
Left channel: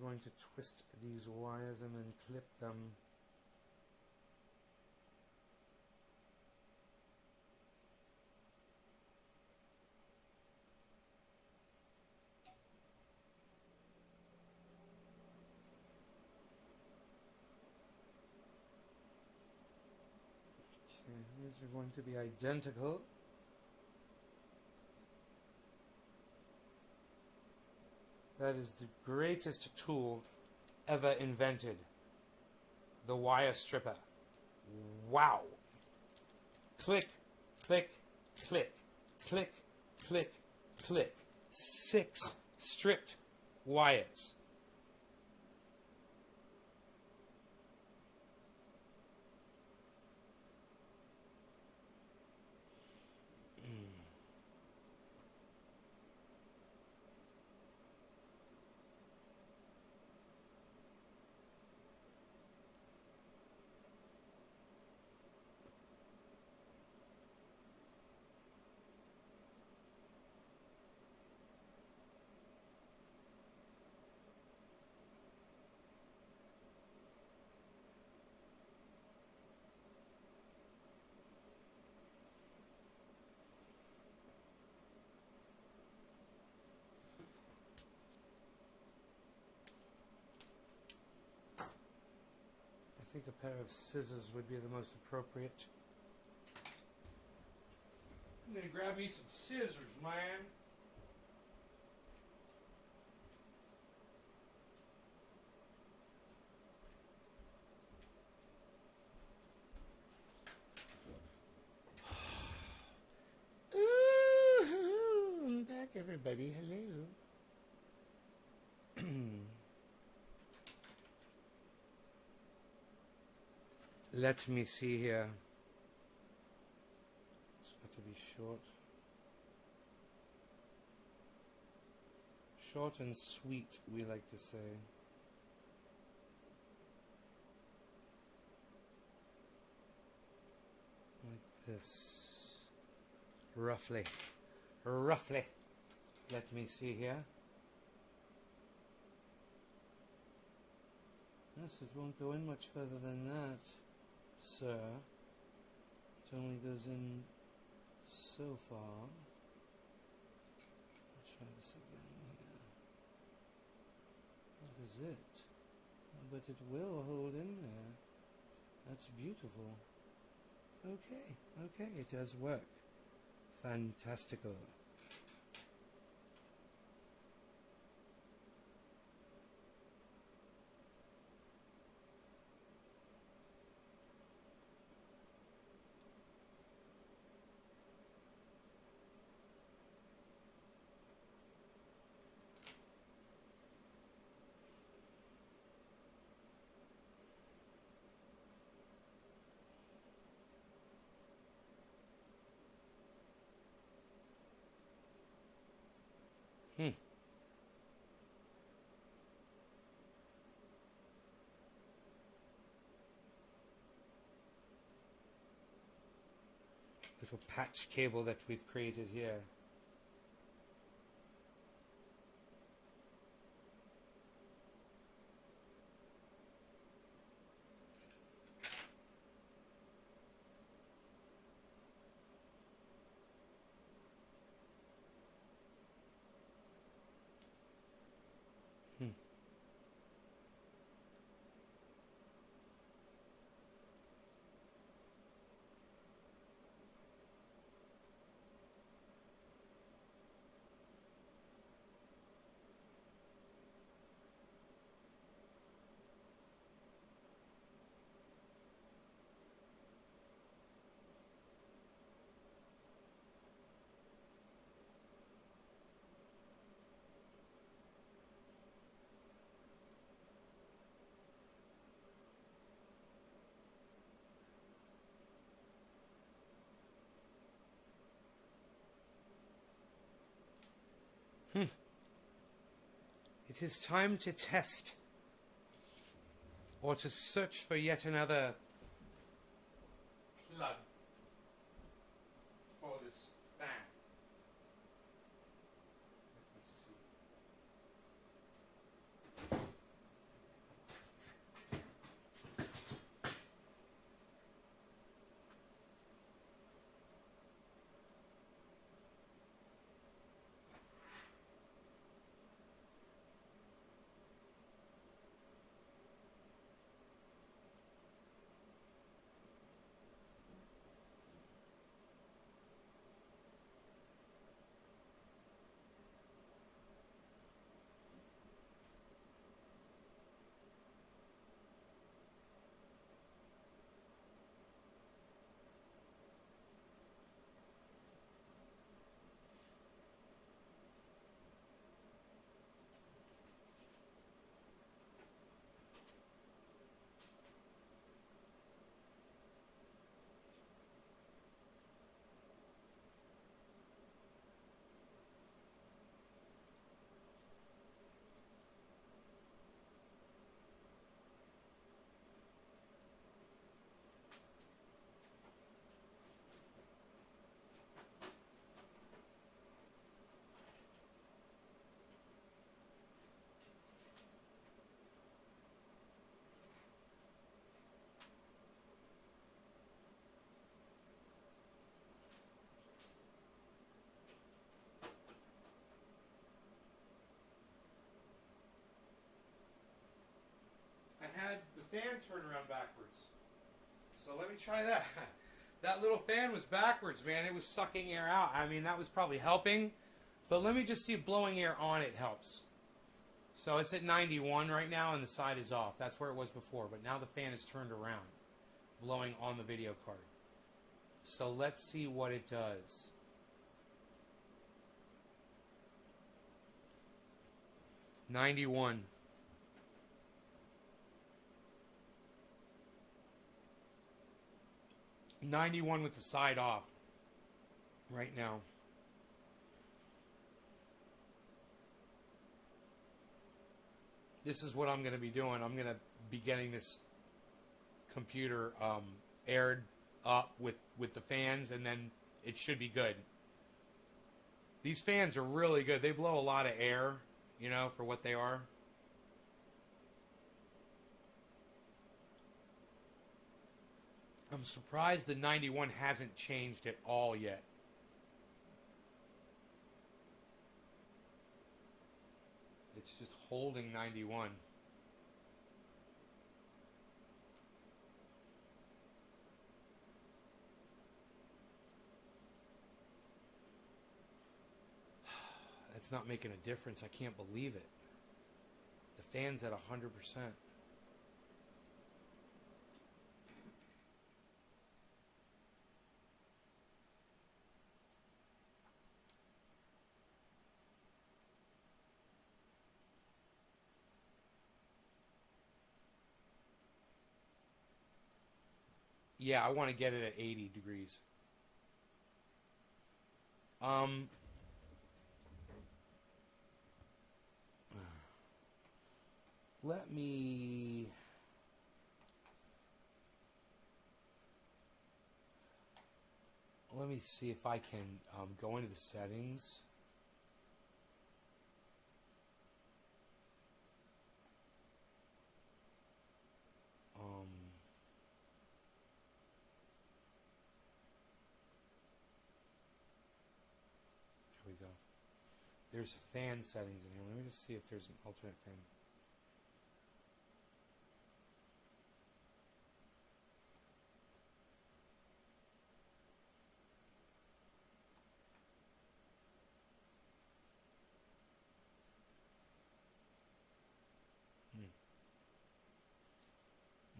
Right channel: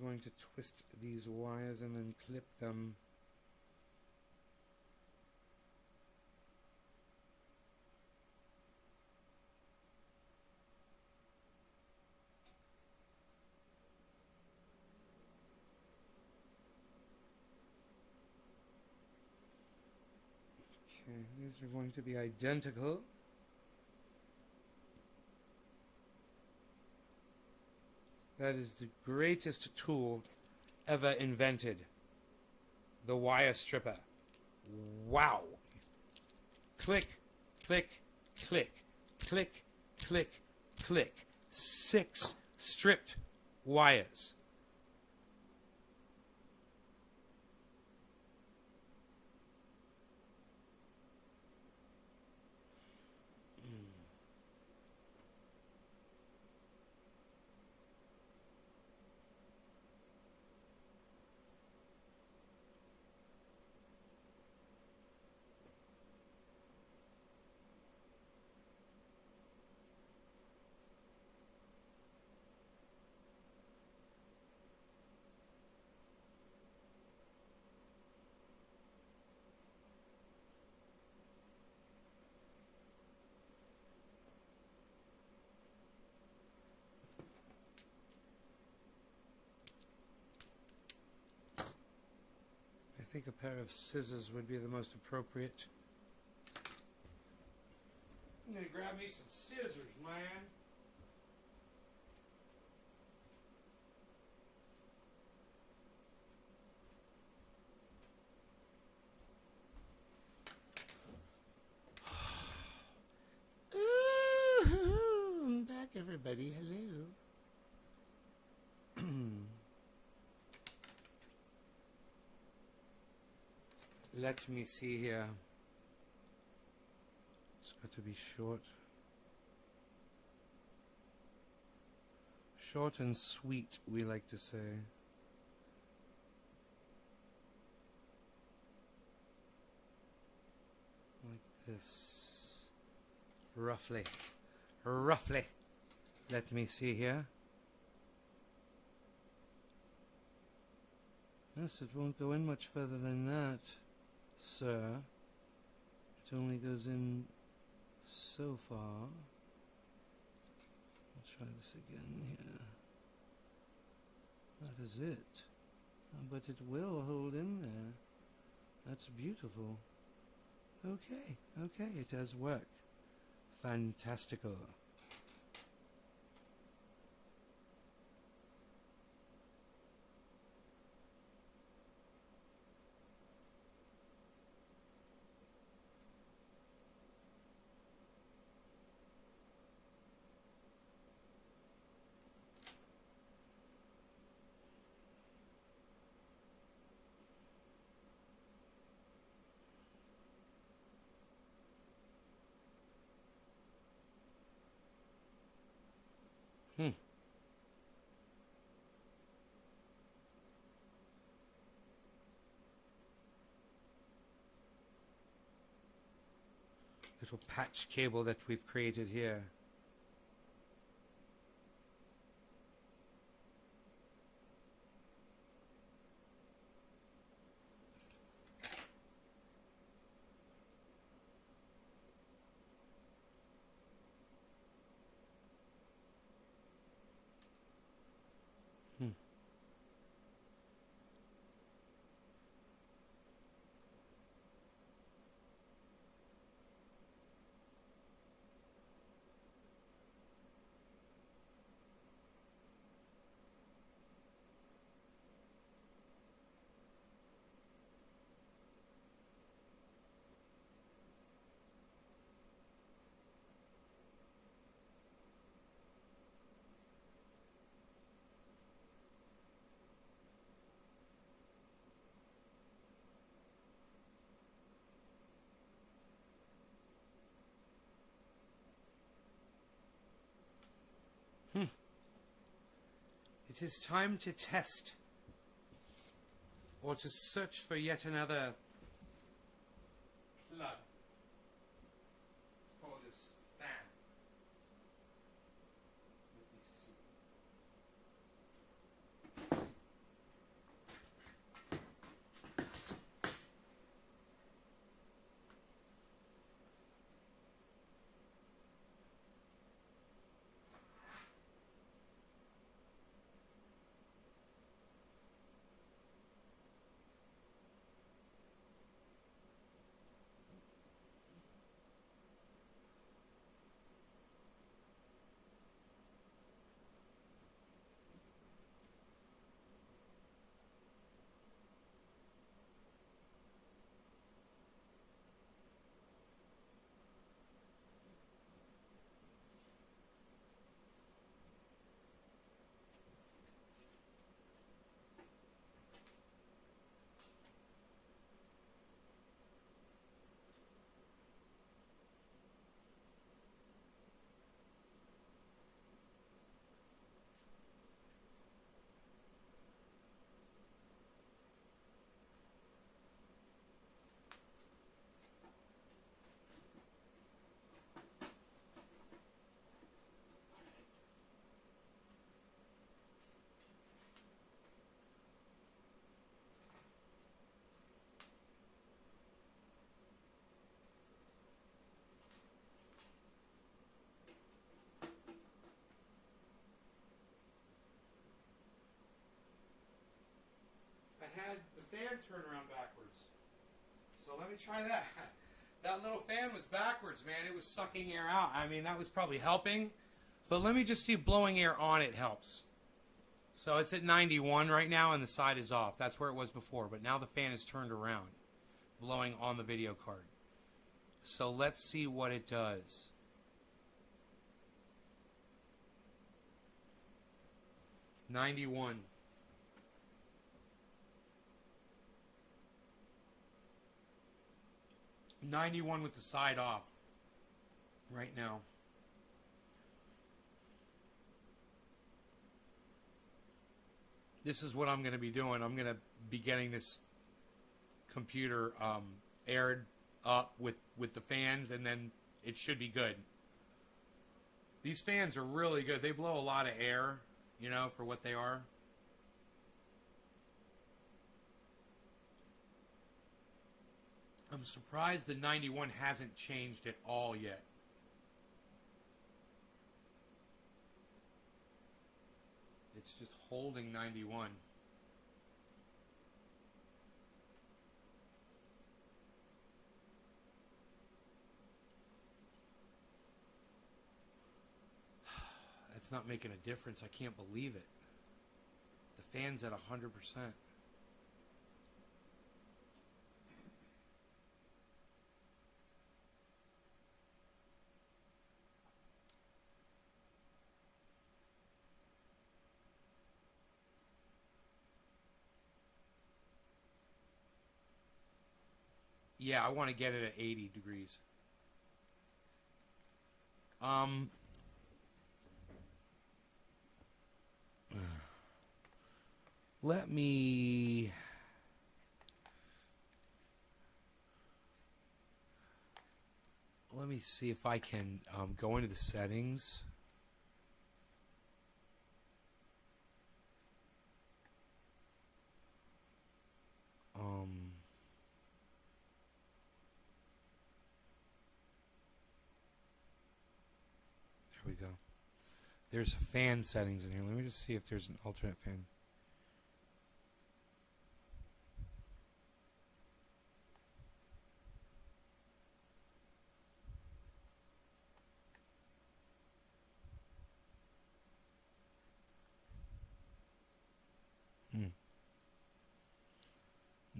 We're going to twist these wires and then clip them. Okay, these are going to be identical. That is the greatest tool ever invented. The wire stripper. Wow. Click, click, click, click, click, click. 6 stripped wires. I think a pair of scissors would be the most appropriate. I need to grab me some scissors, man. Ooh, I'm back, everybody. Hello. Let me see here. It's got to be short. Short and sweet, we like to say. Like this. Roughly. Roughly. Let me see here. Yes, it won't go in much further than that, sir. It only goes in so far. Let's try this again here. That is it. But it will hold in there. That's beautiful. Okay, okay, it does work. Fantastical. Little patch cable that we've created here. It is time to test, or to search for yet another plug for this fan. Let me see. I had the fan turn around backwards. So let me try that. That little fan was backwards, man. It was sucking air out. I mean, that was probably helping. But let me just see if blowing air on it helps. So it's at 91 right now, and the side is off. That's where it was before. But now the fan is turned around, blowing on the video card. So let's see what it does. $91. $91 with the side off right now. This is what I'm going to be doing. I'm going to be getting this computer aired up with the fans, and then it should be good. These fans are really good. They blow a lot of air, you know, for what they are. I'm surprised the 91 hasn't changed at all yet. It's just holding 91. That's not making a difference. I can't believe it. The fan's at 100%. Yeah, I want to get it at 80 degrees. Let me see if I can go into the settings. There we go. There's fan settings in here. Let me just see if there's an alternate fan.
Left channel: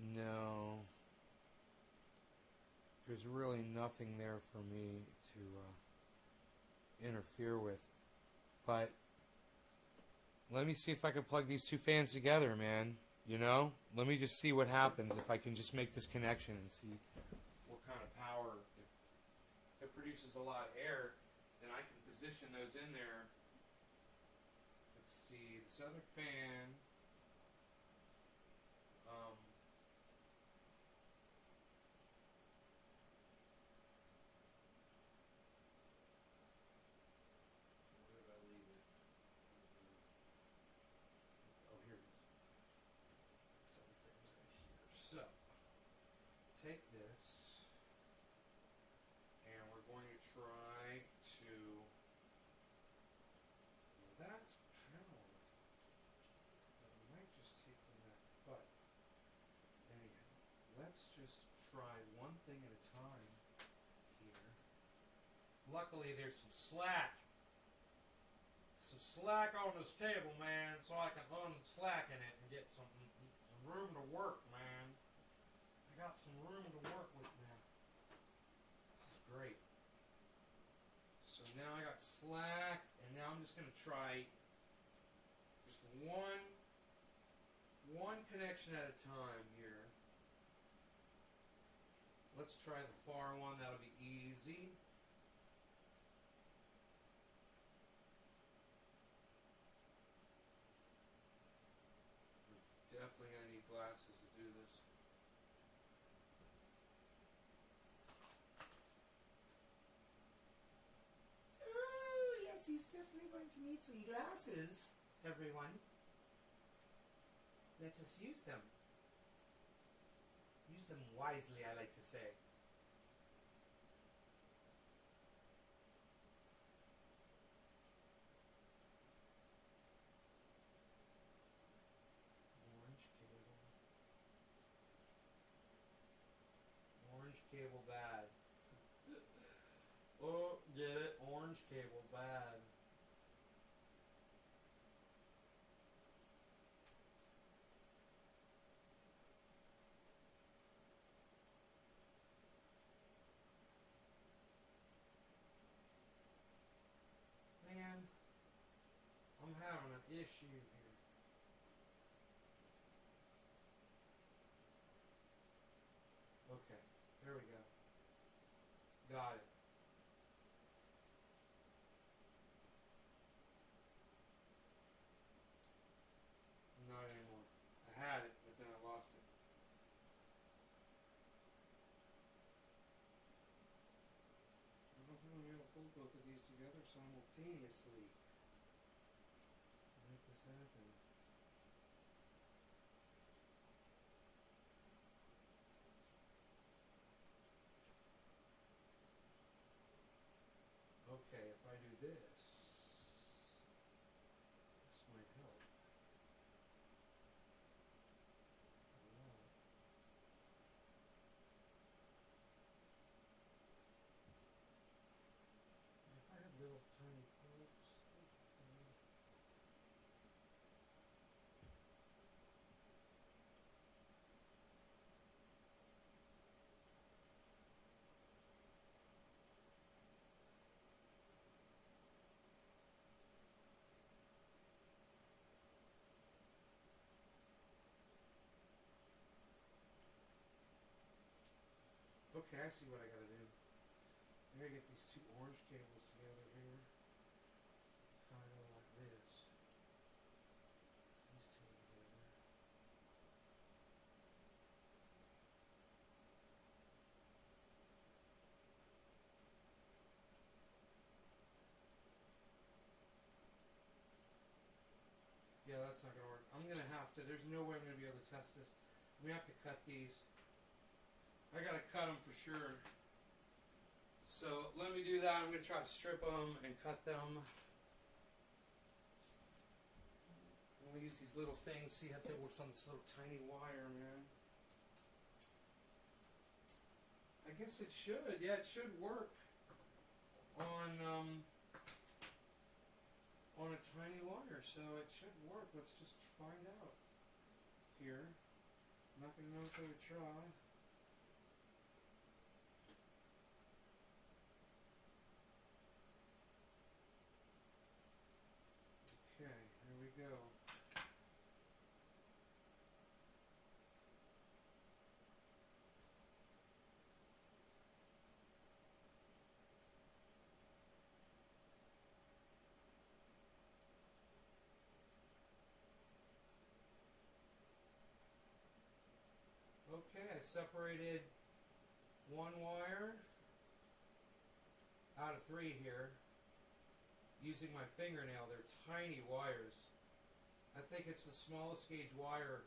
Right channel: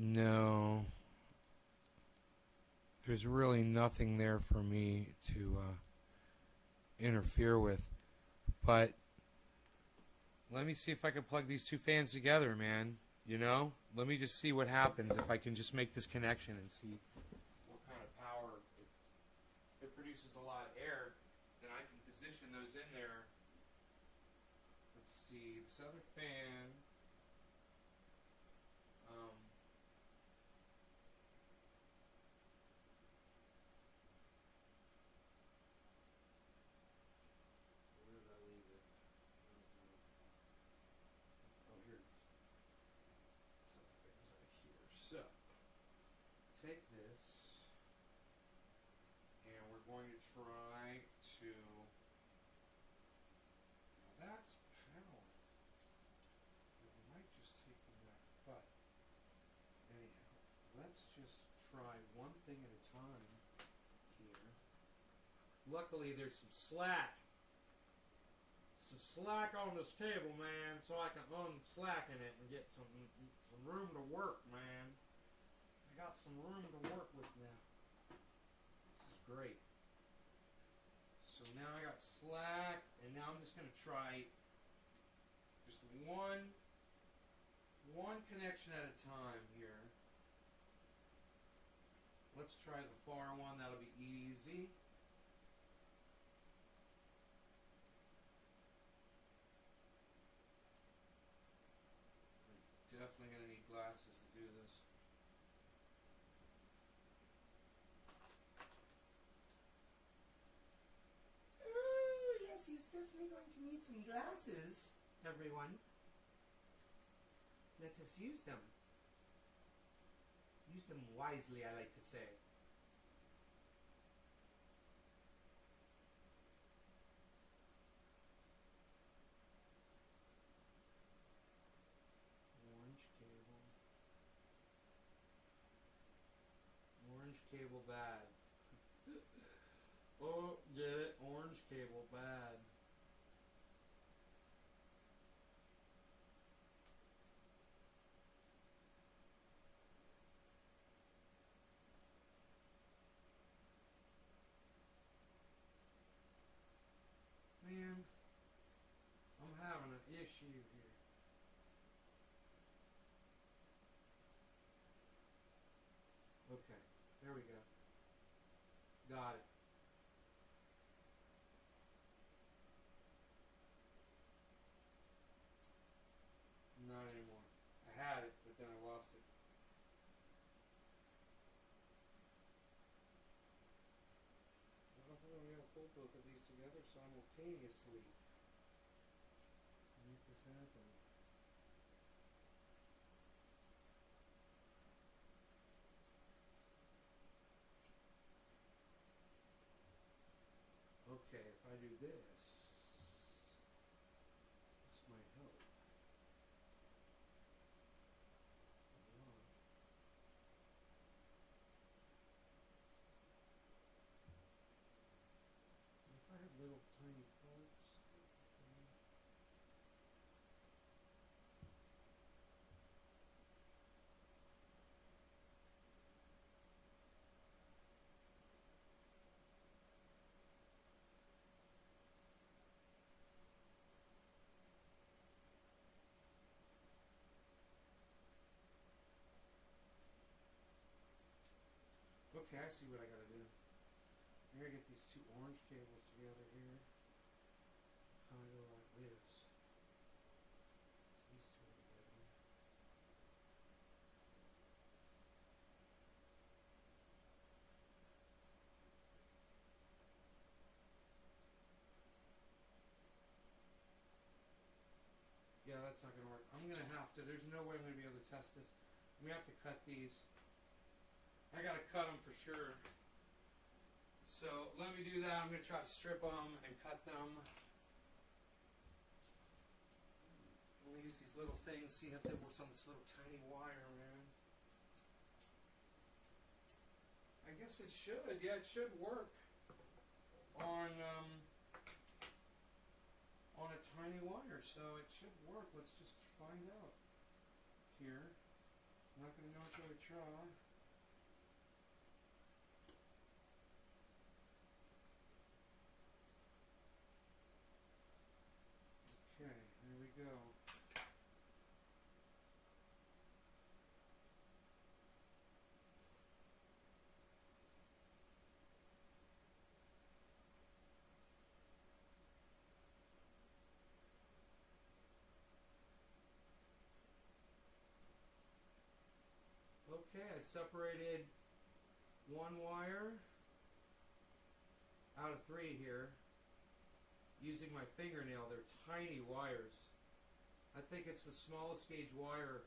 No. There's really nothing there for me to interfere with. But let me see if I can plug these two fans together, man. You know? Let me just see what happens if I can just make this connection and see what kind of power. If it produces a lot of air, then I can position those in there. Let's see. This other fan. So, take this, and we're going to try to, now that's powered, that might just take from that, but anyhow, let's just try one thing at a time here. Luckily there's some slack on this cable, man, so I can unslacken it and get some room to work, man. I got some room to work with now. This is great. So now I got slack, and now I'm just going to try just one connection at a time here. Let's try the far one. That'll be easy. Definitely going to need glasses to do this. Oh, yes, he's definitely going to need some glasses, everyone. Let us use them. Use them wisely, I like to say. Orange cable bad. Oh, get it? Orange cable, bad. Man, I'm having an issue here. Okay, there we go. Got it. Not anymore. I had it, but then I lost it. I don't think I'm going to pull both of these together simultaneously to make this happen. Okay, if I do this, this might help. I don't know. If I had little tiny plugs. Okay, I see what I gotta do. I gotta get these two orange cables together here. Kind of go like this. These two together. Yeah, that's not gonna work. I'm gonna have to. There's no way I'm gonna be able to test this. We have to cut these. I gotta cut them for sure. So let me do that. I'm gonna try to strip them and cut them. I'm gonna use these little things, see if they work on this little tiny wire, man. I guess it should. Yeah, it should work on a tiny wire, so it should work. Let's just find out here. Not gonna know until we try. Okay, here we go. Okay, I separated one wire out of three here using my fingernail. They're tiny wires. I think it's the smallest gauge wire.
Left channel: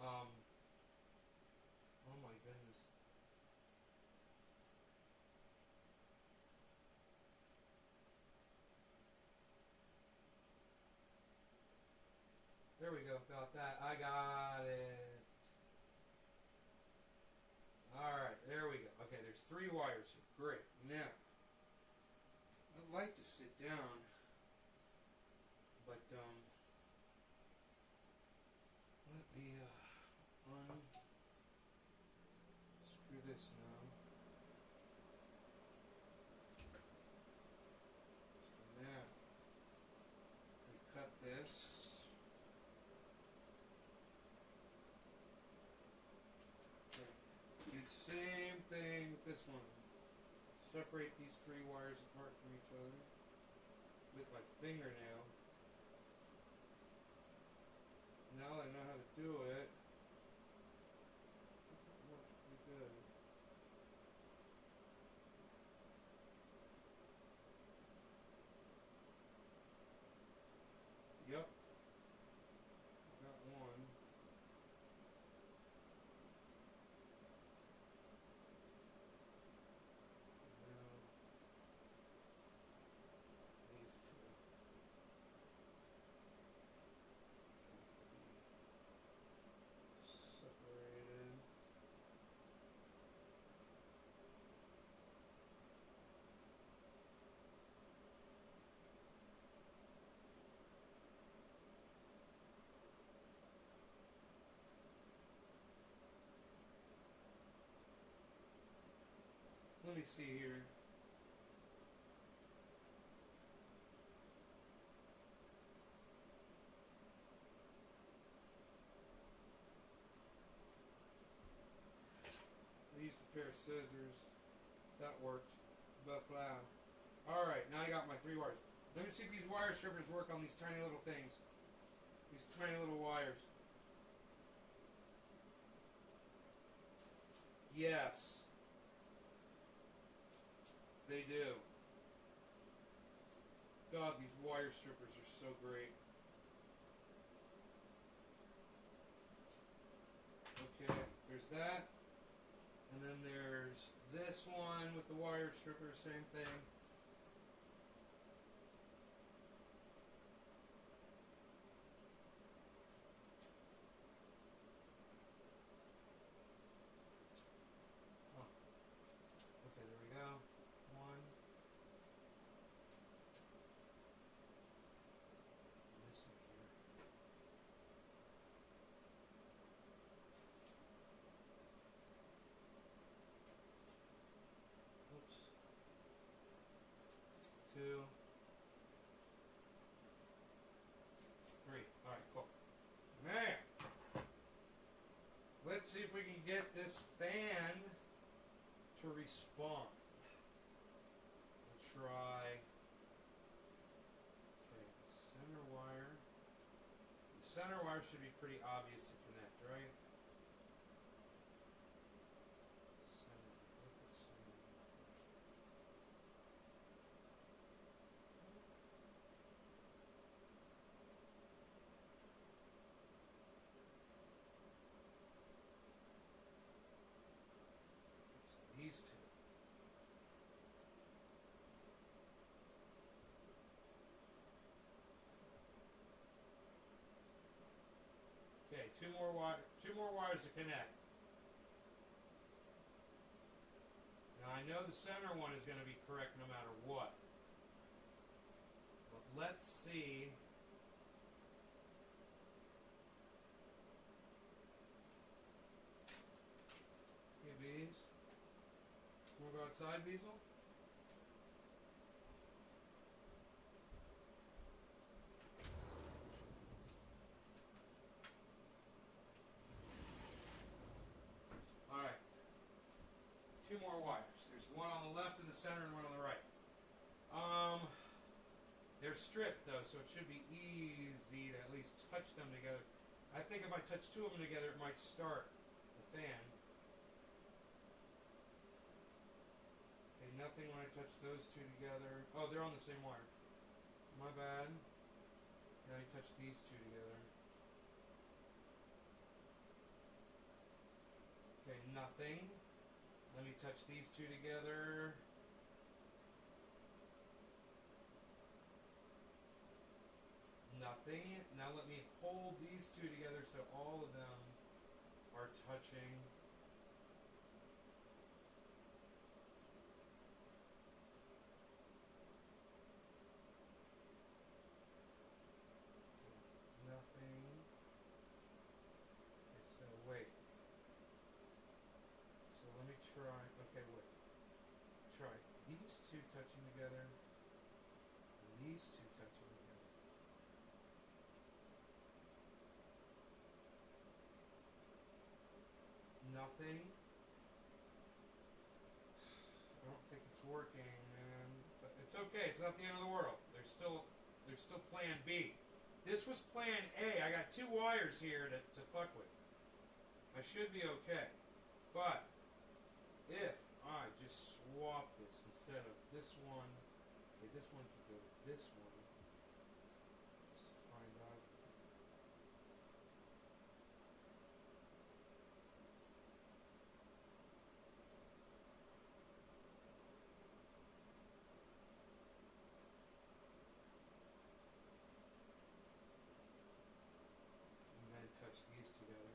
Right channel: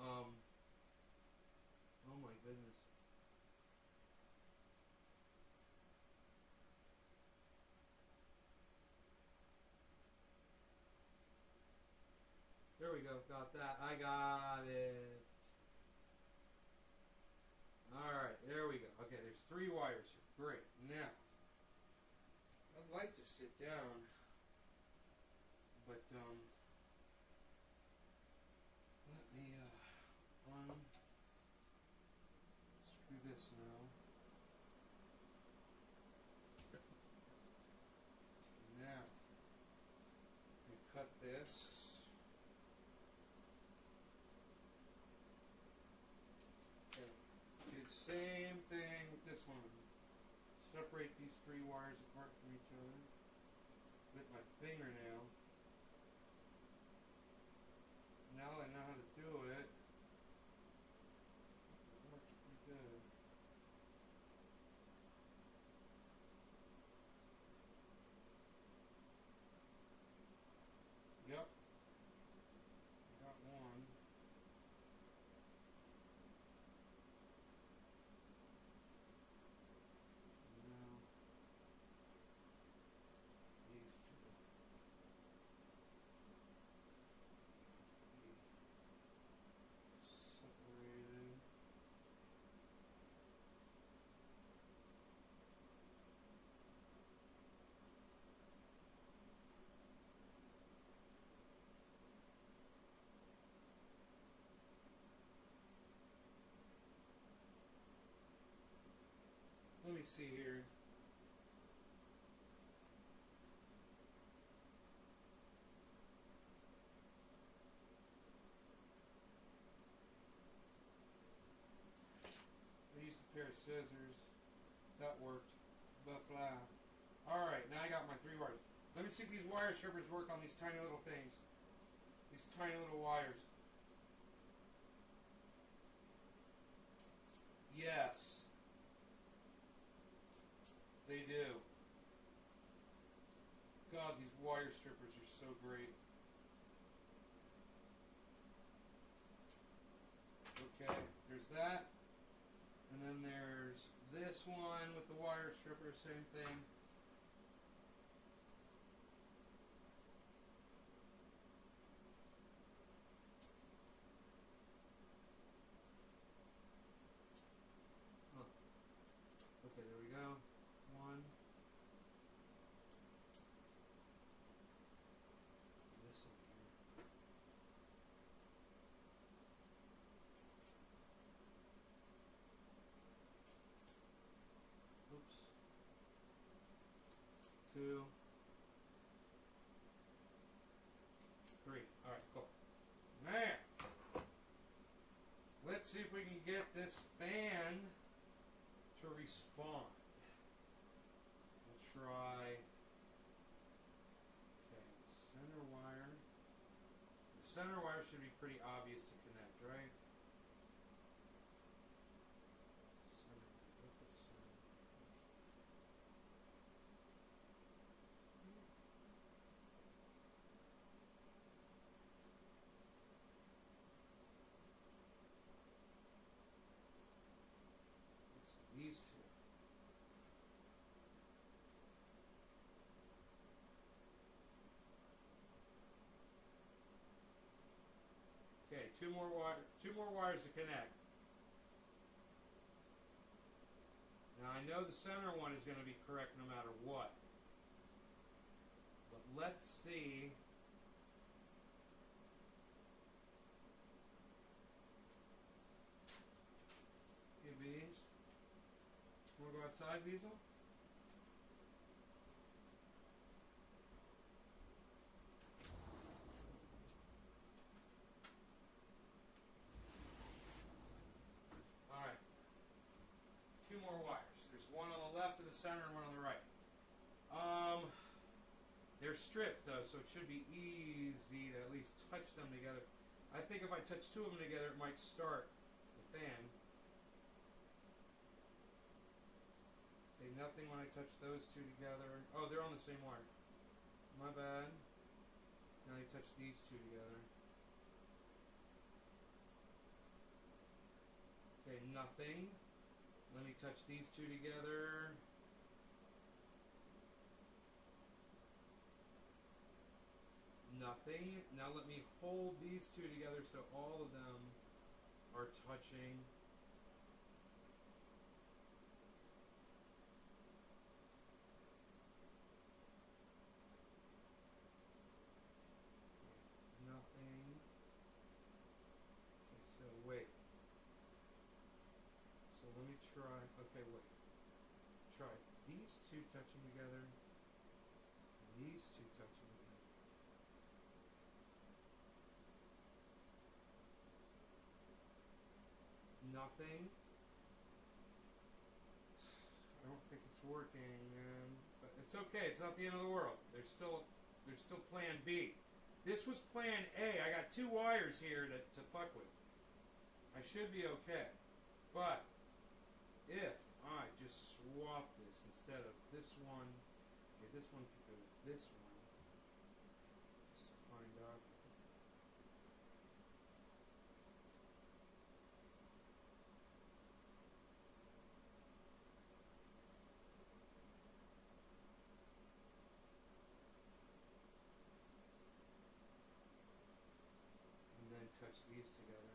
Oh my goodness. There we go. Got that. I got it. Alright, there we go. Okay, there's three wires here. Great. Now, I'd like to sit down, but let me unscrew this now. Now, we cut this. Okay. Do the same thing with this one. Separate these three wires apart from each other with my fingernail. Now I know how to do it. It works pretty good. Yep. Got one. Now these two. me see here. I used a pair of scissors. That worked. Buffalo. Alright, now I got my 3 wires. Let me see if these wire strippers work on these tiny little things. These tiny little wires. Yes. They do. God, these wire strippers are so great. Okay, there's that. And then there's this one with the wire stripper, same thing. Okay, there we go. One. This in here. Oops. 2. 3. Alright, cool. Man! Let's see if we can get this fan to respond. We'll try. Okay, center wire. The center wire should be pretty obvious to connect, right? Center. Let's put center first. So these 2. Okay, 2 more wires to connect. Now I know the center one is going to be correct no matter what. But let's see. Hey, bees. Want to go outside, Beazle? Alright. 2 more wires. There's one on the left of the center and one on the right. They're stripped though, so it should be easy to at least touch them together. I think if I touch 2 of them together, it might start the fan. Okay, nothing when I touch those 2 together. Oh, they're on the same wire. My bad. Now you touch these 2 together. Okay, nothing. Let me touch these 2 together. Nothing. Now let me hold these 2 together so all of them are touching. Nothing. Okay, so wait. So let me try. Okay, wait. Try these 2 touching together. And these 2 touching together. Nothing. I don't think it's working, man. But it's okay. It's not the end of the world. There's still plan B. This was plan A. I got 2 wires here to fuck with. I should be okay. But if I just swap this instead of this one, okay, this one could go to this one. Just to find out. And then touch these together.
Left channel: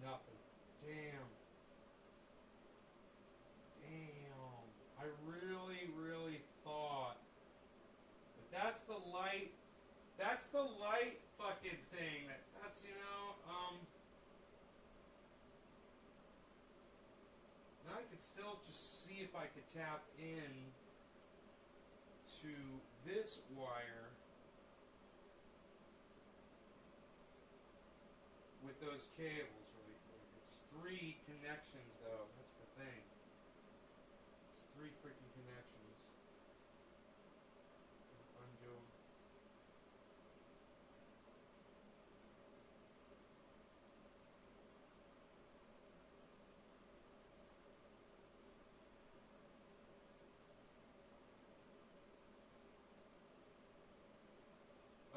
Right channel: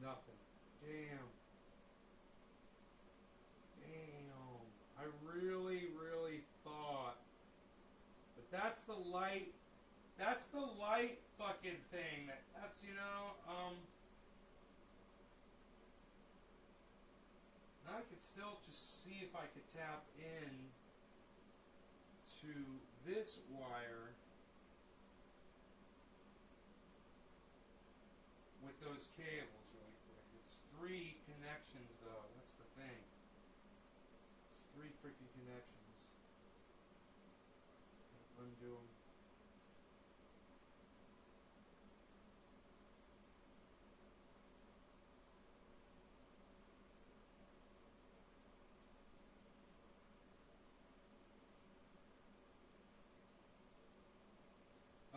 Nothing. Damn. Damn. I really thought. But that's the light That's the light fucking thing. That's, you know, now I could still just see if I could tap in to this wire with those cables really quick. It's 3 connections though. That's the thing. It's 3 freaking connections. Undo them.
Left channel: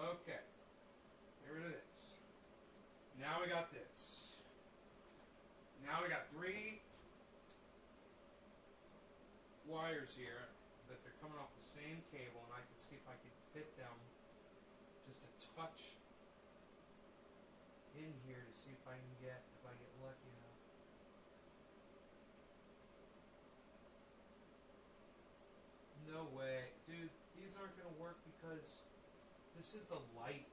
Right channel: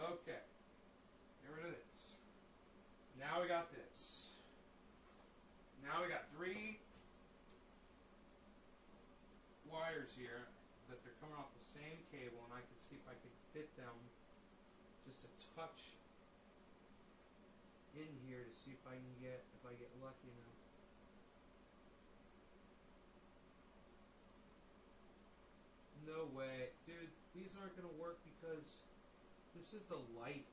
Okay. Get rid of this. Now we got this. Now we got 3 wires here that they're coming off the same cable, and I can see if I can fit them just a touch in here to see if I get lucky enough. No way. Dude, these aren't gonna work because this is the light.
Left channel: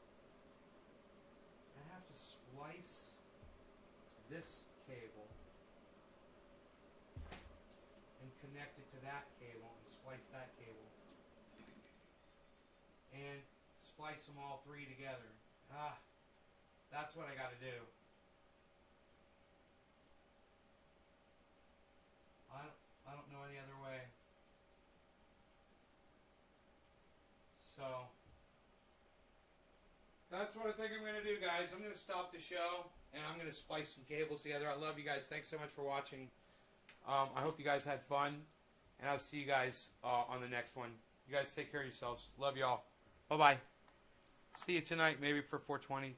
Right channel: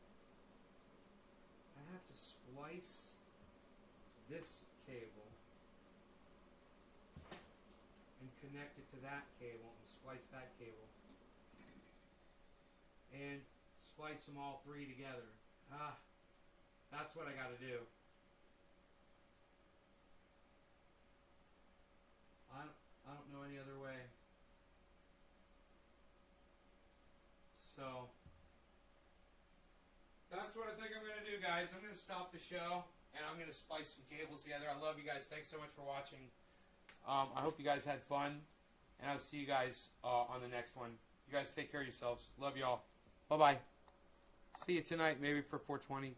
I have to splice this cable and connect it to that cable and splice that cable. And splice them all 3 together. That's what I gotta do. I don't know any other way. So that's what I think I'm gonna do, guys. I'm gonna stop the show and I'm gonna splice some cables together. I love you guys. Thanks so much for watching. I hope you guys had fun, and I'll see you guys on the next one. You guys take care of yourselves. Love y'all. Bye bye. See you tonight, maybe for 420.